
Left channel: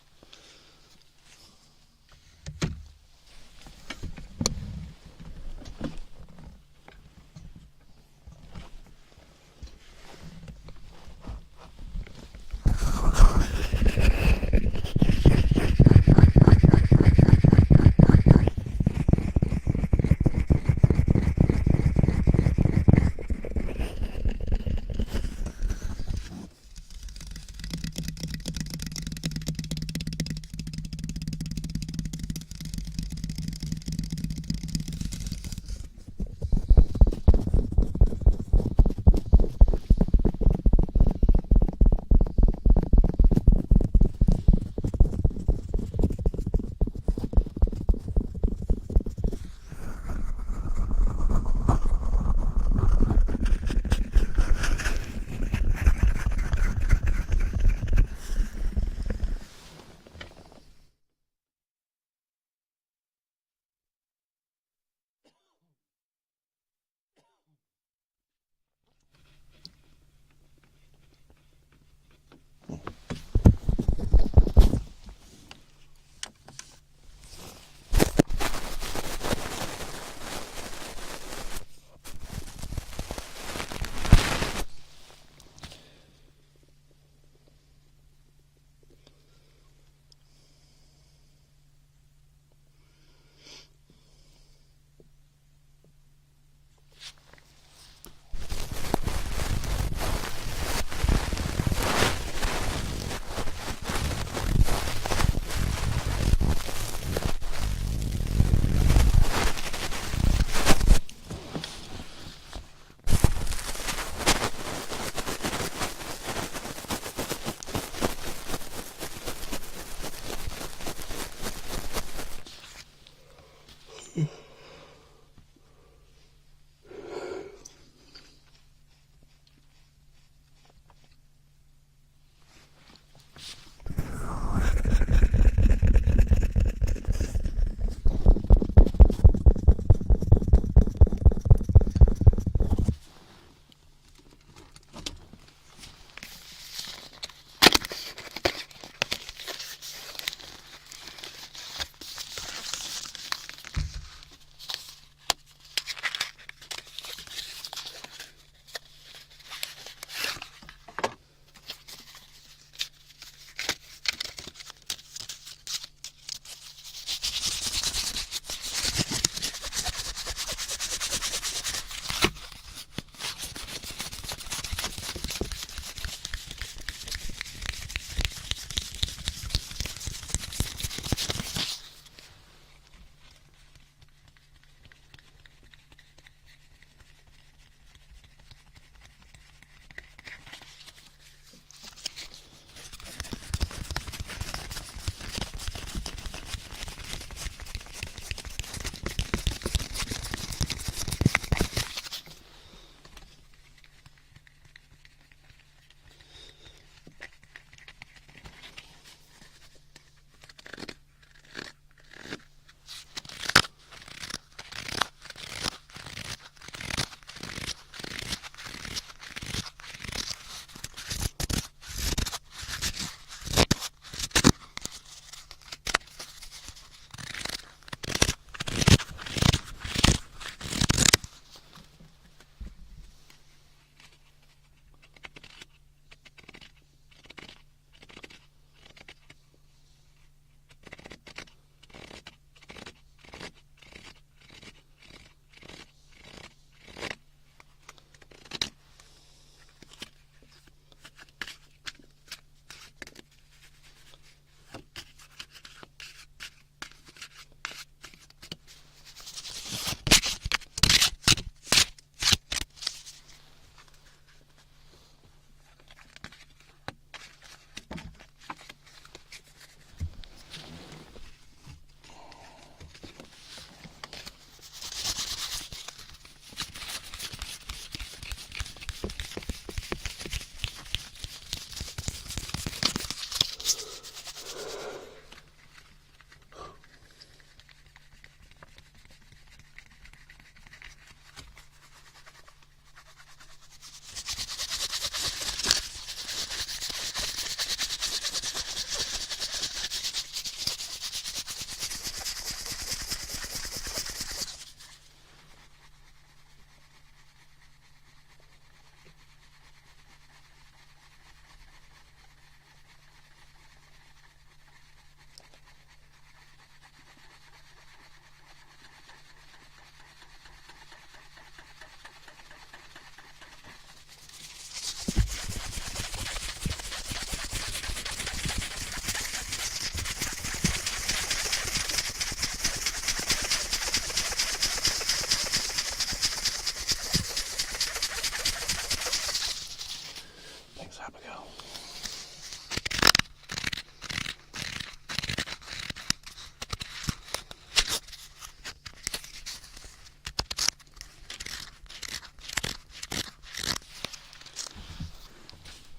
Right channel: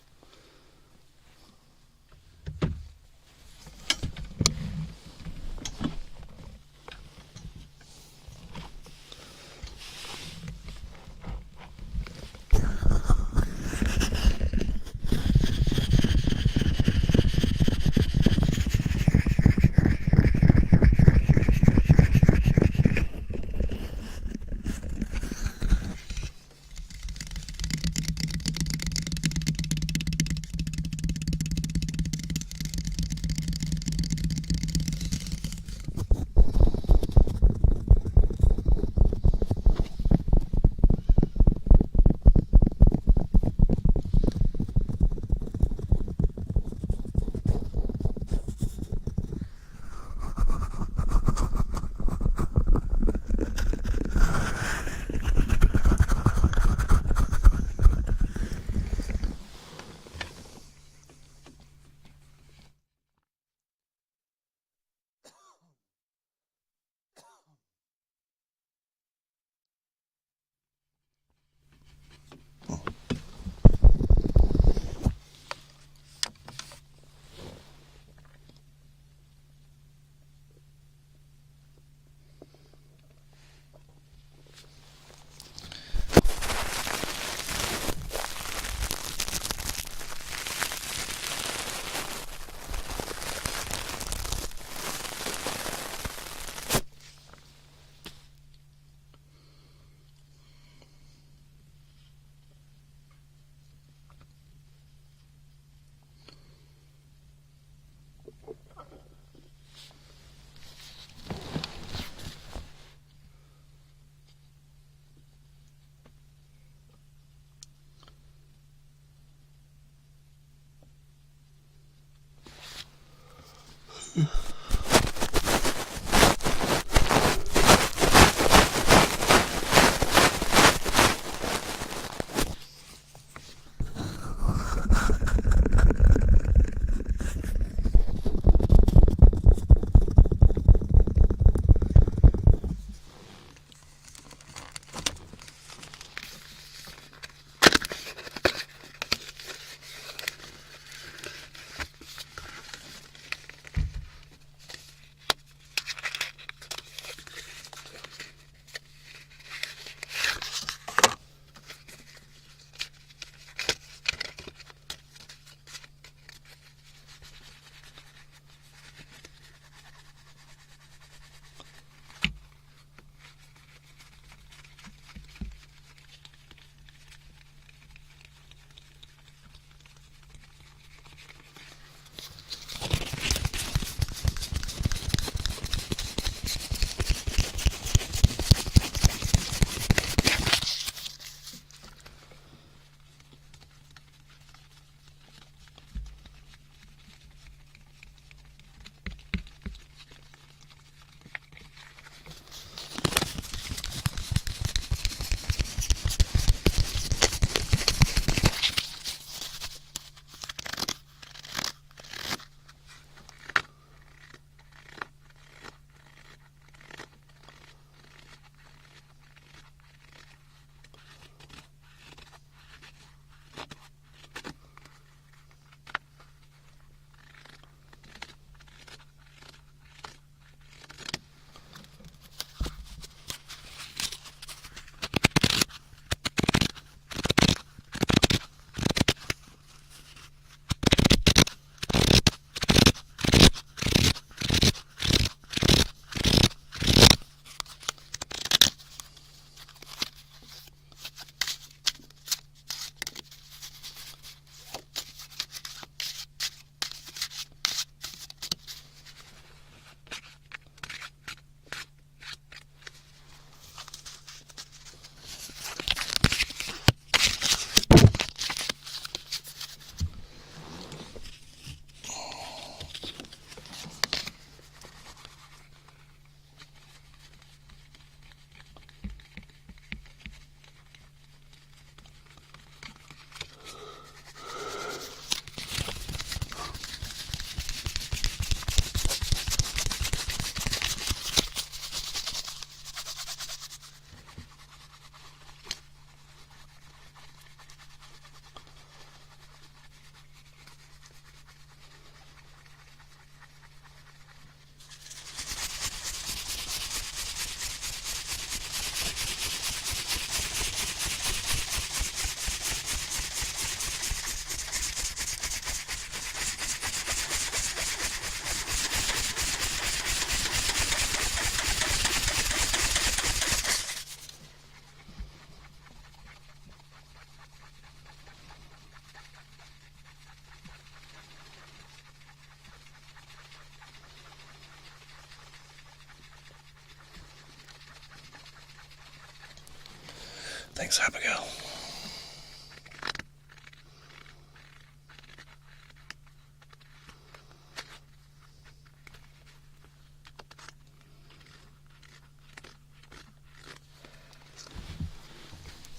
Thanks, Abigail.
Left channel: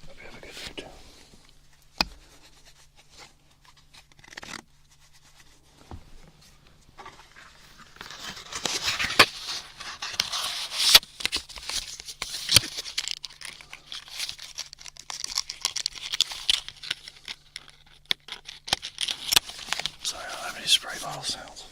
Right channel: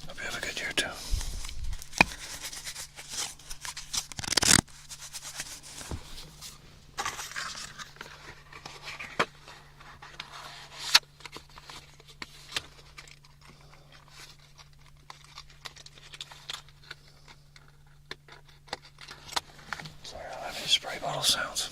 Hope you have a good year too. Sorry, I don't have any spray bottle sounds.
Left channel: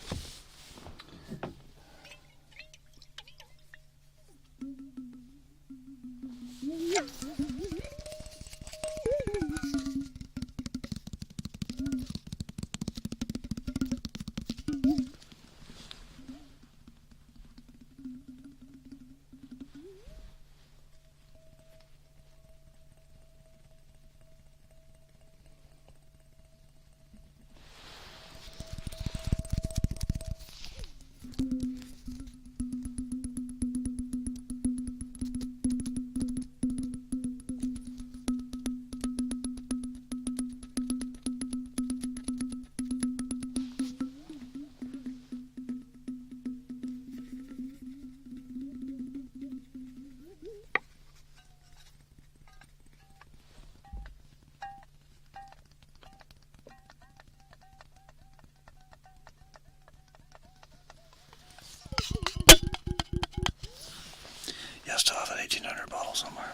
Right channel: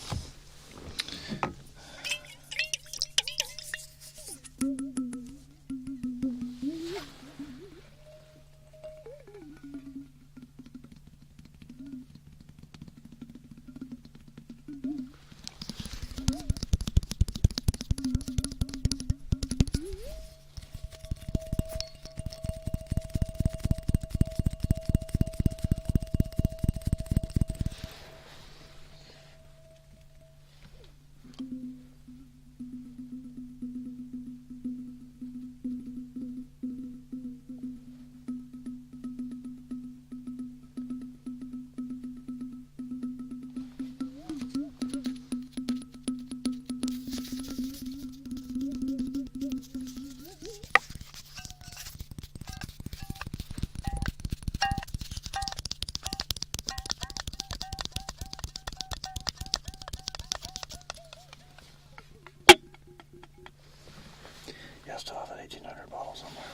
Yeah, I still have an 1800 bottle somewhere.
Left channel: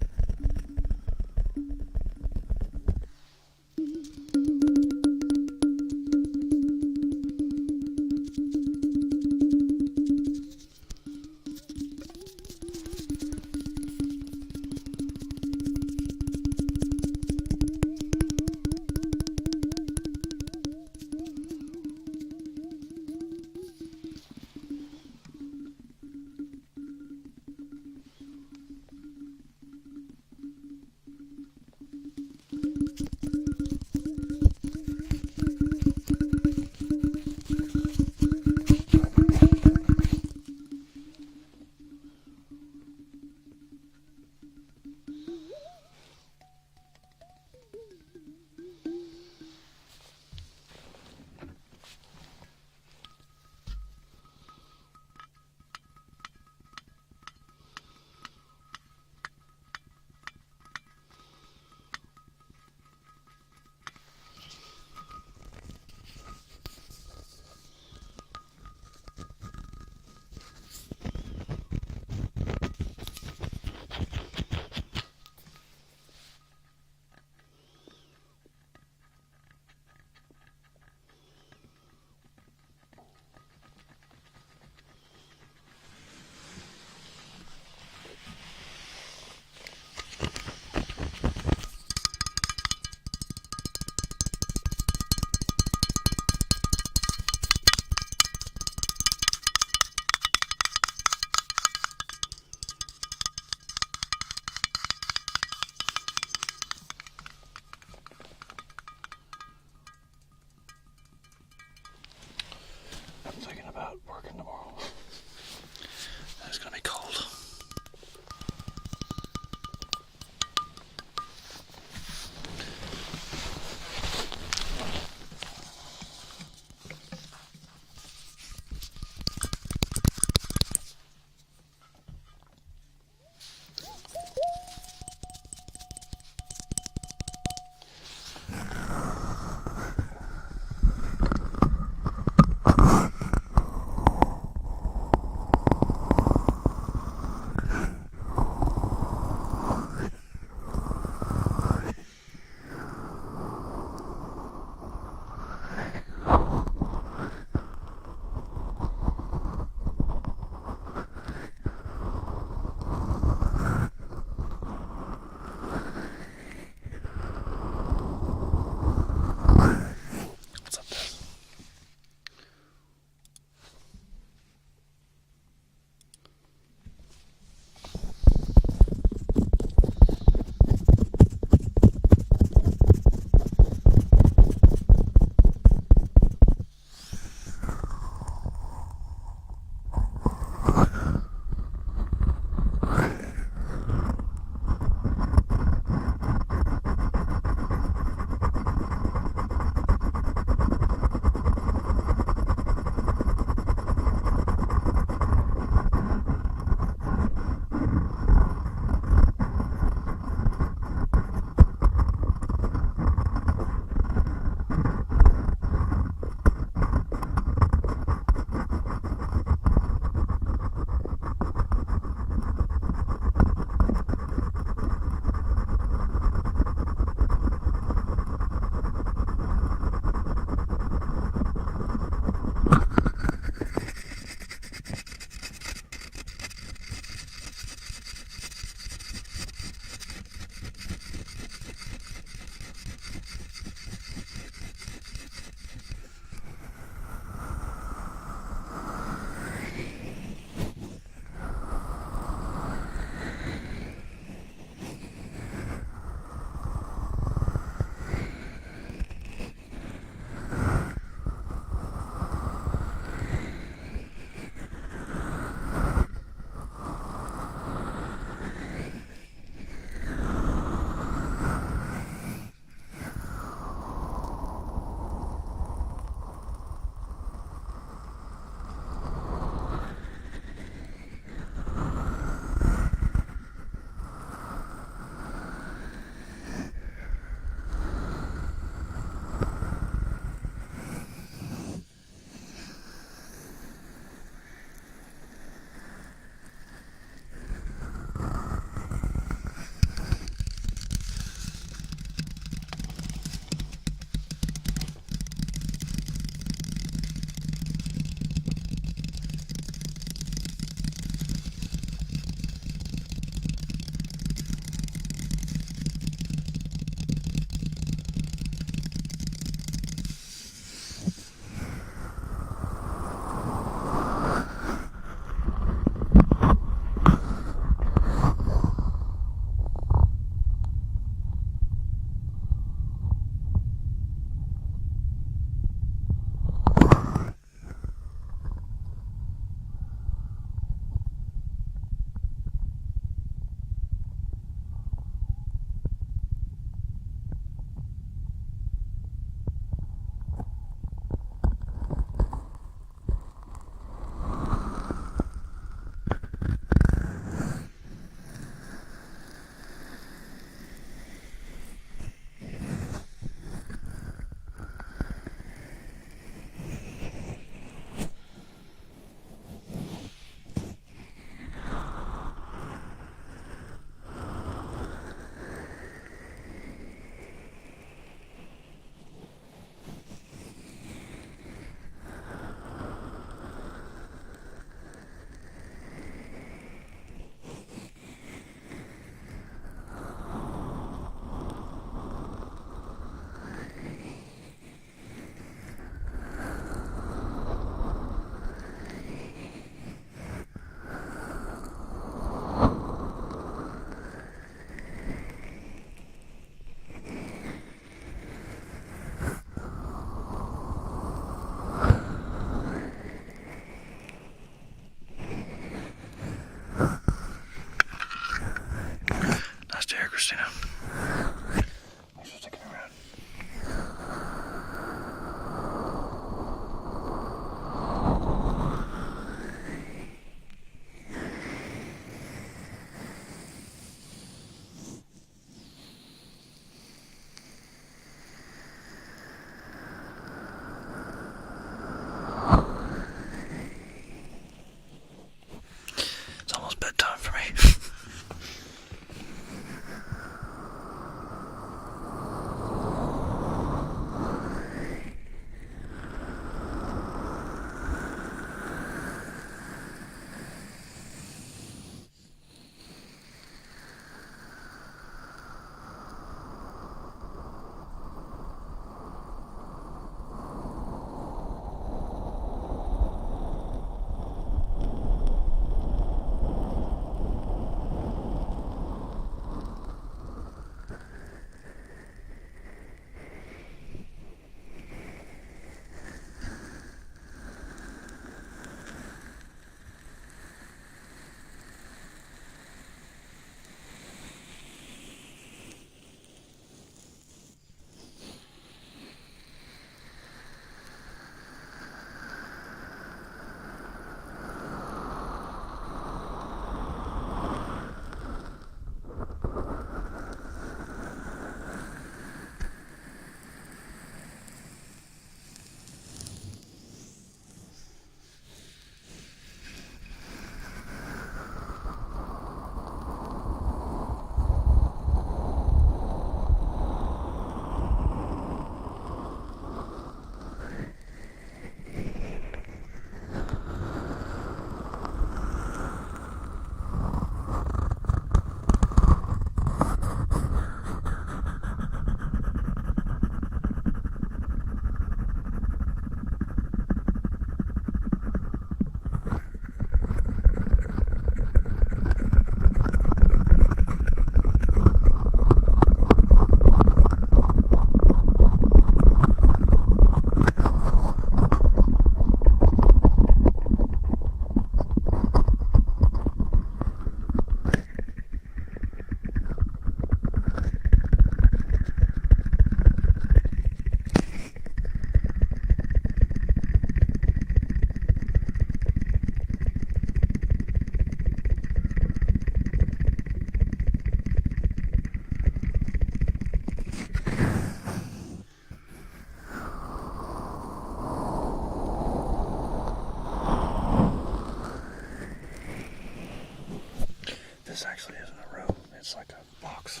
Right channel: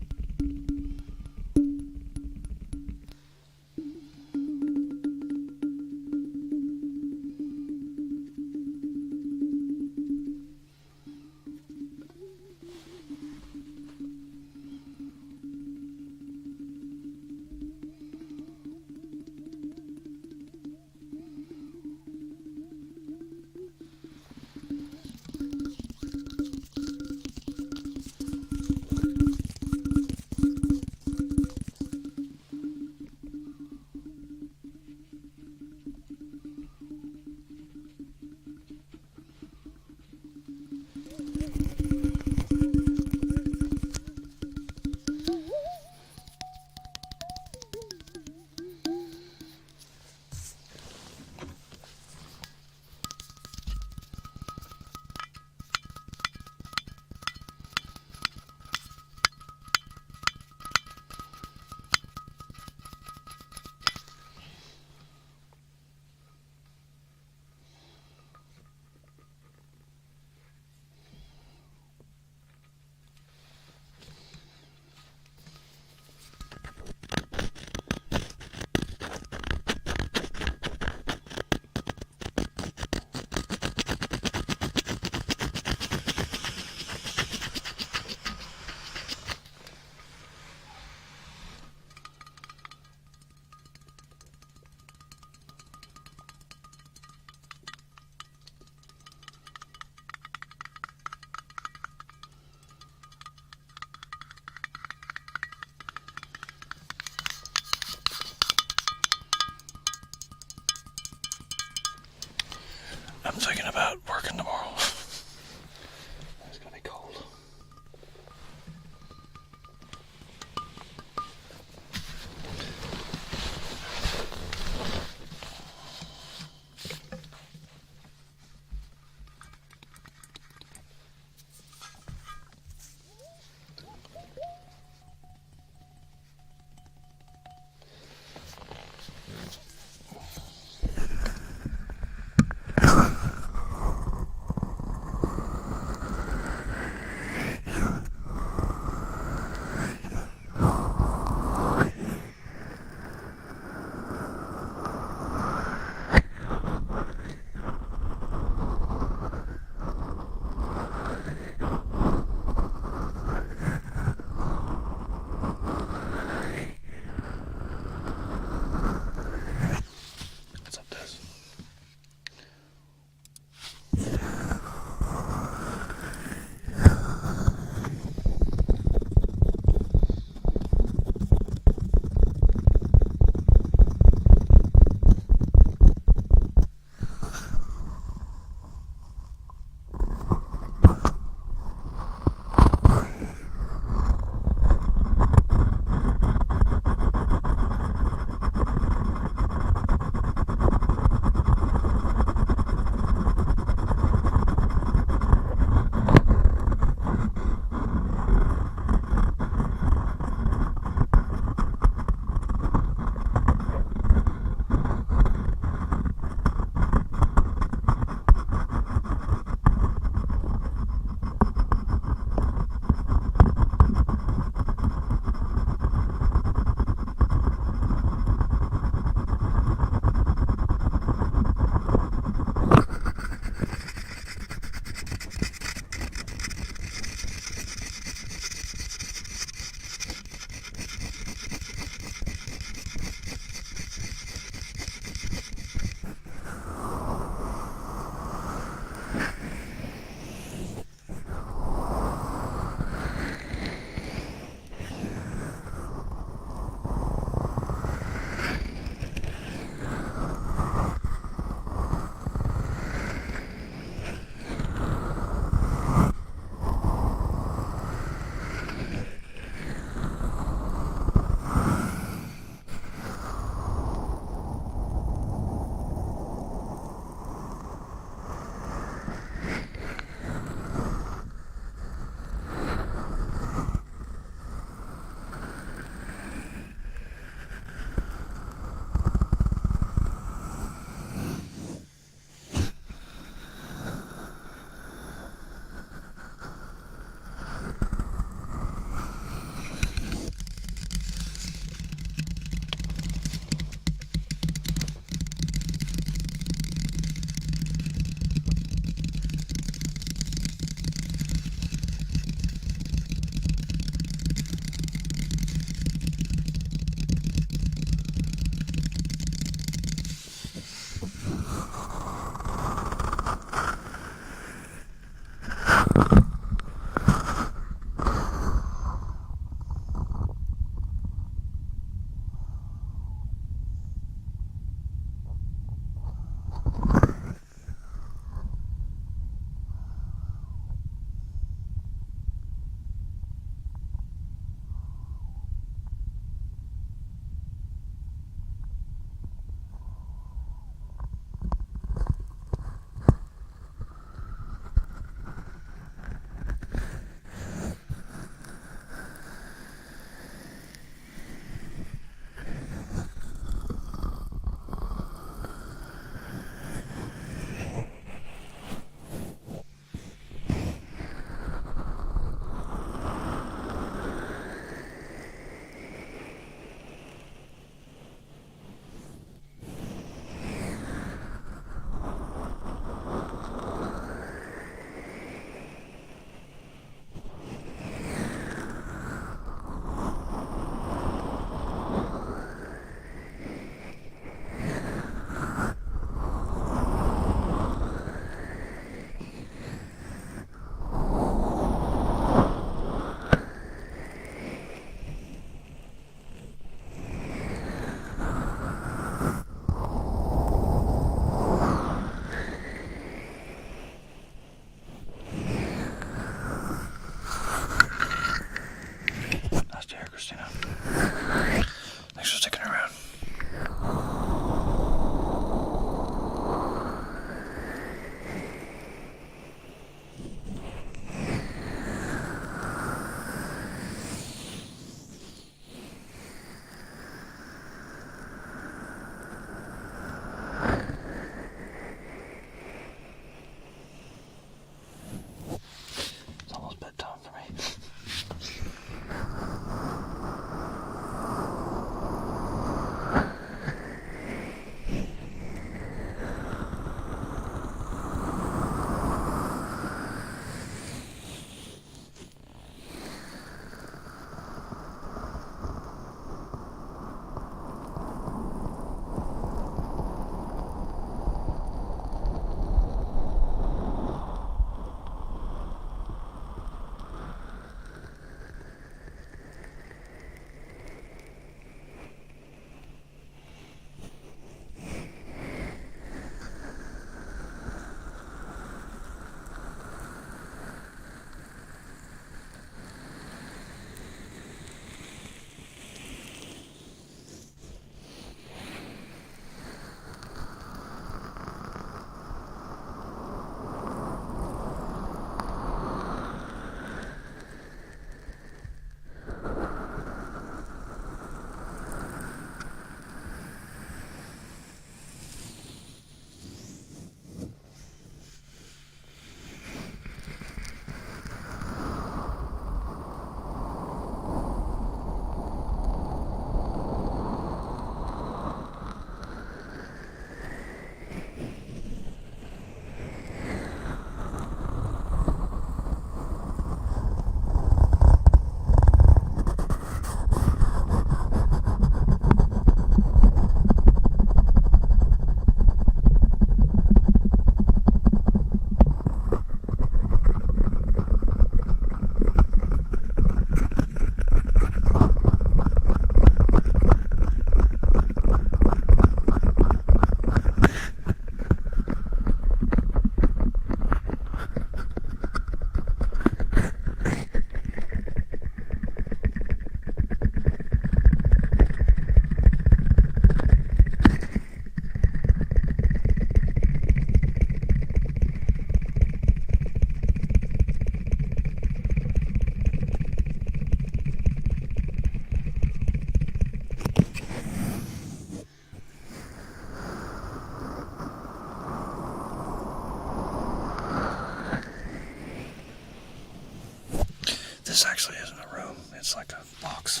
This actually isn't a room, it's like a box.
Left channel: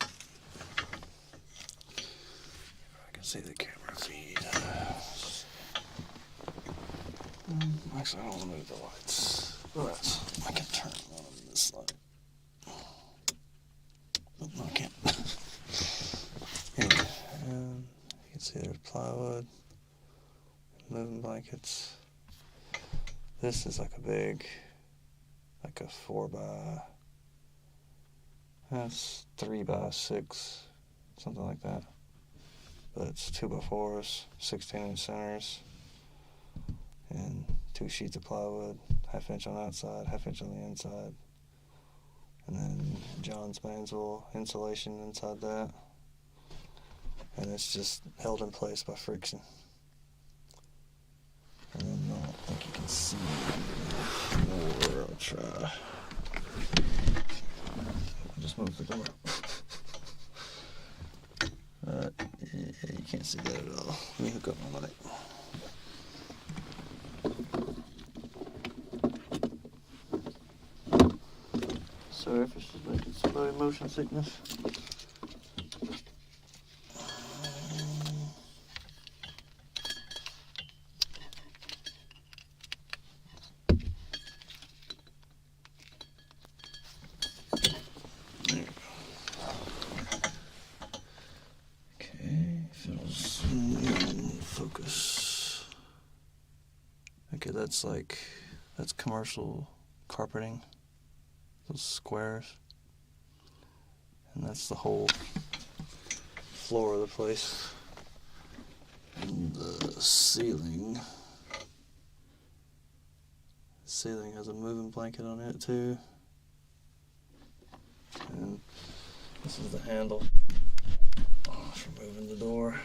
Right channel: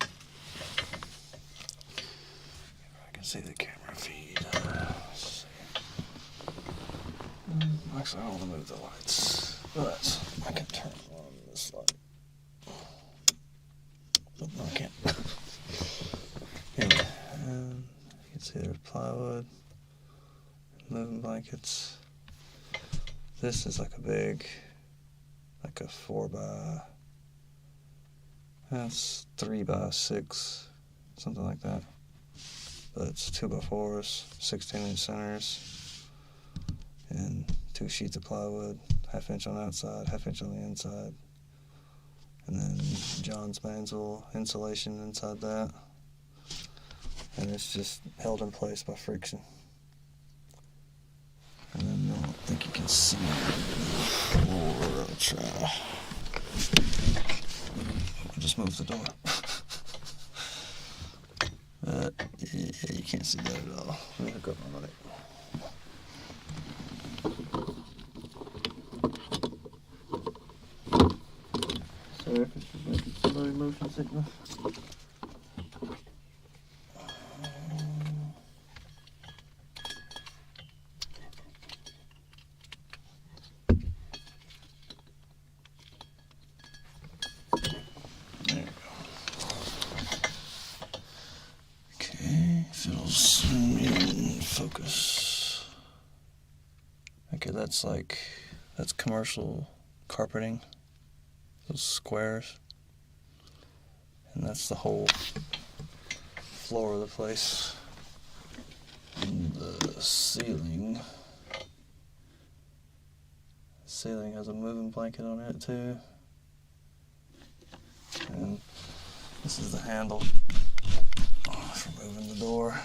I can see the camera feed. Actually, I don't want to move the lights, but I can turn on this light. But no, I can't. Anyway, you can see there's plywood, moving blankets. This is like a big, like a 3 by 6, something like that. But it's 2 by 4s, 16-inch centers, and 2 sheets of plywood, 1/2 inch on the outside, 1/2 inch on the inside. And then John's Mansell insulation inside that. And it's just held in place by friction. And then I don't think you can see the floor. I'll try. I'll just move the door. But yeah, you can't see that at all. Let me hook up my light. Surface is making somebody motion sickness. There we go. Okay, so zoom in, focus. Okay, that's commercial carpeting. Those squares, and that's the whole floor of the place. And the ceiling has a moving blanket on it too, and this is the handle for moving the door.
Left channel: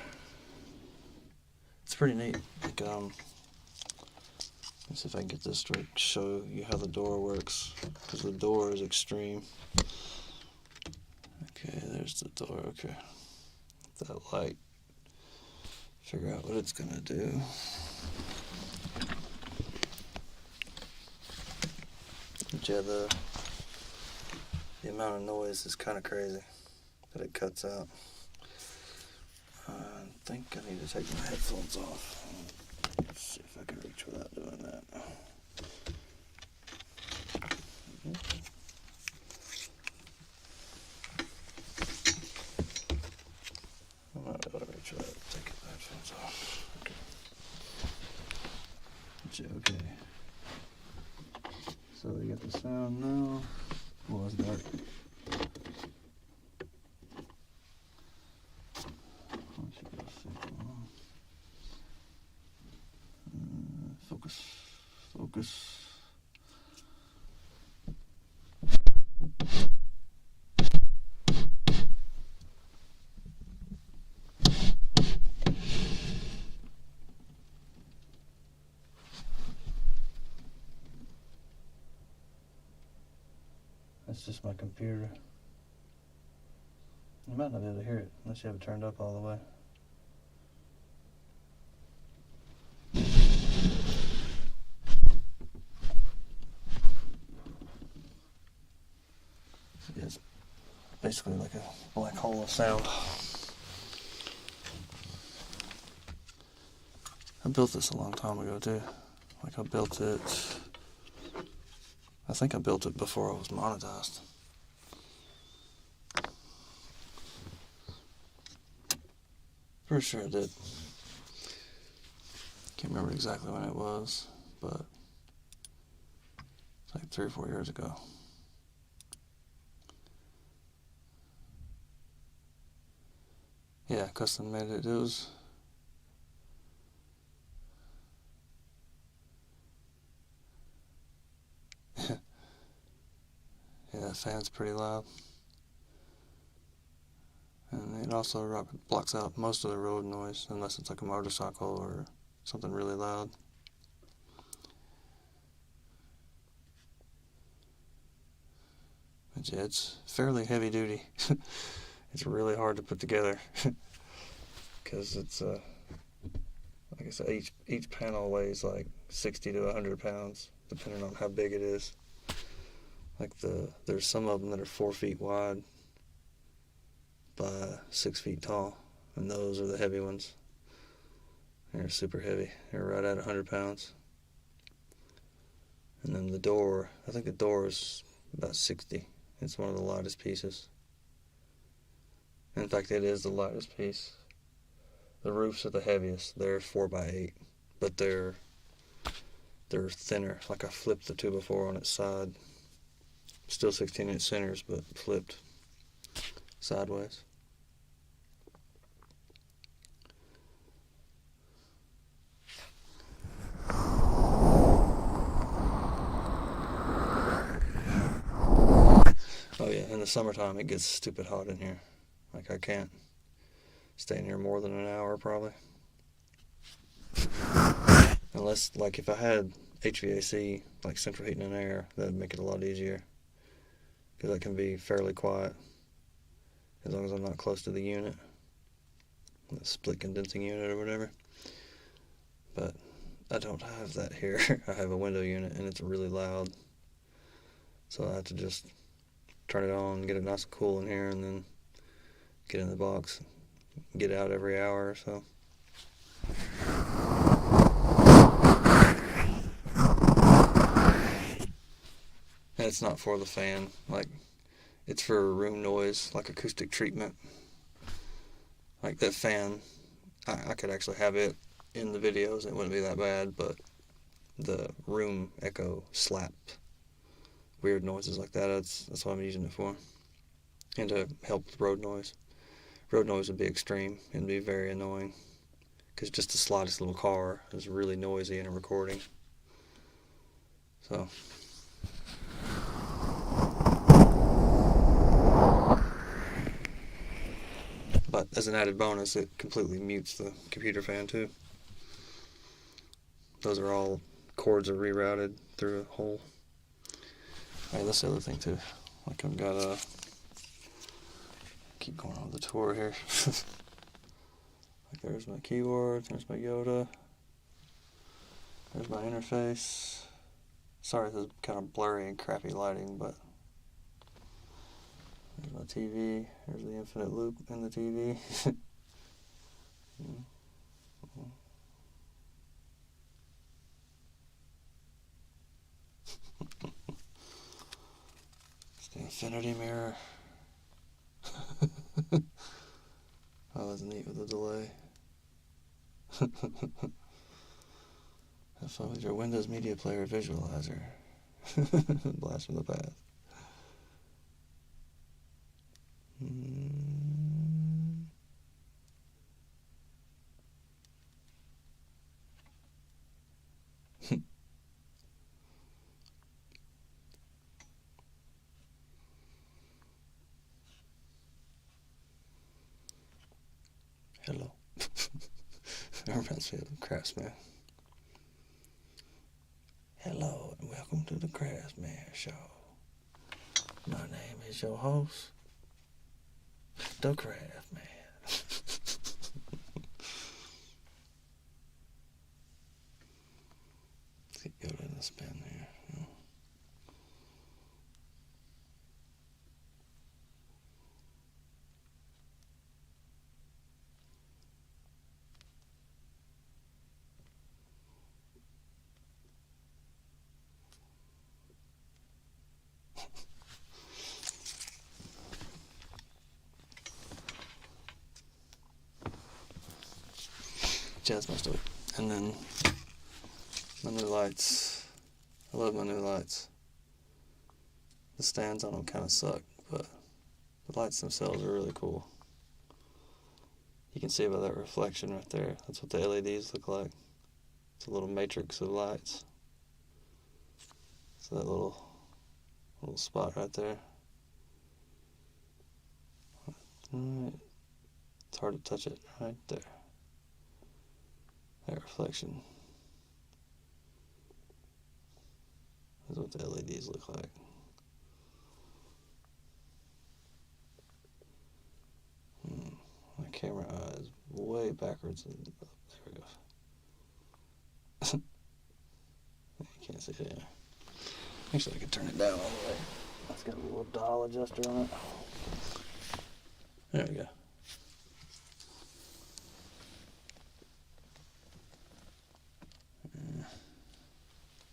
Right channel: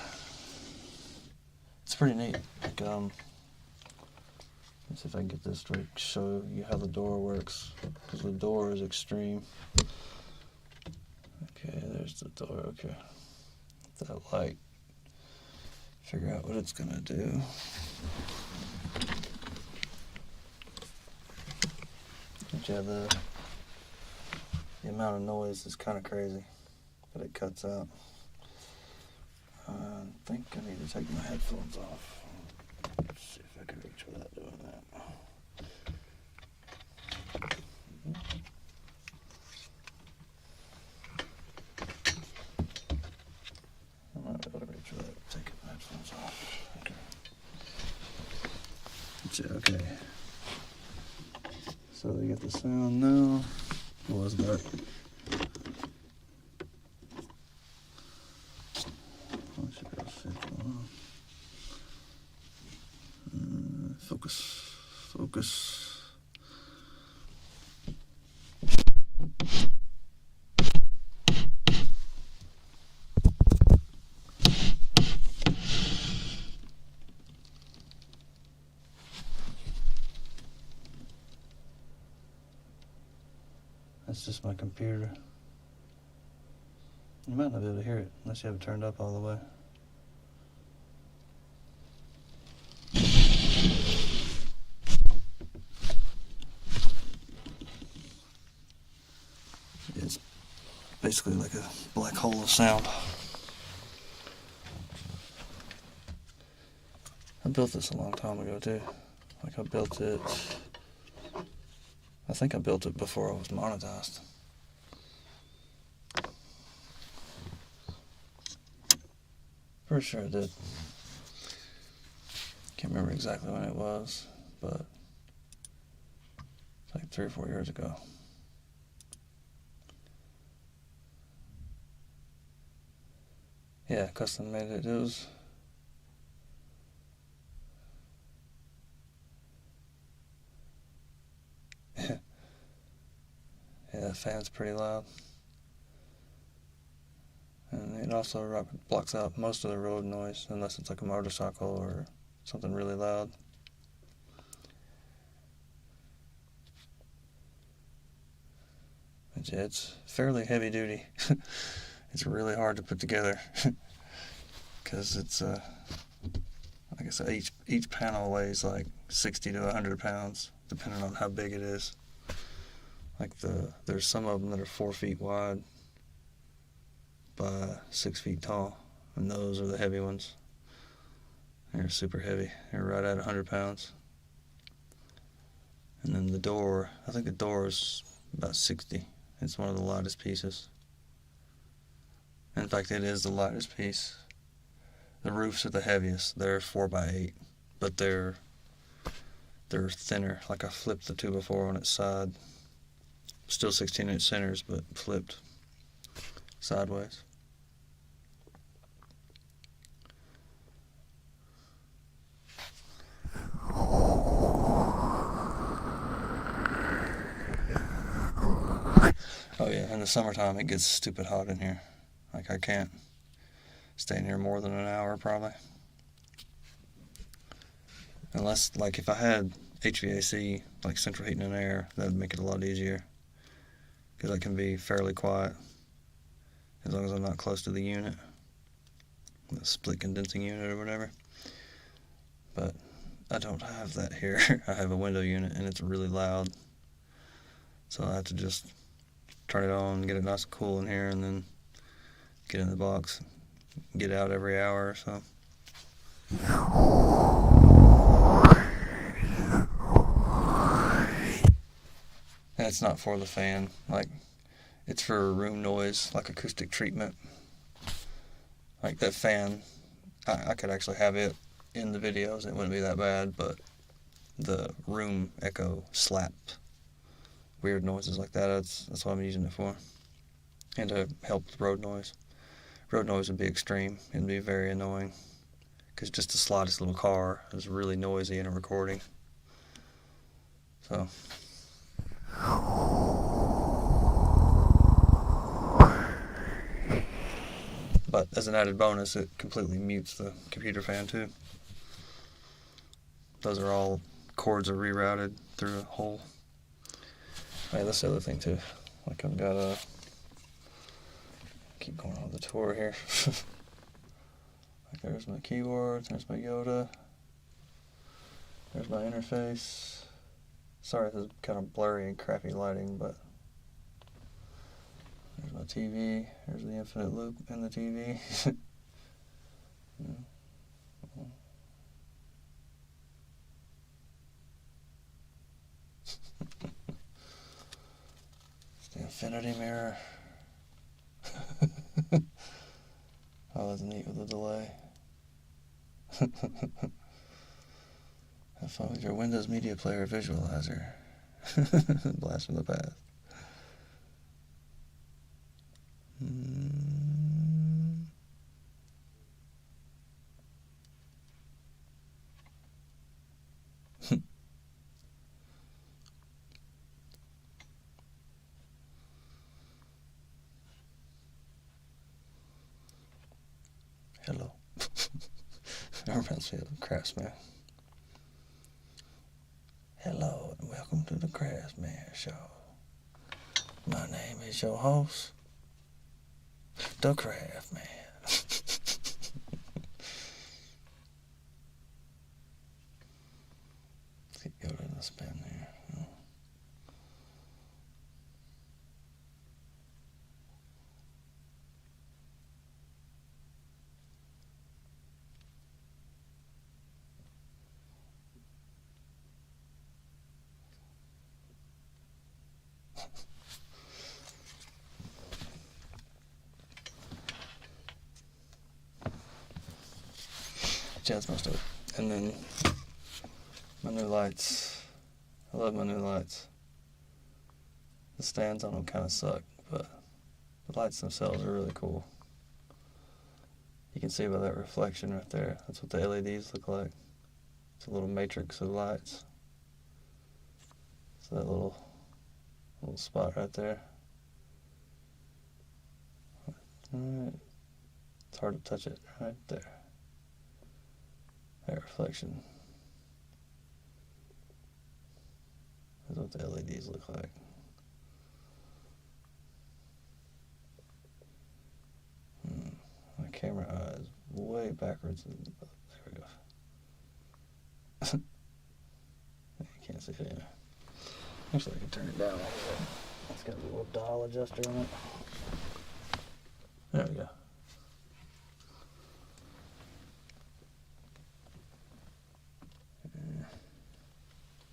It's pretty neat. Like, let's see if I can get this straight, show you how the door works, because the door is extreme. Okay, there's the door. Okay, that light, figure out what it's gonna do. But yeah, the amount of noise is kind of crazy that it cuts out. I think I need to take my headphones off. Let's see if I can reach without doing that. I'm not able to reach without taking my headphones off. Okay. So you get the sound now. Well, it's dark. Focus. That's just my computer. You might not be able to hear it unless you have it turned up all the way. It's basically like a black hole of sound. I built this a long time ago too. Like I think I built it before I was monetized. Pretty sure I did. Can't remember exactly when it was, but it's like 3 or 4 years ago. Yeah, custom made it. It was yeah, the fan's pretty loud. And it also blocks out most of the road noise, unless it's like a motorcycle or something really loud. But yeah, it's fairly heavy duty. It's really hard to put together because it's like I said, each panel weighs like 60 to 100 pounds, depending on how big it is. Like there's some of them that are 4 feet wide by 6 feet tall, and those are the heavy ones. They're super heavy. They're right at 100 pounds. And then the door, I think the door is about 60. It's one of the lightest pieces. In fact, it is the lightest piece. The roofs are the heaviest. They're 4x8, but they're thinner. Like I flipped the 2x4 on its side. Still 16-inch centers, but flipped sideways. Oh yeah, in the summertime it gets stupid hot in here. Like I can't stay in here more than an hour probably. Unless, like, if I had HVAC, like central heating and air, that would make it a lot easier. Because I can be fairly quiet as long as I'm not close to the unit, the split condensing unit or whatever. But I don't have that here. I have a window unit and it's really loud. So I have to just turn it on, get it nice and cool in here, and then get in the box, get out every hour or so. And it's not for the fan, like it's for room noise, like acoustic treatment. Like that fan, I could actually have it in the videos, it wouldn't be that bad, but the room echo slap, weird noises like that, that's what I'm using it for. And to help with road noise. Road noise would be extreme, it'd be very annoying, because just the slightest little car is really noisy in a recording. So but as an added bonus, it completely mutes the computer fan too. Those are all cords are rerouted through a hole. Right, that's the other thing too. Like I've got a keep going on the tour here. Like there's my keyboard, there's my Yoda, there's my interface. Sorry, this is kind of blurry and crappy lighting, but there's my TV, there's the infinite loop in the TV. It's the infinity mirror. That was neat with the delay. Have fun with your Windows Media Player visualizer. Blast from the past. Hello. That reminds me of the Craftsman. Hello and welcome to the Craftsman Show. My name is your host, the Craftsman. Let's get Yoda in the spin there. That's most of it. And then my new lights. I love my new lights. The stands on them kind of suck, but the lights themselves are really cool. You can see by that reflection right there. That's what the LEDs look like. It's a little matrix of lights. So that little spot right there. Alright. It's hard to touch it right there. That reflection. That's what the LEDs look like. My camera eye is way backwards. There we go. Let's see here. Actually, I could turn it down. It's got a little dial adjuster on it. There we go.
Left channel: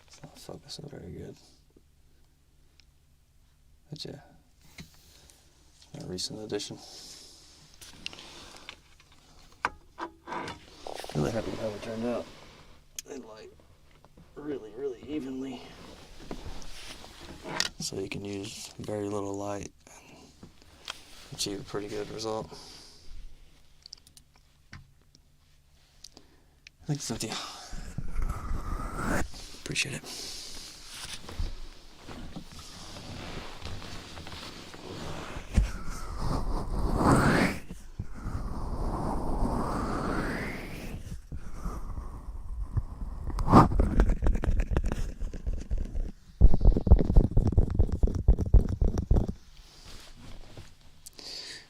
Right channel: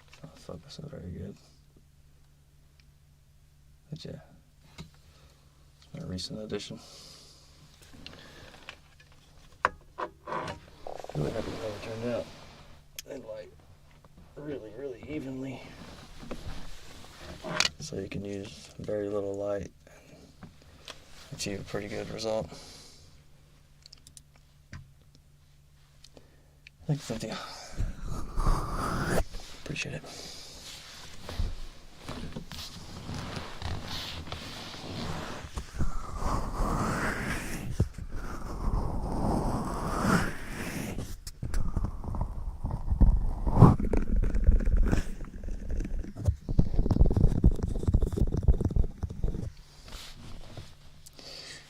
It's not focusing very good. But yeah, a recent addition. Really happy how it turned out. And light really, really evenly. So you can use very little light and achieve a pretty good result. I think it's a deal. Appreciate it.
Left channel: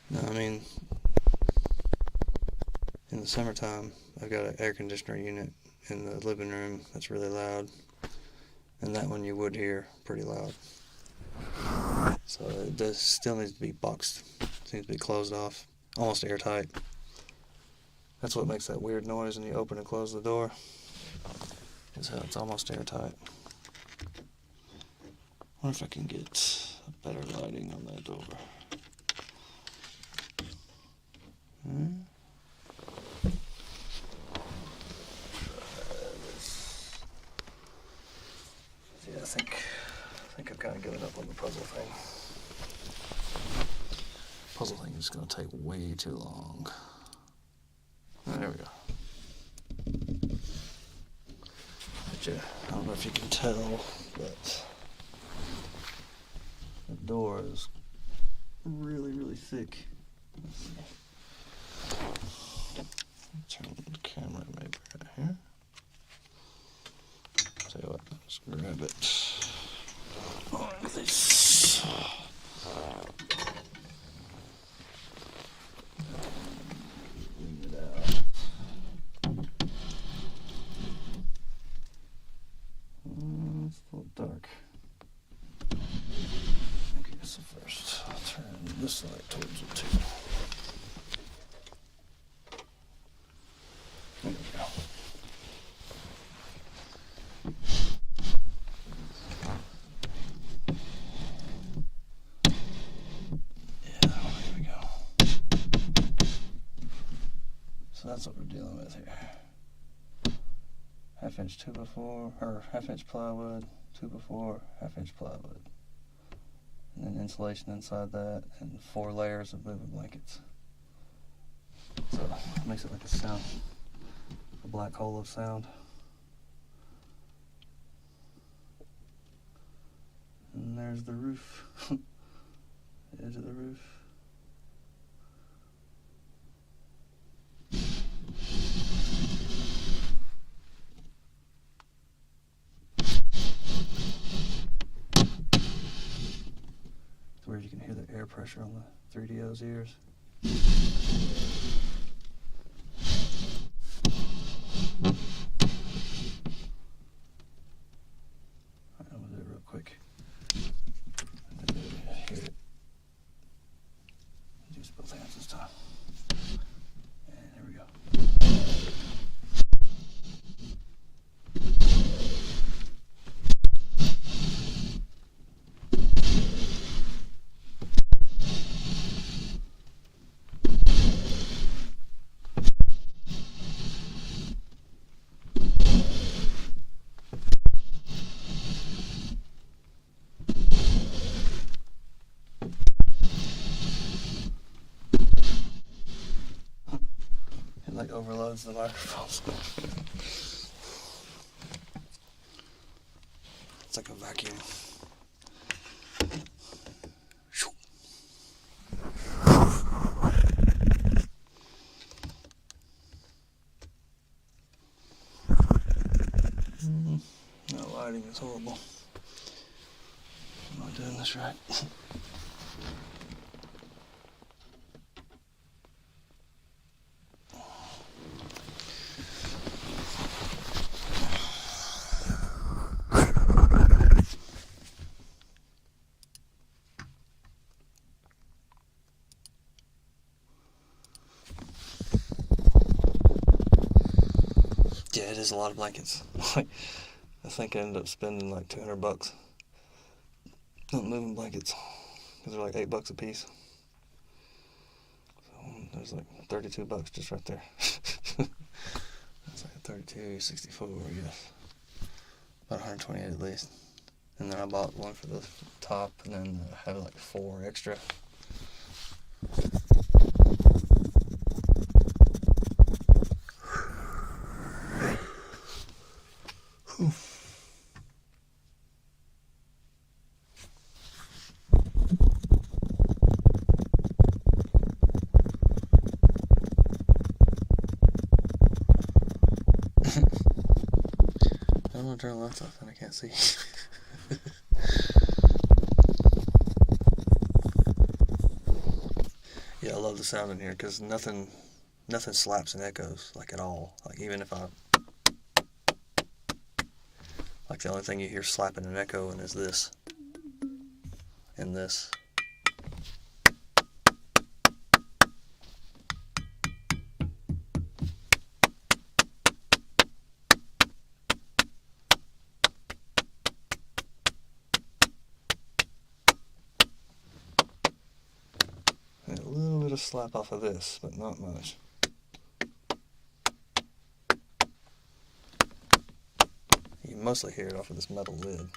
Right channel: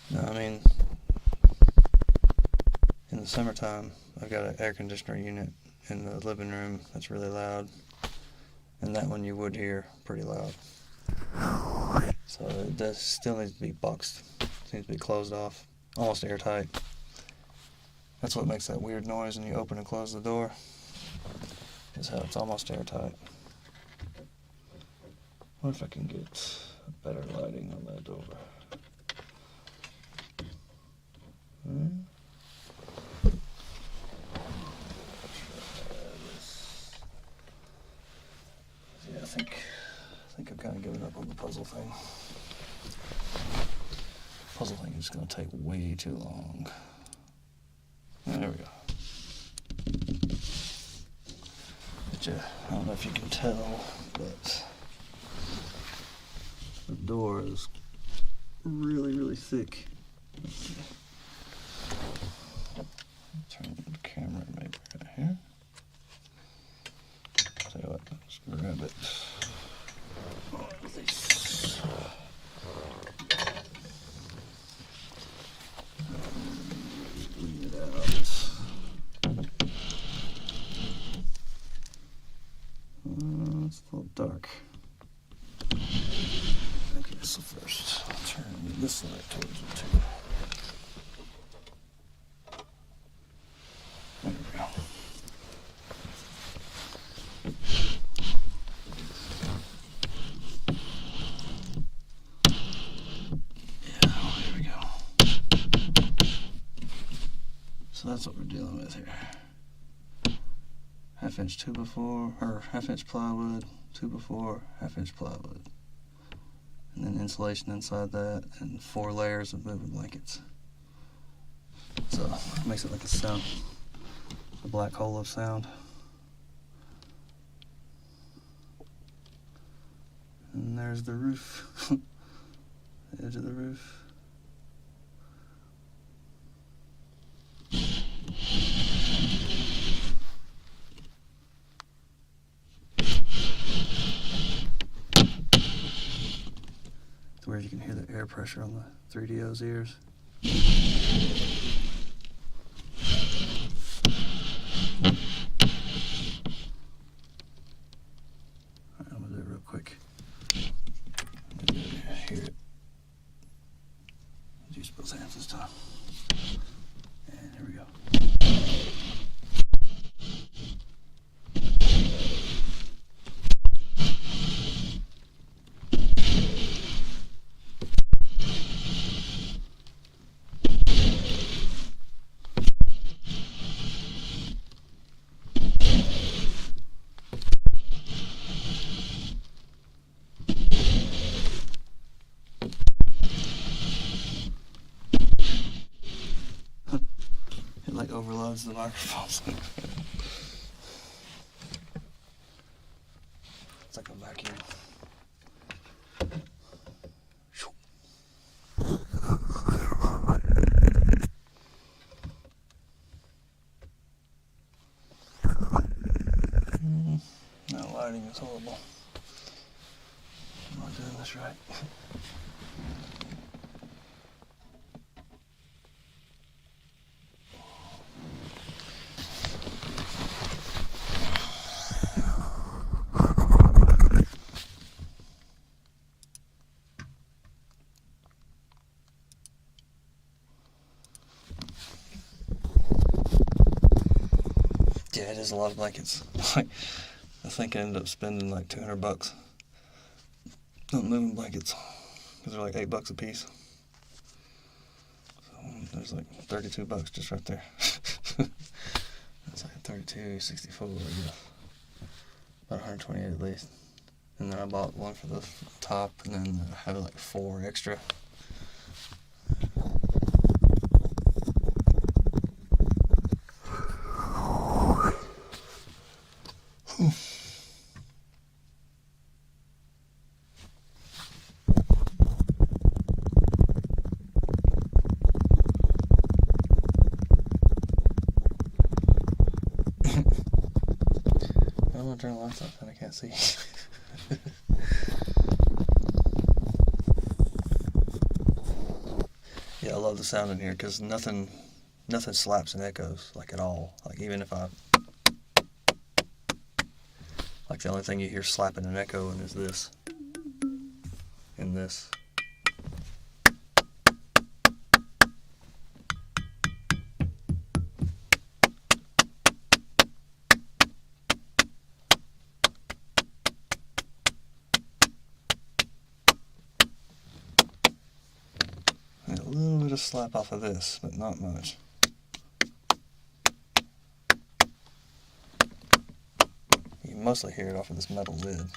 No, I mean, in the summertime, I've got an air conditioner unit in the living room that's really loud, and that one you would hear pretty loud. So it does still needs to be boxed. It needs to be closed off, almost airtight. That's what makes that weird noise when you open and close the door, is how it's almost airtight. I wonder if I can get better lighting on that door. Yeah, I think I've kind of given up on the puzzle thing. Puzzle thing is going to take way too long. There we go. But yeah, I don't know if you can tell, but the door is really, really thick. Turn the camera maybe right here. Tell you what, let's grab it like this. Lean it out. It's a little dark. Okay, so first I'll turn this light towards it too. There we go. Yeah, here we go. So that's what we're dealing with here. 1/2 inch 2x4, or 1/2 inch plywood, 2x4, 1/2 inch plywood. And then insulation inside that, and 4 layers of moving blankets. So it makes it like a black hole of sound. And there's the roof, the edge of the roof. To where you can hear the air pressure on the 3DO's ears. Use both hands this time. And here we go. Like overloads the microphones. It's like a vacuum. That lighting is horrible. I'm not doing this right. Yeah, it is a lot of blankets. Like, I think I ended up spending like $200 on moving blankets because they're like $8 a piece. So there's like $32 just right there. That's like 32, 64, yeah. About 128 at least. And then I bought one for the top, and then I have like 4 extra. I don't want to turn the lights off and I can't see. Yeah, I love the sound in here because nothing slaps and echoes like at all. Like even if I, like the only thing you hear slapping and echoing is this and this. And a little bit of slap off of this, but not much. You can mostly hear it off of this metal lid.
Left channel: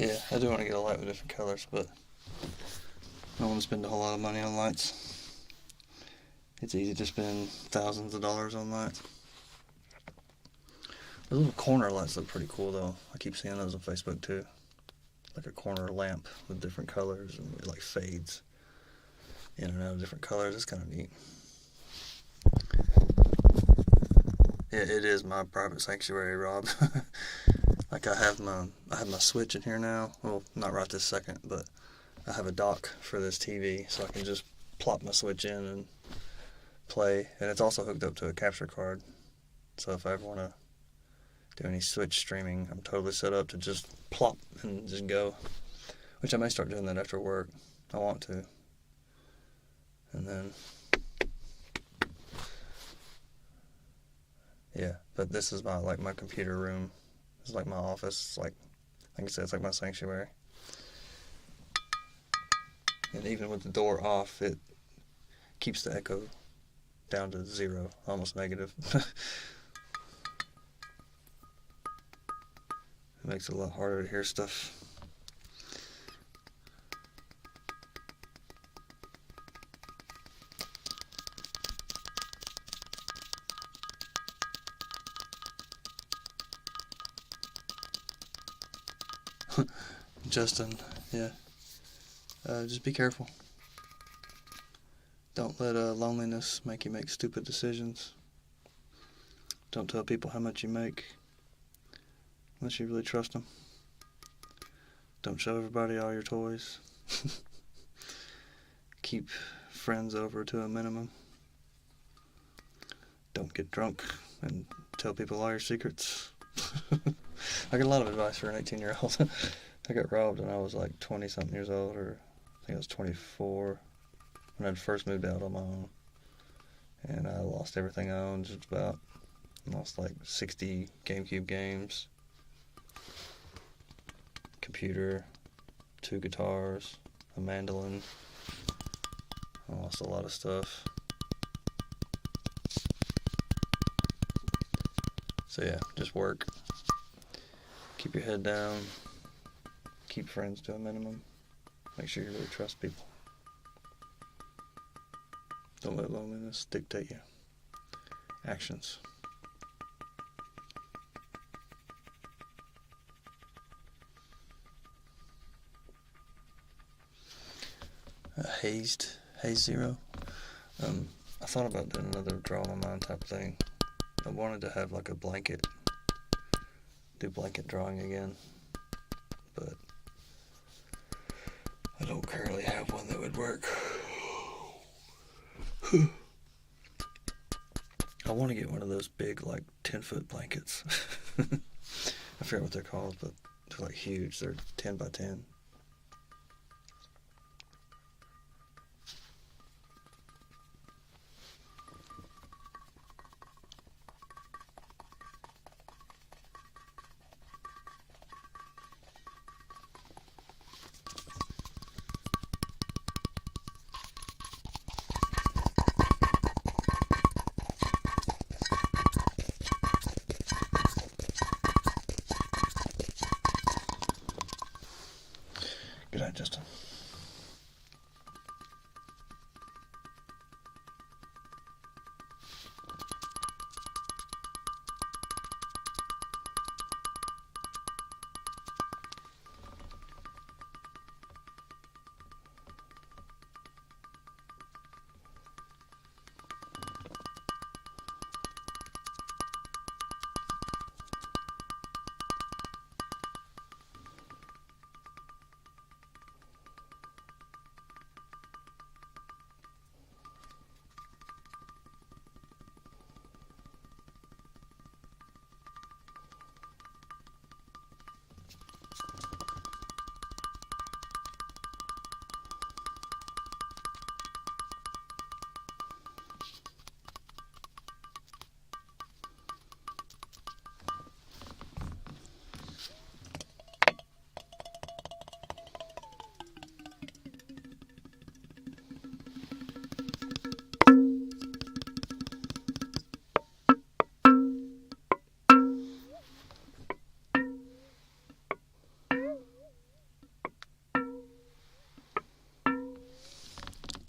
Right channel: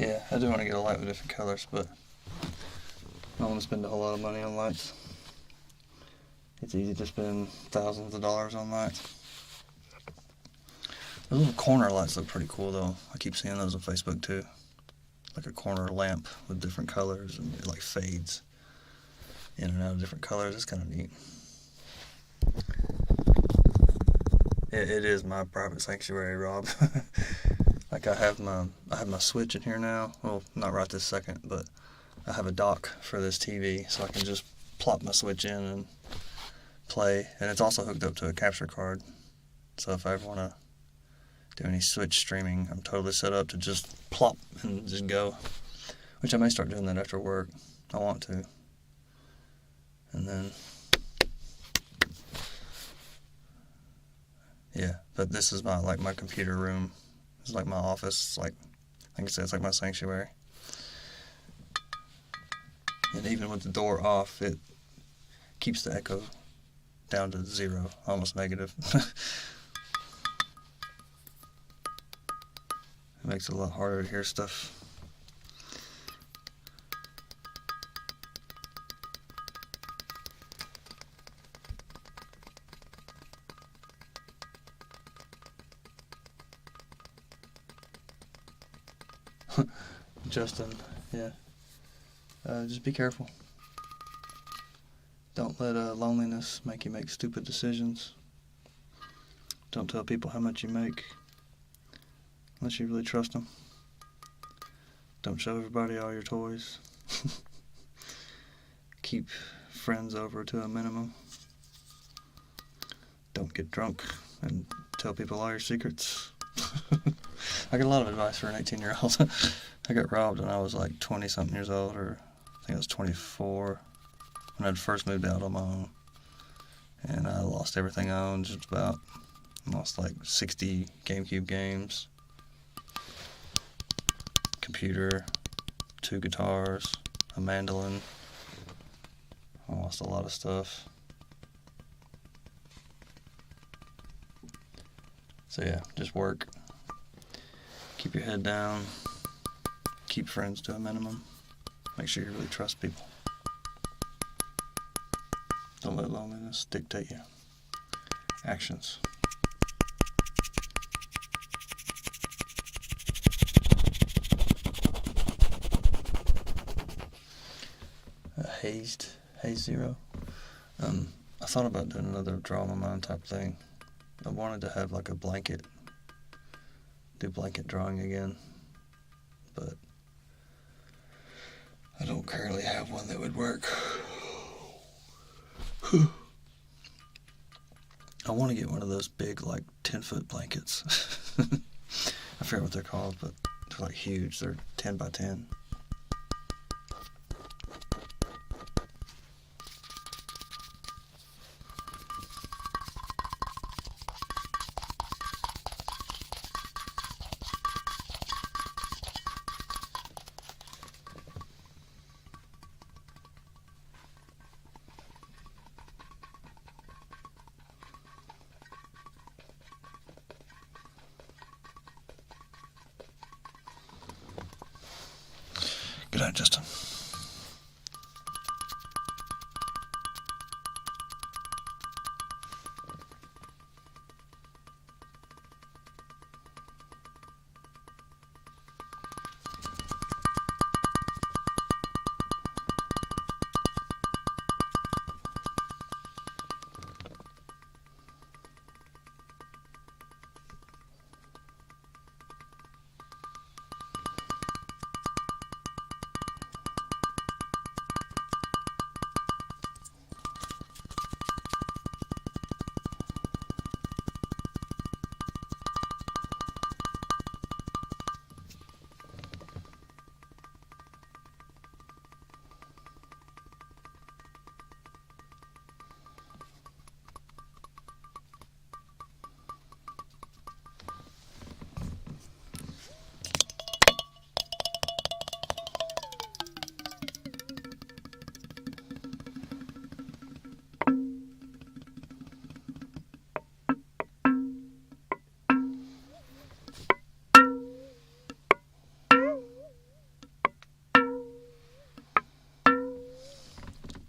Yeah, I do want to get a light with different colors, but I don't want to spend a whole lot of money on lights. It's easy to spend thousands of dollars on lights. The little corner lights look pretty cool though. I keep seeing those on Facebook too. Like a corner lamp with different colors and it like fades in and out of different colors. It's kind of neat. It is my private sanctuary, Rob. Like I have my Switch in here now. Well, not right this second, but I have a dock for this TV, so I can just plop my Switch in and play. And it's also hooked up to a capture card, so if I ever want to do any Switch streaming, I'm totally set up to just plop and just go. Which I may start doing that after work. I want to. And then, yeah. But this is my computer room. It's like my office. It's like I said, it's like my sanctuary. And even with the door off, it keeps the echo down to 0, almost negative. It makes it a lot harder to hear stuff. Justin, yeah. Just be careful. Don't let loneliness make you make stupid decisions. Don't tell people how much you make unless you really trust them. Don't show everybody all your toys. Keep friends over to a minimum. Don't get drunk and tell people all your secrets. I got a lot of advice for an 18-year-old. I got robbed when I was like 20-something years old, or I think I was 24, when I'd first moved out on my own. And I lost everything I owned, just about. I lost like 60 GameCube games, computer, 2 guitars, a mandolin. I lost a lot of stuff. So yeah, just work. Keep your head down. Keep friends to a minimum. Make sure you really trust people. Don't let loneliness dictate your actions. Haze Zero. I thought about doing another draw my mind type thing. I wanted to have like a blanket, do blanket drawing again, but I don't currently have one that would work. I want to get one of those big, like 10-foot blankets. I forget what they're called, but they're like huge. They're 10 by 10. Good night, Justin.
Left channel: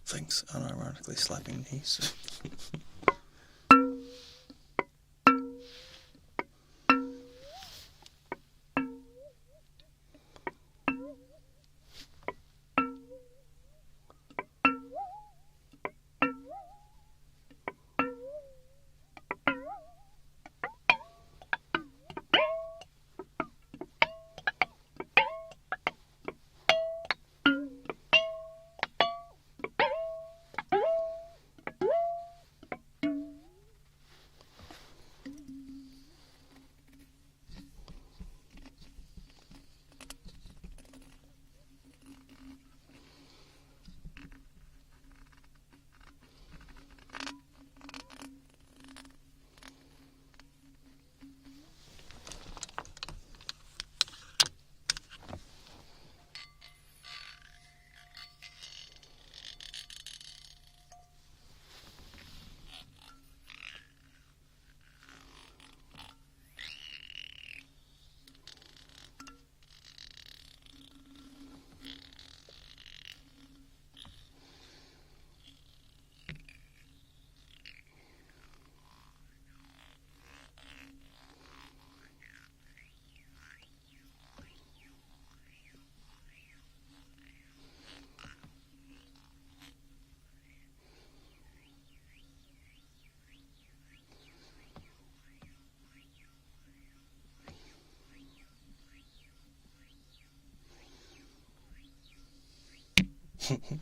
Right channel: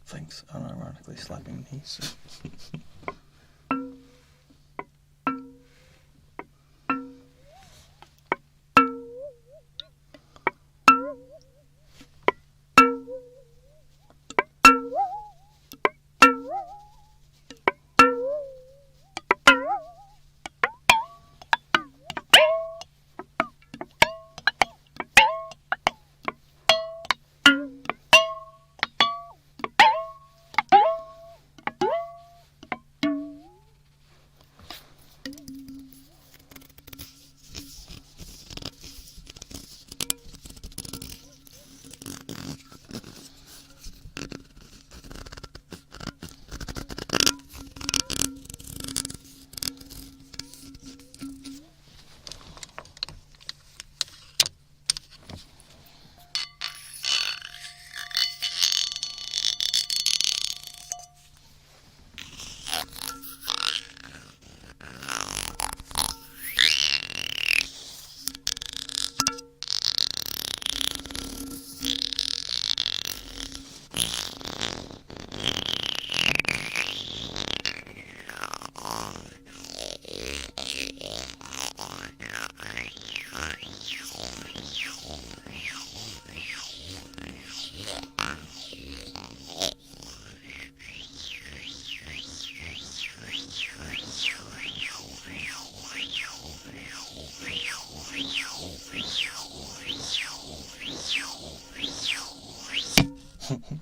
Thanks, unironically slapping knees.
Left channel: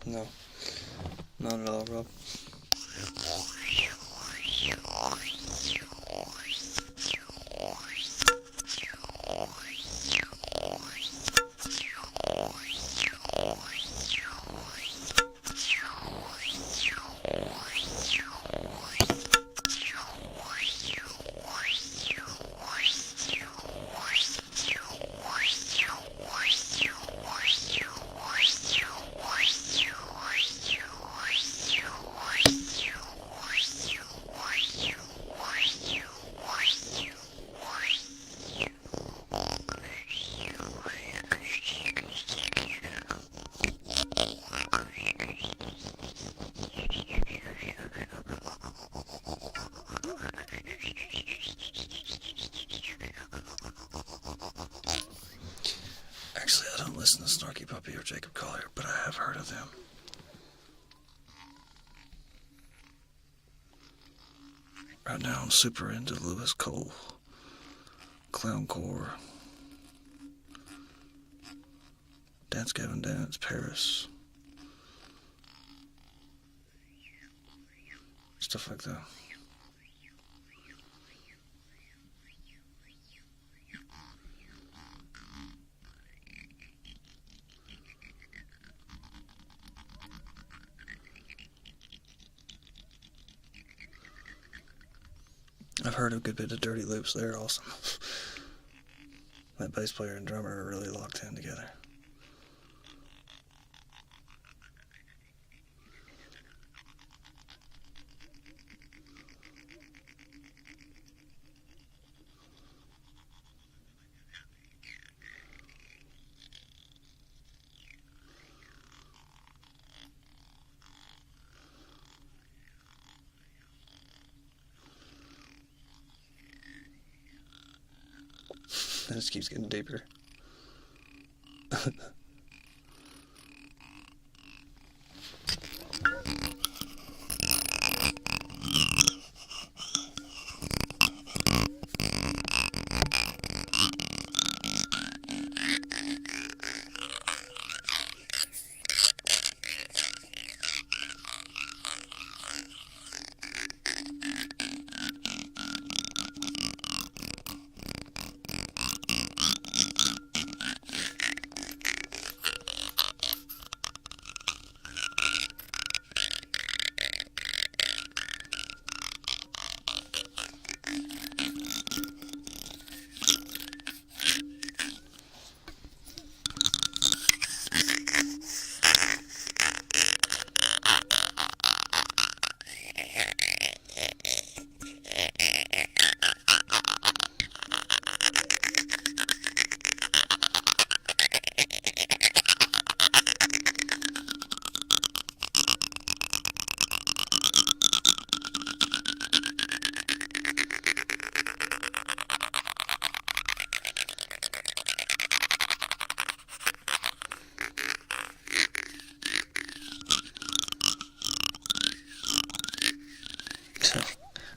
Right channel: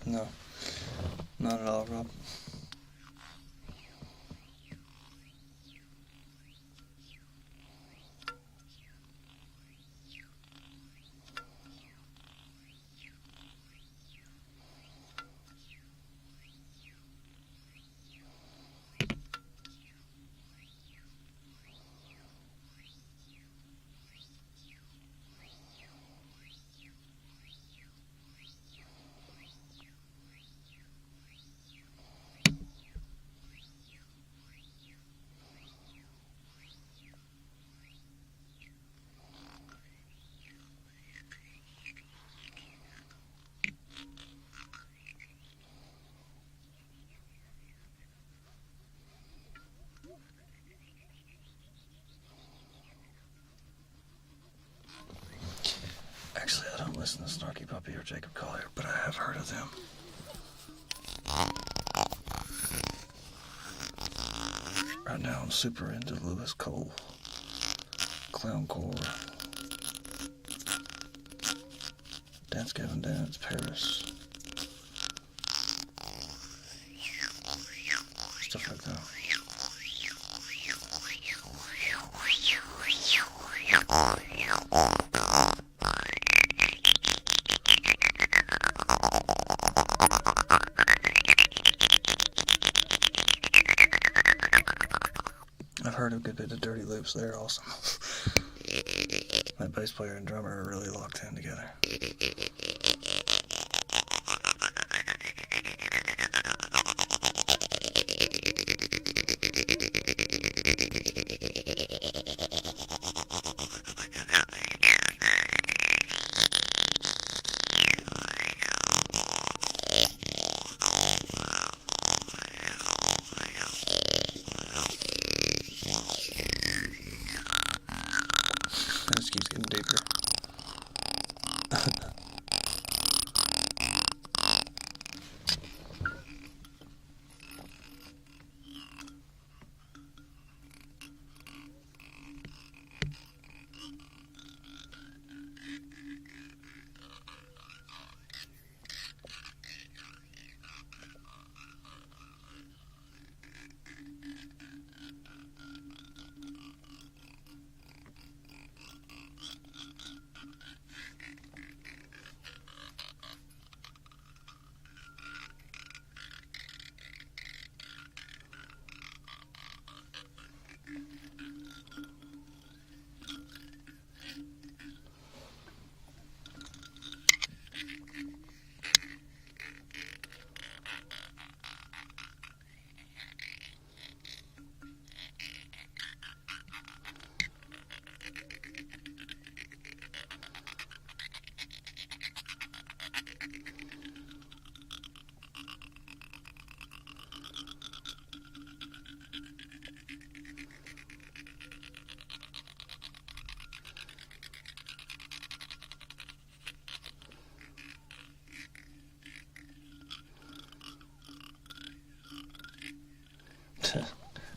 No, not at all, Rob. Actually, I don't listen to Snarky Puppy or Jacob Collier, but I have heard of them. Right now I'm super into Lewis Cole, Clowncore, Dance Gavin Dance, Paris, stuff like that. I've heard a good bit of dirty loops there also. That bass player and drummer are really locked in together. This keeps getting deeper.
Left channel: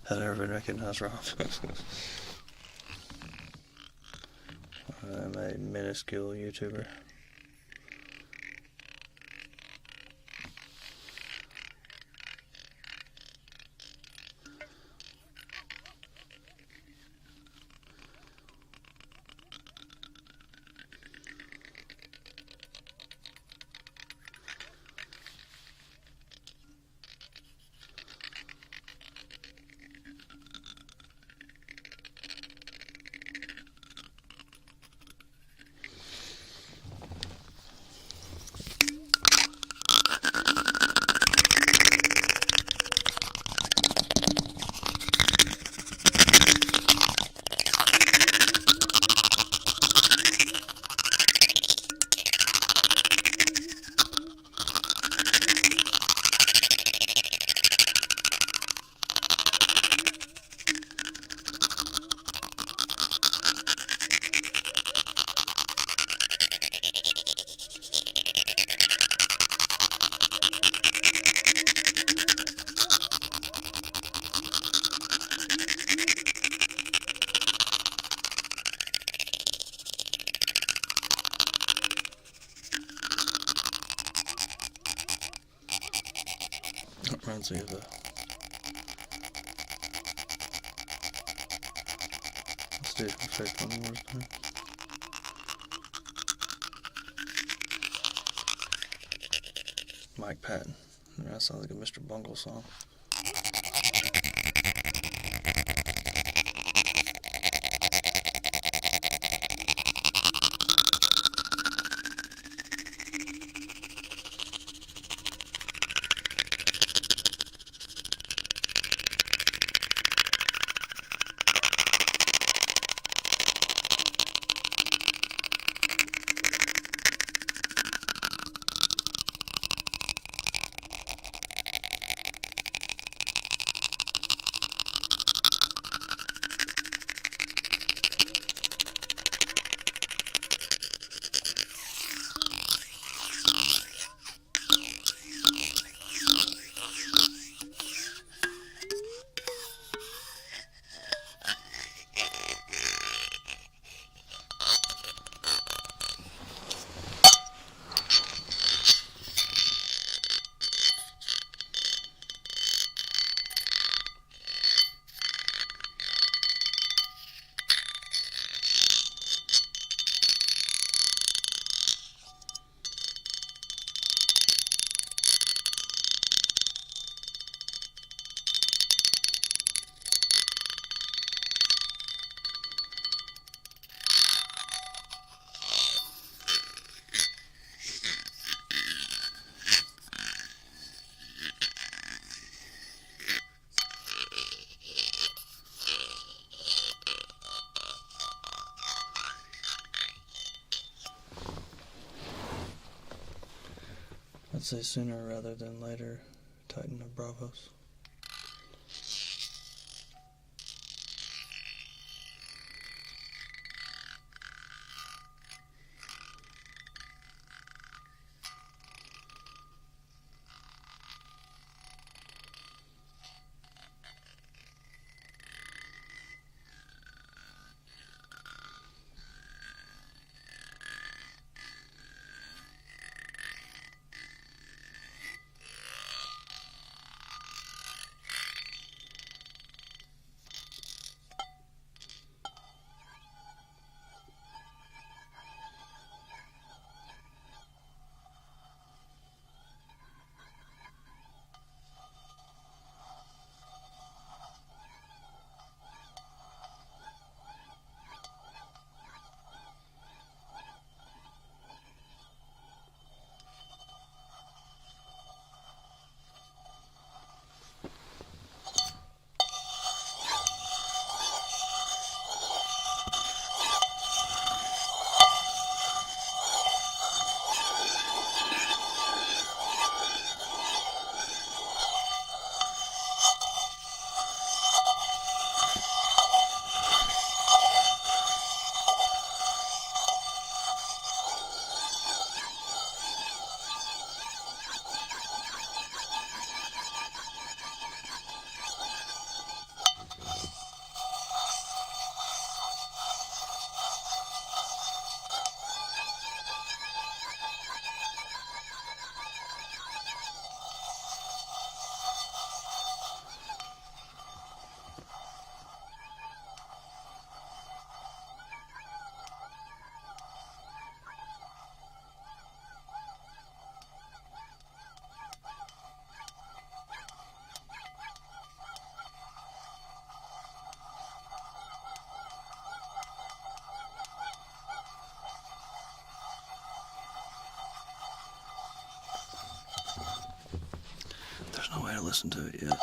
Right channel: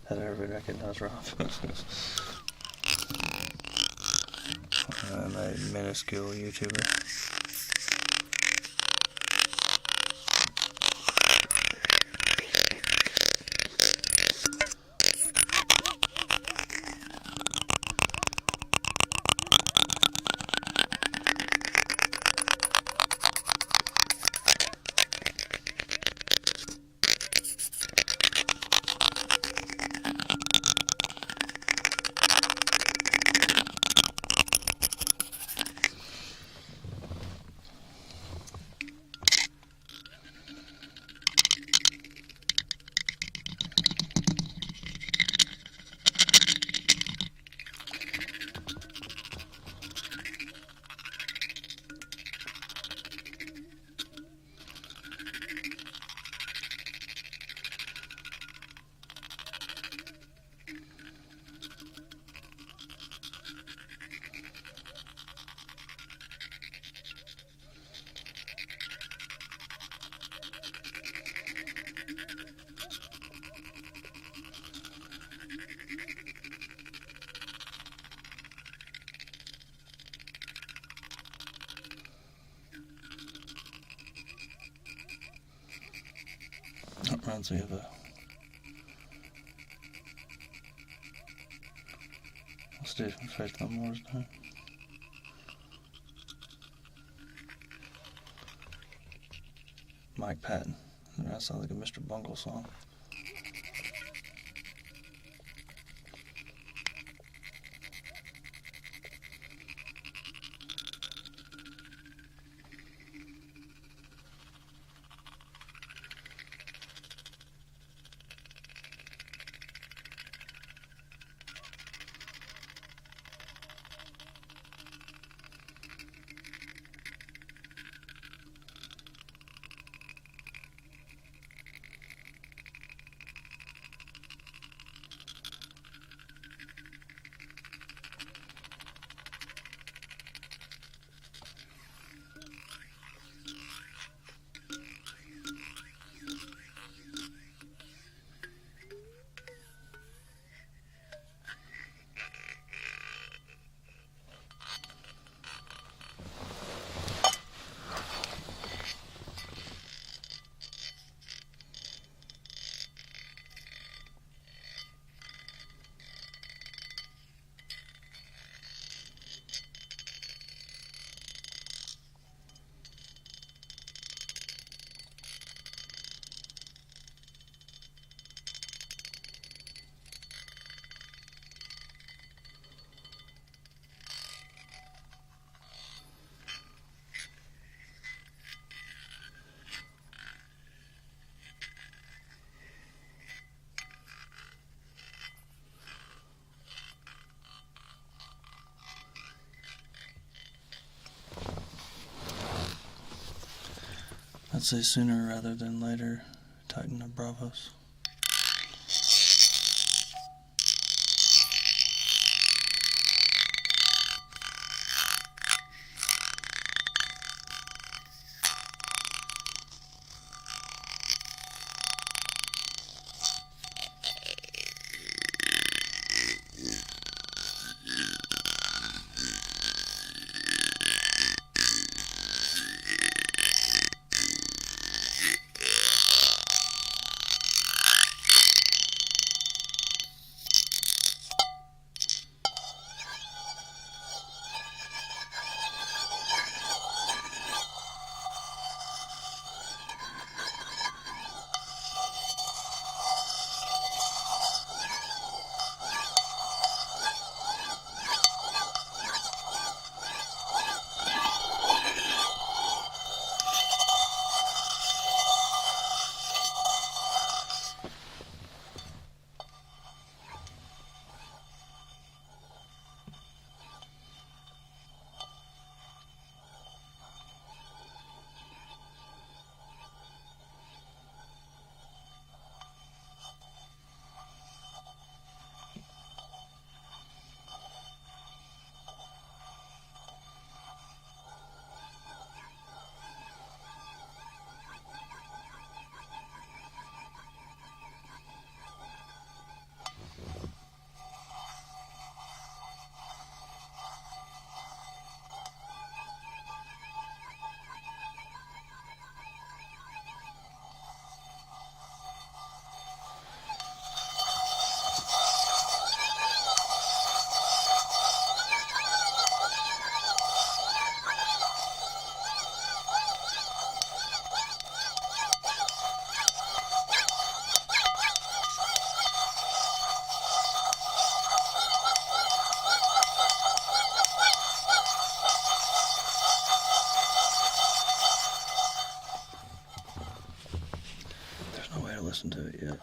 Has ever been recognized wrong? I'm a minuscule YouTuber. That reminds me of a... Let's do effect one more time. Mike Patton. That sounds like a Mr. Bungle song. I'd say sooner rather than later, tighten the Bravos. No way to listen to it yet.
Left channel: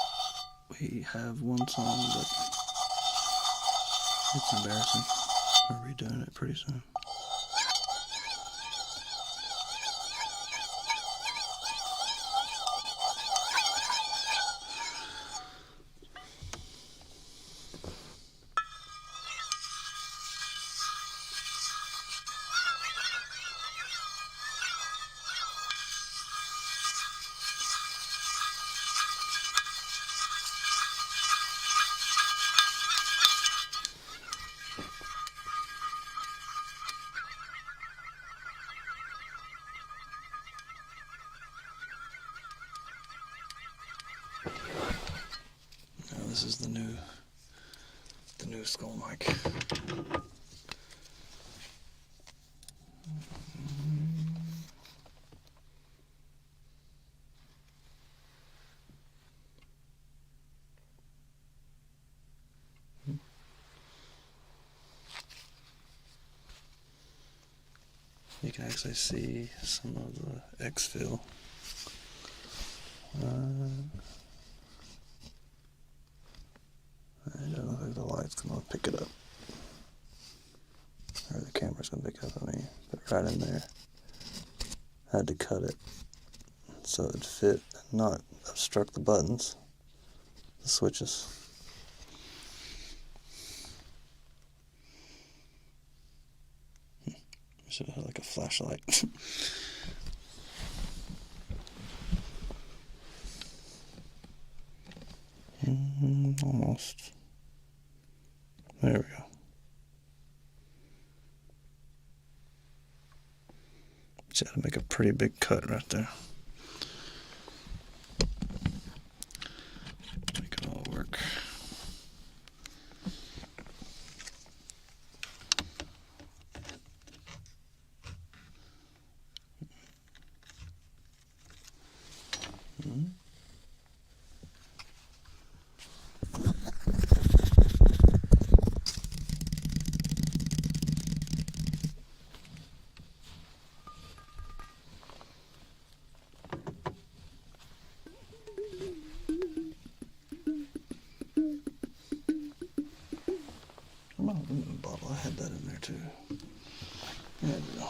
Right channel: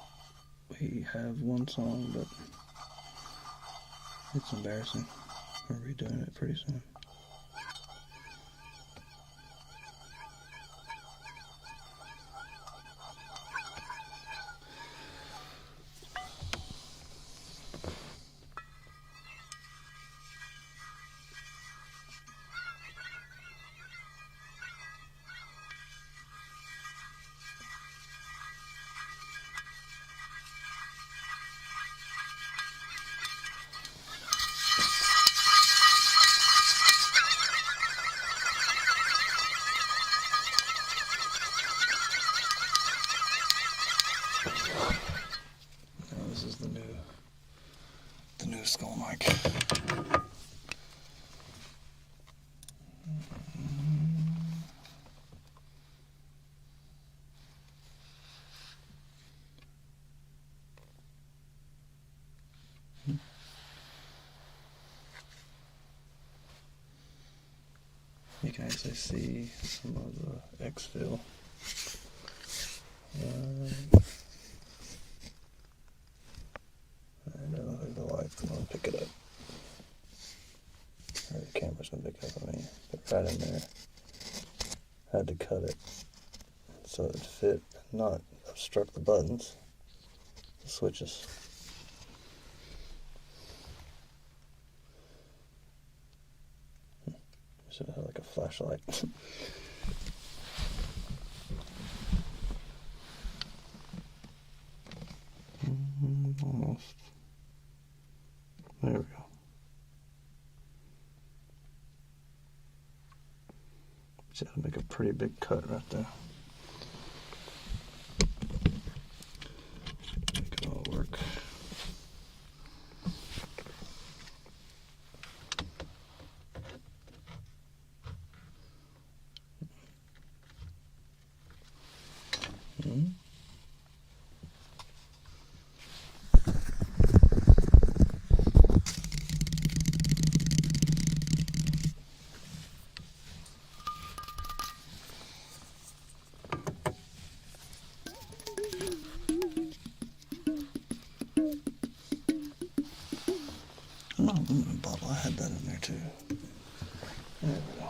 We have one song, but it's embarrassing. We're redoing it pretty soon. This is the new skull mic. You can actually see some of the exfil. I don't know if the light's going to pick it up. Or the camera's going to pick it up, but right in there. I had to cut it so it would fit and not obstruct the buttons, the switches. Should have like a flashlight. Almost. There we go. Just had to make a pretty big cut right there. Make it all work. Bottle, I had that in there too. There we go.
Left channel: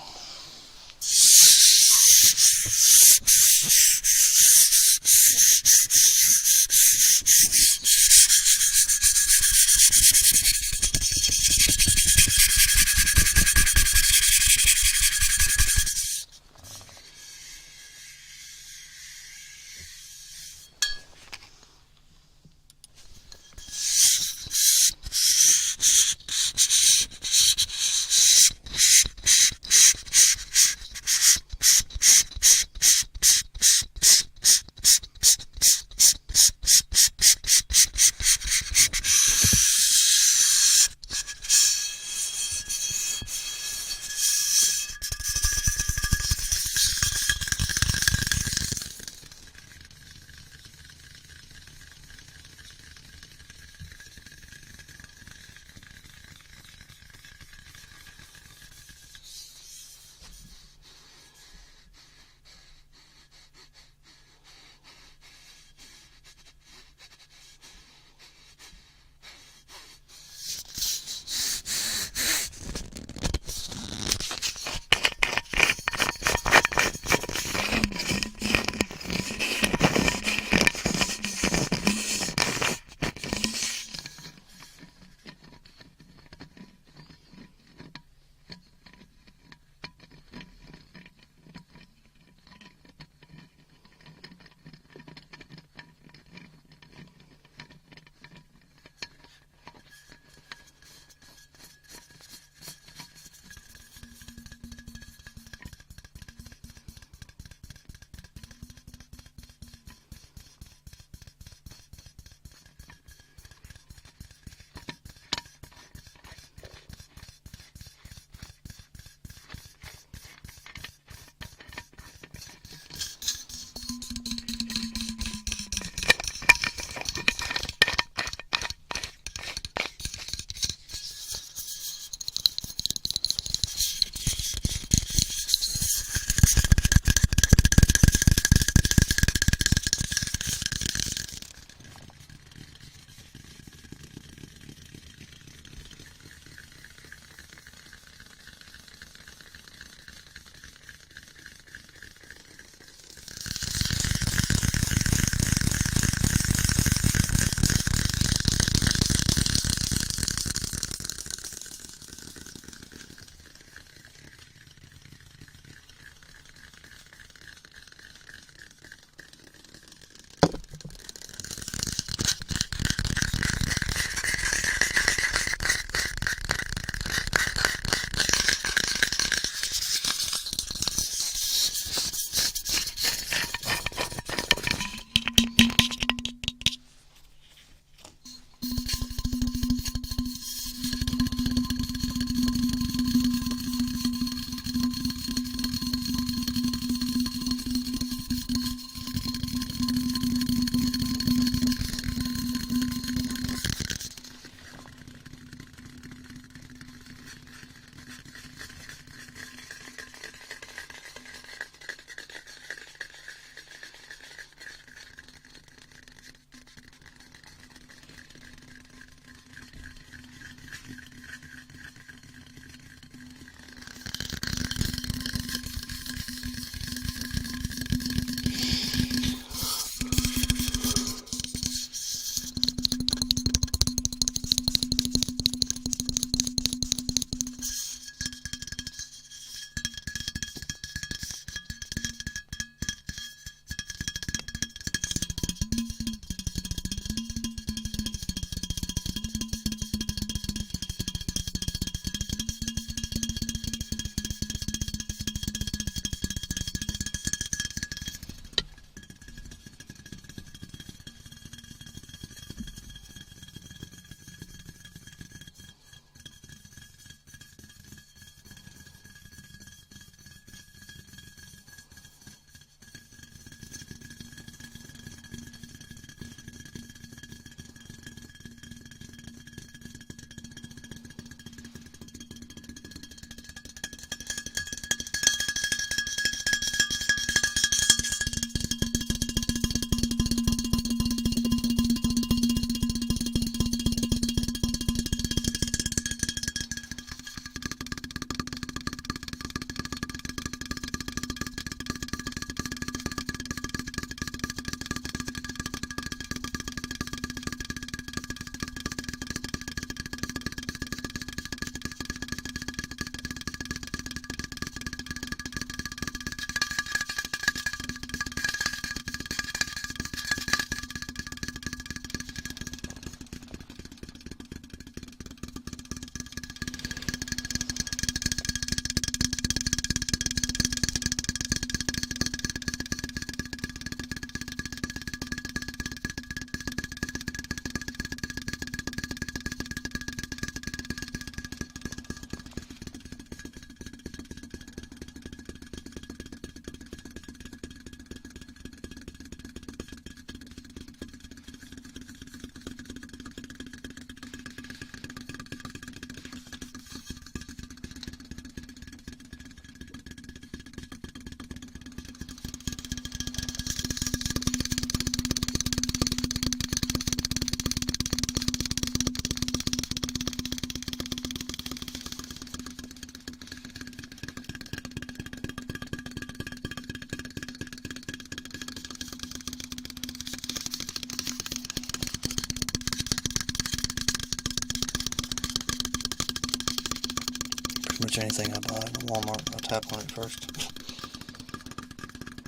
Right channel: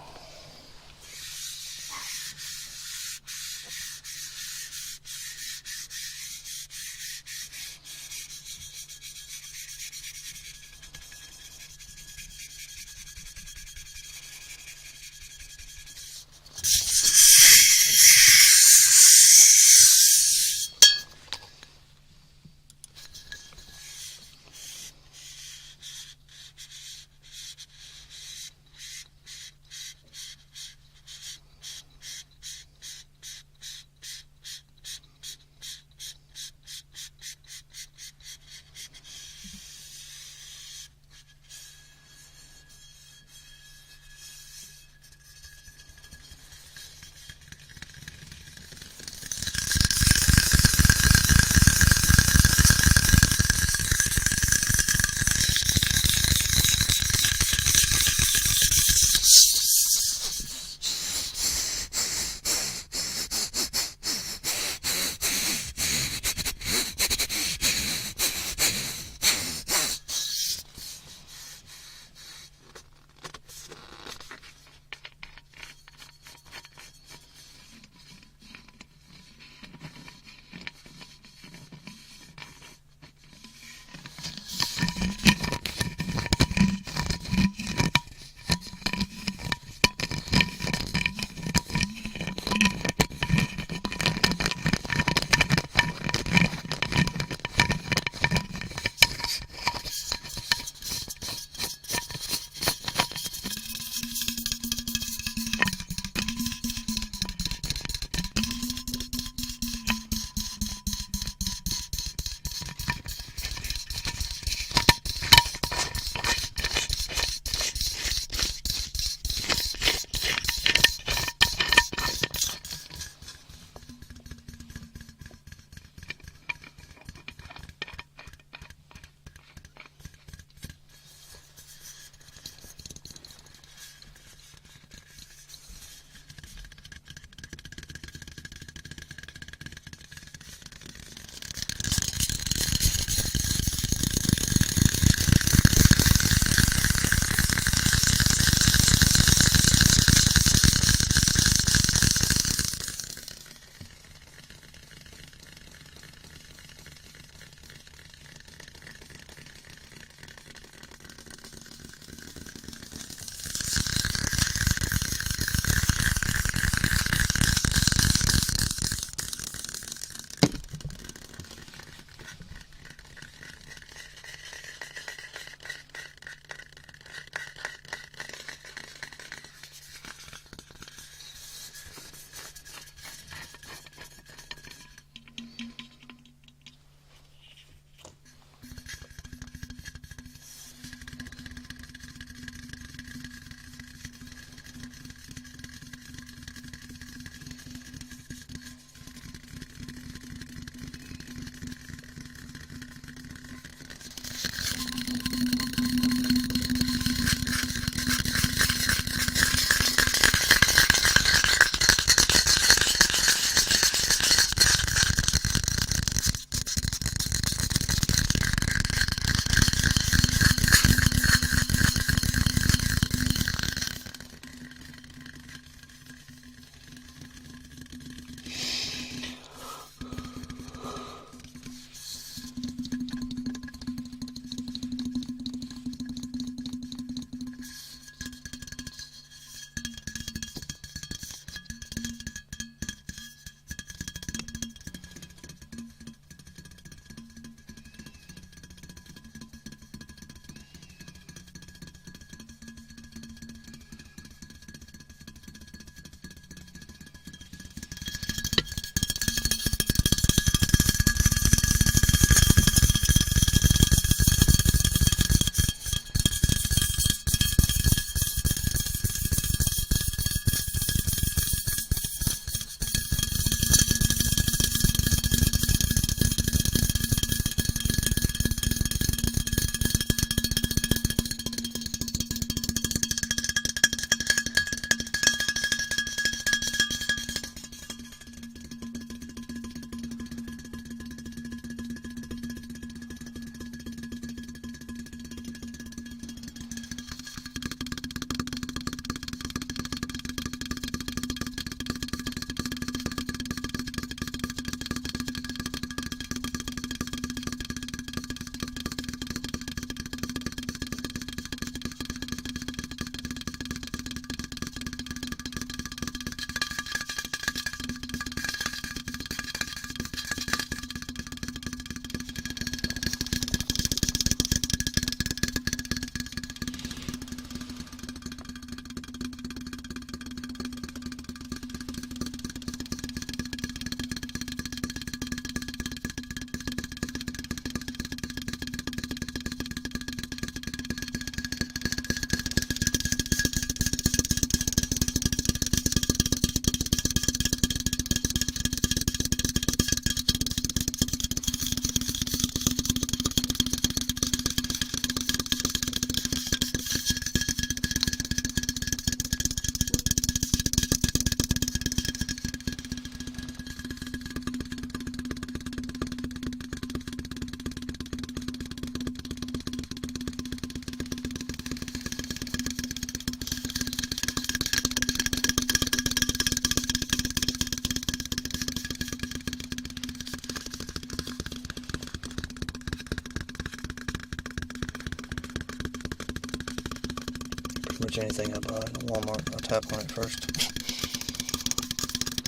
pretty much anything I buy at Walmart, I'll tap on it first.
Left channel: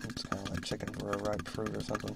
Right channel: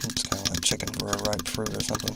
It's kind of like checking for a ripe fruit or something.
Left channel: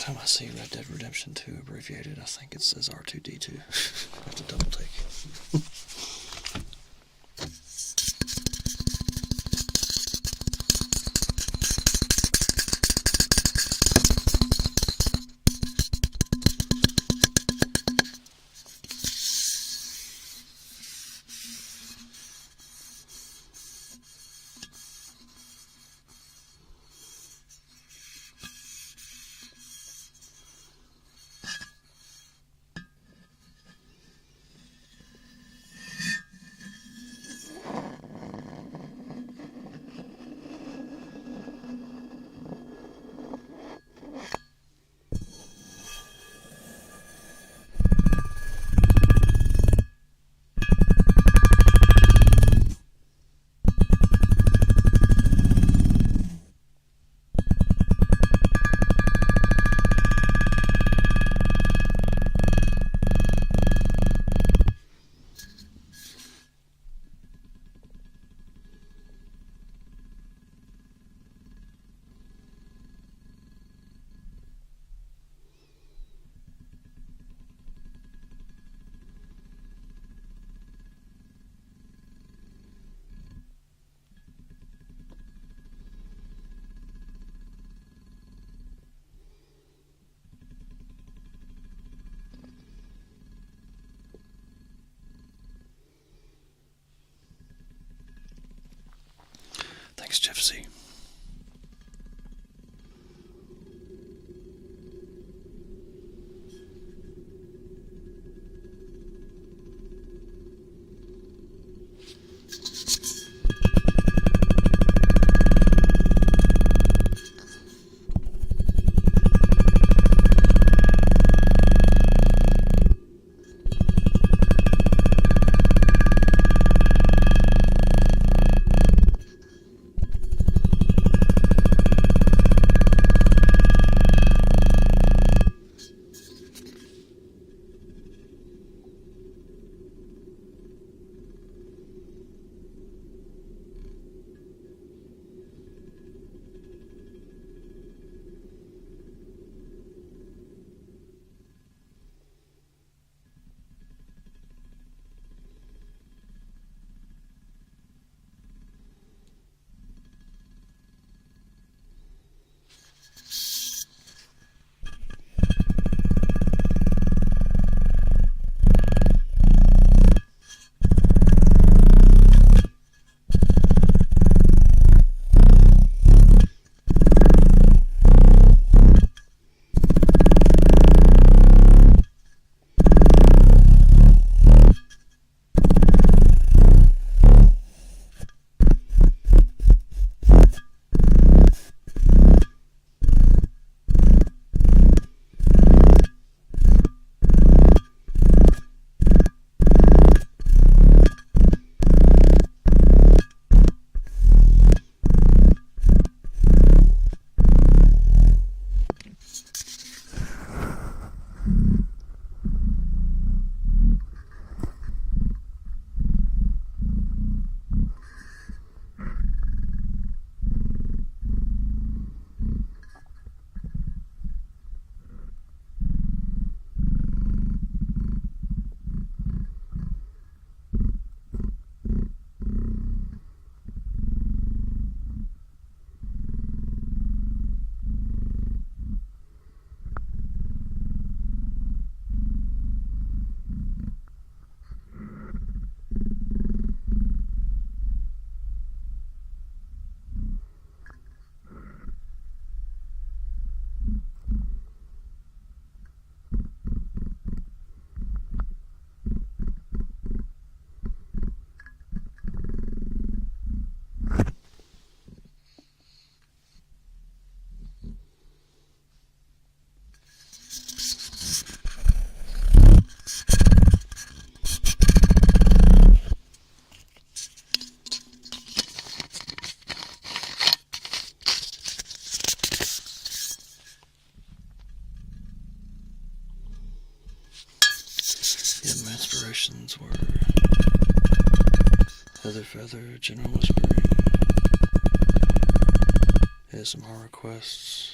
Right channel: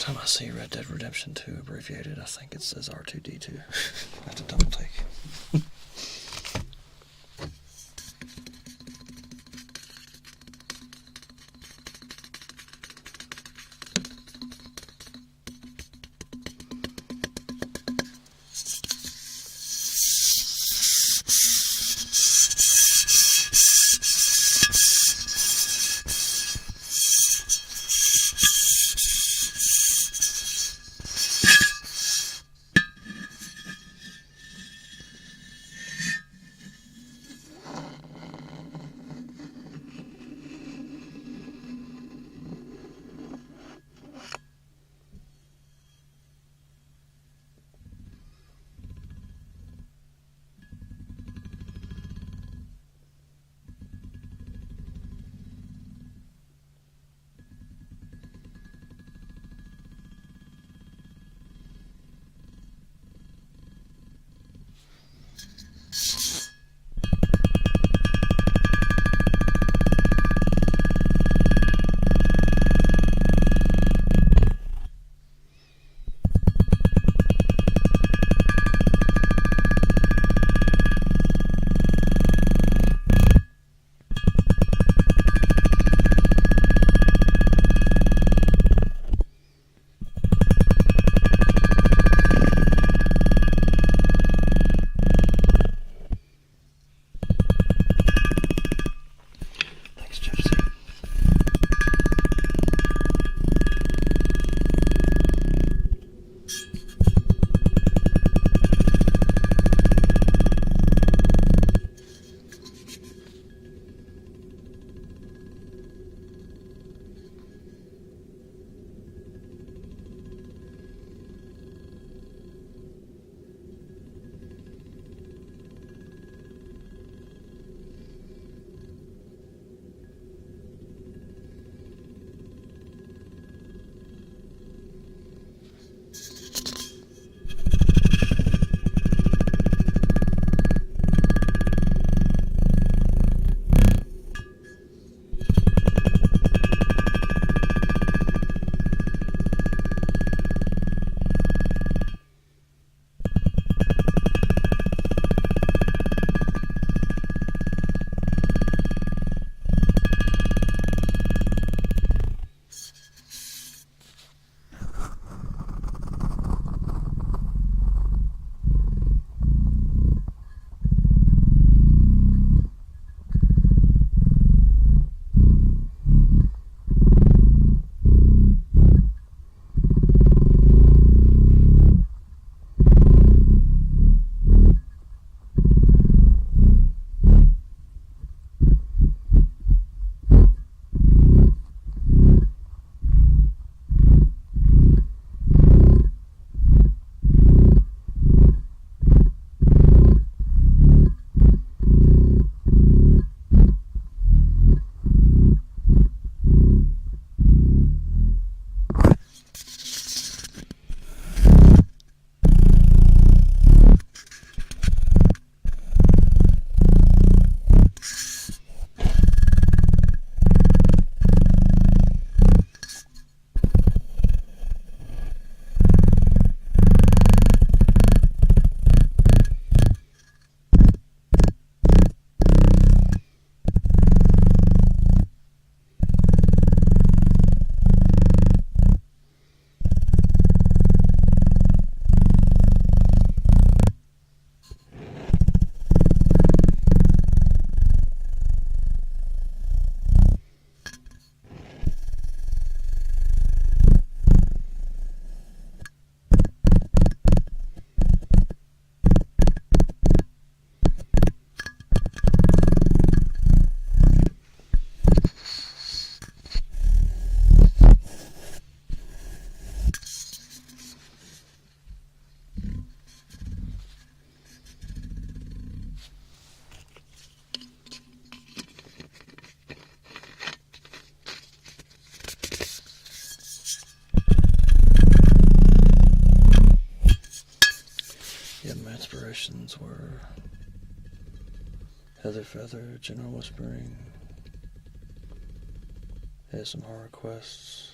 Every time I see Red Dead Redemption 2 abbreviated, I think it says R2D2. I have to double take. inspirations were Heather Feather, General Whispering, ASMR requests,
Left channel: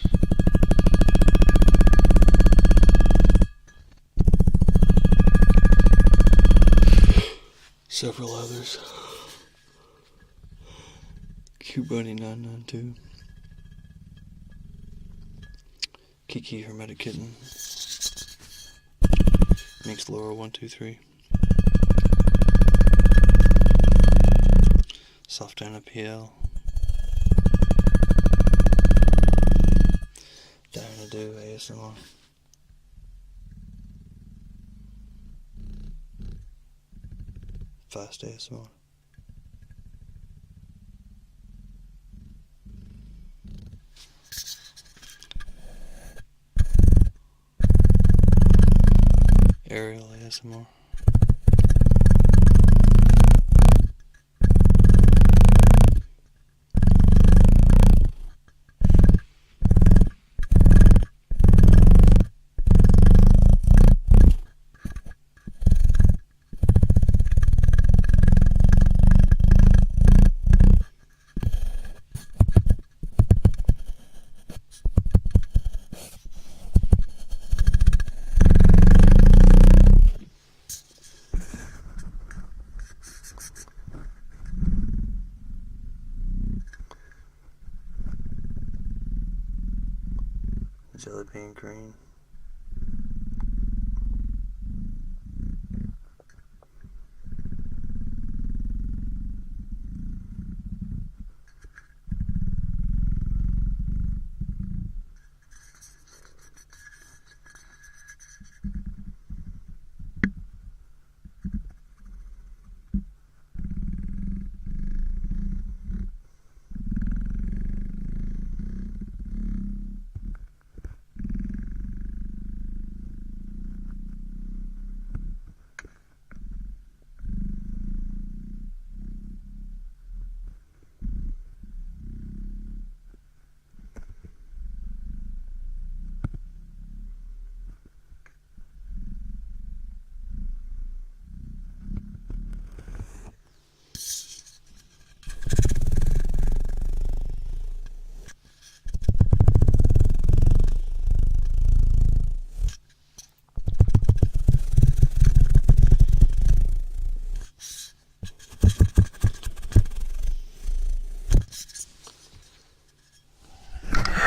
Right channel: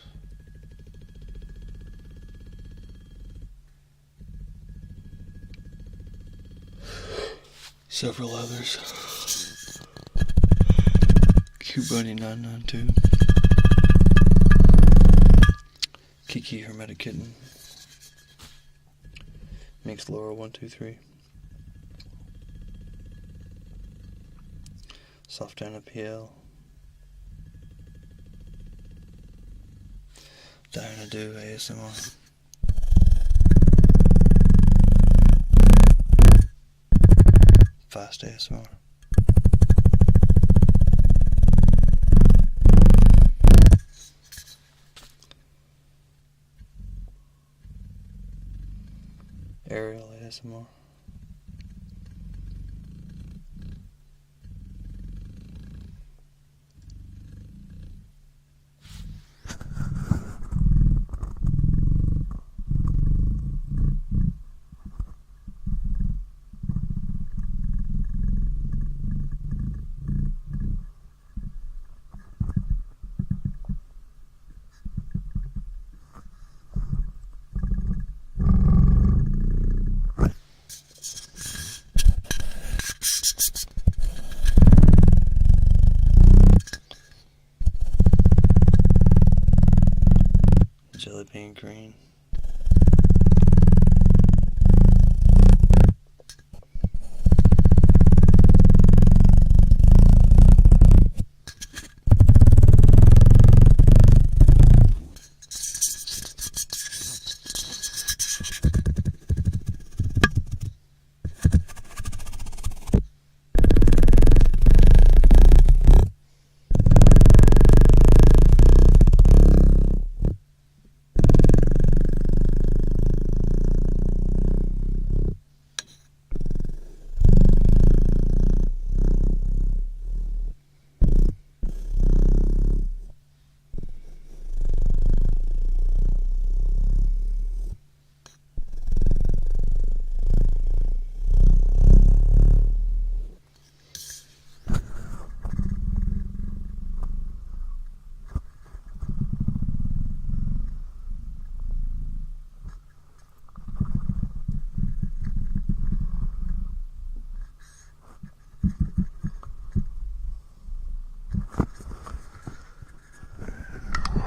several others. Cute Bunny 992. Kiki Hermetic Kitten. Minx Laura 123. Soft Anna PL. Diana Do ASMR. Fast ASMR. Ariel ASMR. Jelly Bean Green.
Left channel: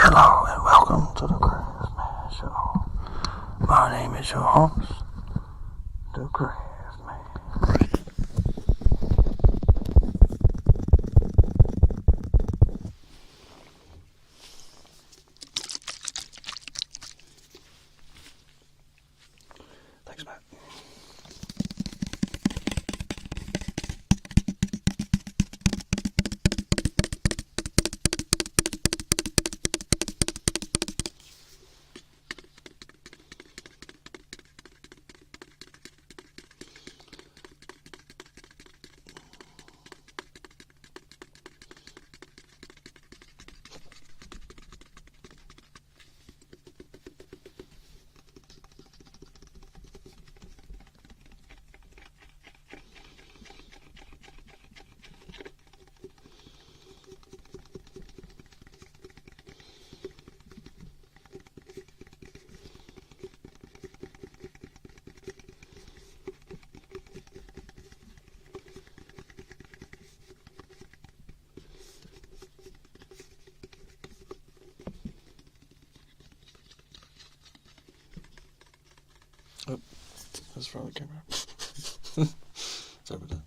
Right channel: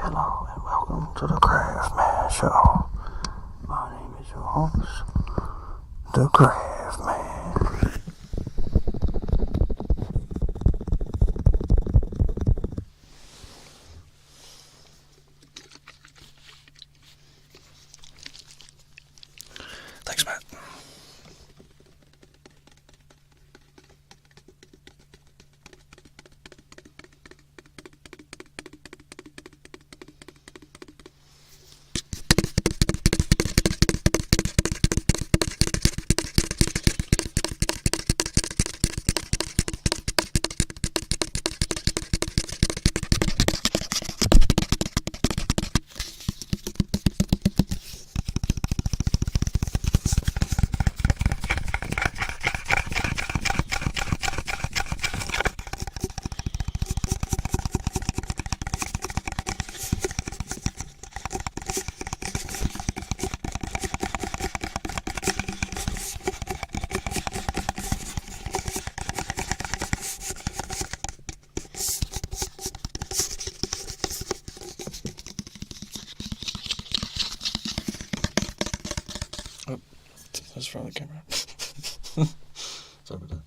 Hello and welcome to the Craft Man Show. My name is your host, the Craft Man. Thanks, Matt. Oh, that's from the camera. Sorry about that.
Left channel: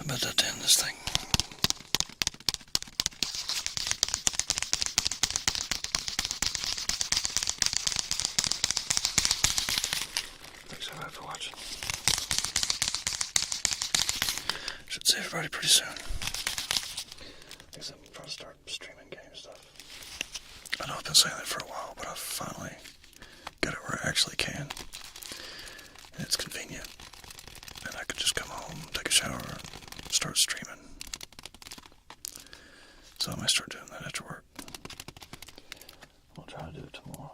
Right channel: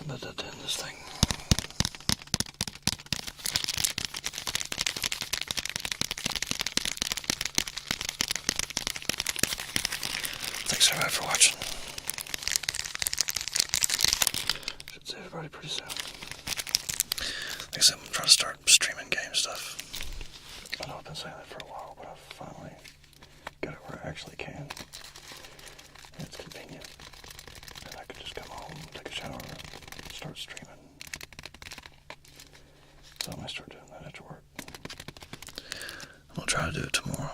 I'm about to end this thing. Thanks everybody for watching. Should see everybody pretty soon. Like I said, I'm going to try to start streaming game stuff. I know I've been saying that for a while, but I've finally got it where I actually can. And it's convenient. And I could just come home, take a shower, and start streaming. So I might start doing that after work. I'm going to try to do it tomorrow.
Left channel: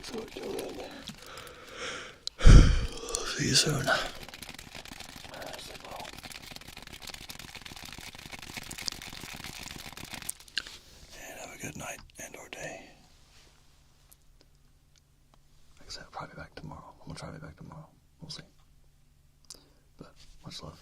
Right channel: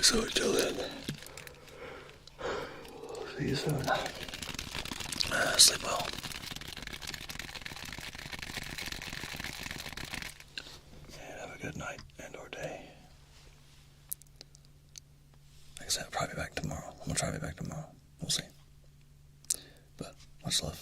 So until then, see you soon. Sleep well. And have a good night and or day. Like I said, I'll probably be back tomorrow. I'm going to try to be back tomorrow. We'll see. But much love.